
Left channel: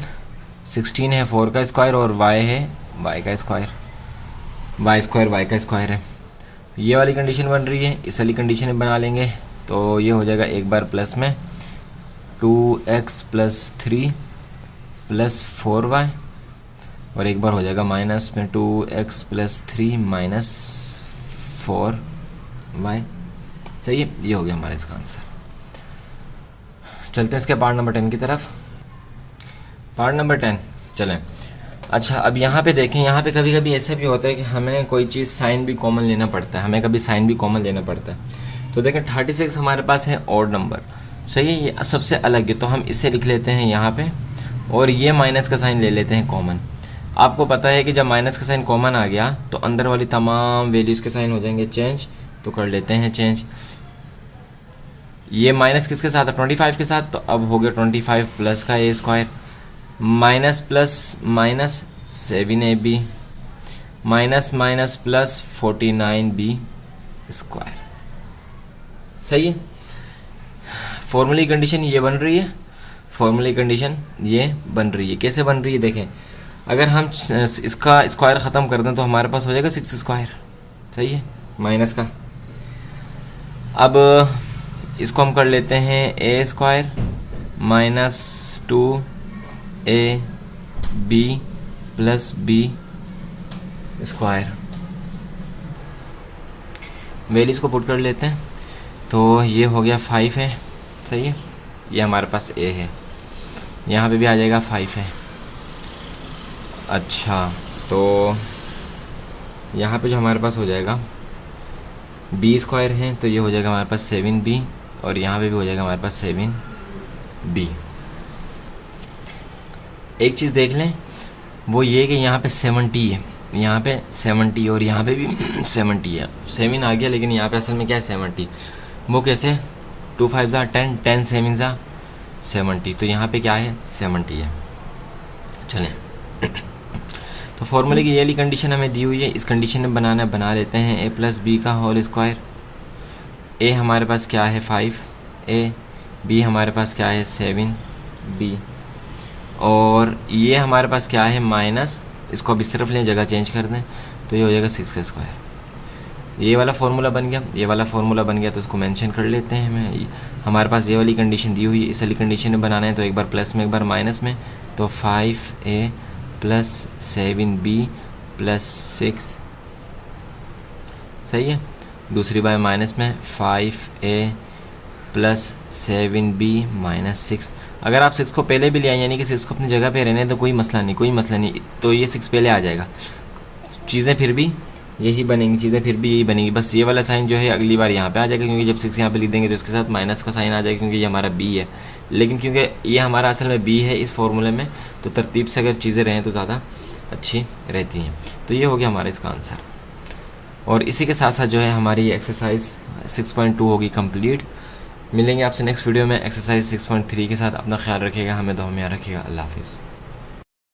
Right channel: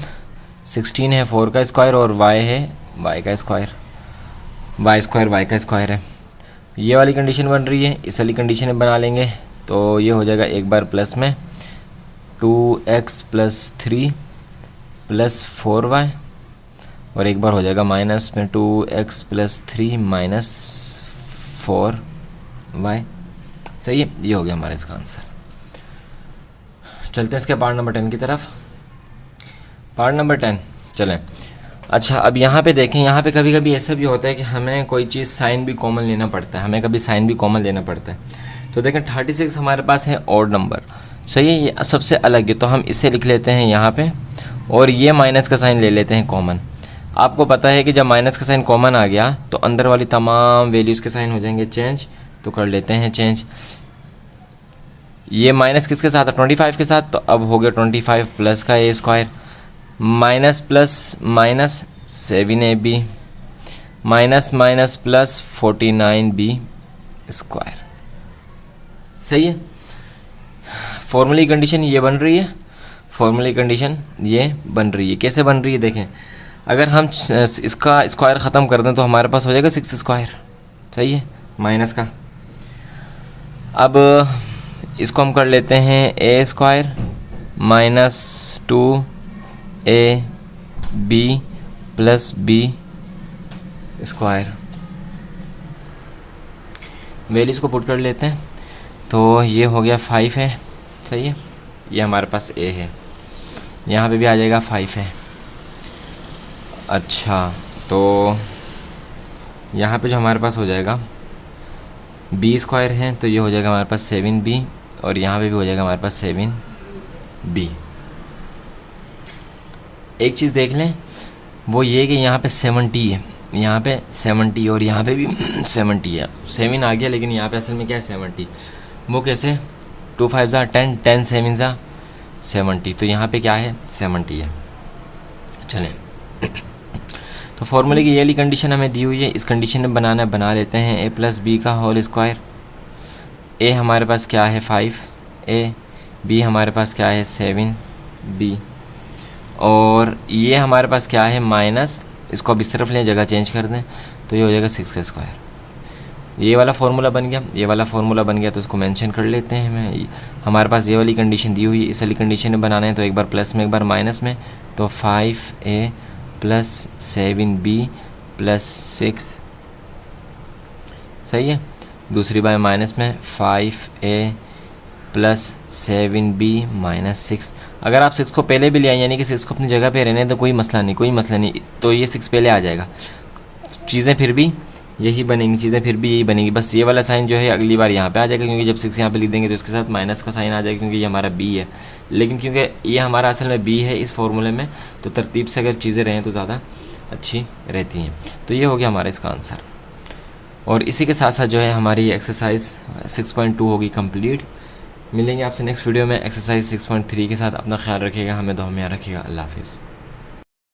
16 है 4 का स्क्वायर और y है y का स्क्वायर, y स्क्वायर y का स्क्वायर है। ये वाली कंडीशन बन रही है, इस वाली कंडीशन में बना लेंगे। तो ये हो जाएगा एक बार प्लस में 2x प्लस 3 प्लस 4y और एक बार हो जाएगा माइनस में 2x प्लस 3 माइनस 4y। सही है, ये हो गया हमारा इसका आंसर। चलते हैं इसके पार्ट नंबर 10 की तरफ। पार्ट नंबर 10 चलें। अच्छा, अब यहाँ पे देखें, यहाँ पे कभी कभी ऐसा भी होता है कि हमें कोई चीज़ साइन भी कॉमन लेना पड़ता है, हमें कभी साइन भी कॉमन लेना पड़ता है। तो देखें 36 हमारे पास है ऑड नंबर। सही है, ये सबसे अलग है, तो हम इसे लिख लेते हैं यहाँ पे और ये माइनस का साइन ले लेते हैं कॉमन। आपको पता है कि जब माइनस का साइन कॉमन आ गया तो अंदर वाली तमाम वैल्यूज़ के साइन हो जाएंगे चेंज। तो कर लेते हैं चेंज। ये माइनस किसके साथ है, 25 के साथ। तो अब हो गया 25 प्लस का A square minus plus minus 7ab minus minus plus 49b square. सही है, फॉर्मूले की कंडीशन ये बन रही है, फॉर्मूले की कंडीशन ये बन रही है। कैसे बन रही है देखें, अगर हम इसका स्क्वायर ख़त्म कर दें तो हमारे पास हो जाएगा 6 स्क्वायर। सही है, माइनस का। अब इसको हम कर लेते हैं A square minus 2ab plus B square. Values को पुट कर लेते हैं। तो ये हो गया 5 है। सही है, ये हमारे पास a है, यहाँ पे भी आ जाएगा 5 है। अच्छा, तो यहाँ पे जो हमारे पास हो जाएगा b स्क्वायर है, तो ये हो जाएगा हमारे पास 7b और यहाँ पे भी हो जाएगा हमारे पास 7b। एक चीज़ देख लें, वो ये कि यहाँ पे 70 है, यहाँ पे 70 और यहाँ पे भी 70 है। 7 आ गया लेकिन यहाँ पे असल में क्या है 70। वो कैसे, 2 5 ज़ा 10, 10 7 ज़ा 70। तो यहाँ पे क्या है 70 है। चलें, तो फॉर्मूले की ये वाली कंडीशन हमें दी हुई है, इस कंडीशन में बनाना है, बना लेते हैं। ए प्लस बी का होल स्क्वायर। ए हमारे पास क्या है 5a, बी हमारे पास क्या है 7b, और ये हमारे पास क्या है माइनस, इसको अब इस तरफ लें, जगह चेंज कर दें, तो ये हो जाएगा 6 का स्क्वायर। ये वाला फार्मूला बन गया, ये वाला फार्मूला बन गया, तो उसको मेंशन कर लेते हैं हमें। हमारे पास ये वाली कंडीशन दी हुई है, इस वाली कंडीशन में बनाना है, तो एक बार प्लस में एक बार माइनस में, तो 5a प्लस 7b प्लस 6, सही है। दूसरी बार माइनस में 5a प्लस 7b माइनस 6। अगर आप 6 को पहले भी ले आए, यानी कि 6 को अपनी जगह पे रहने, तो कोई मसला नहीं, कोई मसला नहीं, तो ये 6 पहले आ जाएगा। चीज़ें फिर भी यही बनेंगी, चीज़ें फिर भी यही बनेंगी, बस ये वाला साइन जो है अगली बार यहाँ पे आ जाएगा, क्योंकि जब 6 यहाँ पे लिख देंगे तो इसके साथ माइनस का साइन आ जाएगा, क्योंकि ये हमारा b है। लेकिन क्योंकि ये हमारा असल में b है इस फॉर्मूले में, तो तरतीब से अगर चीज़ें रहें तो ज़्यादा अच्छी रहती हैं। तो ये हो गया हमारा इसका आंसर। और इसी के साथ साथ जो है हमारी एक्सरसाइज 6.2 होगी कंप्लीट। मिलेंगे आपसे नेक्स्ट वीडियो में एक्सरसाइज 6.3 के साथ। अपना ख्याल रखिएगा, हमें दुआ में याद रखिएगा। अल्लाह हाफिज़।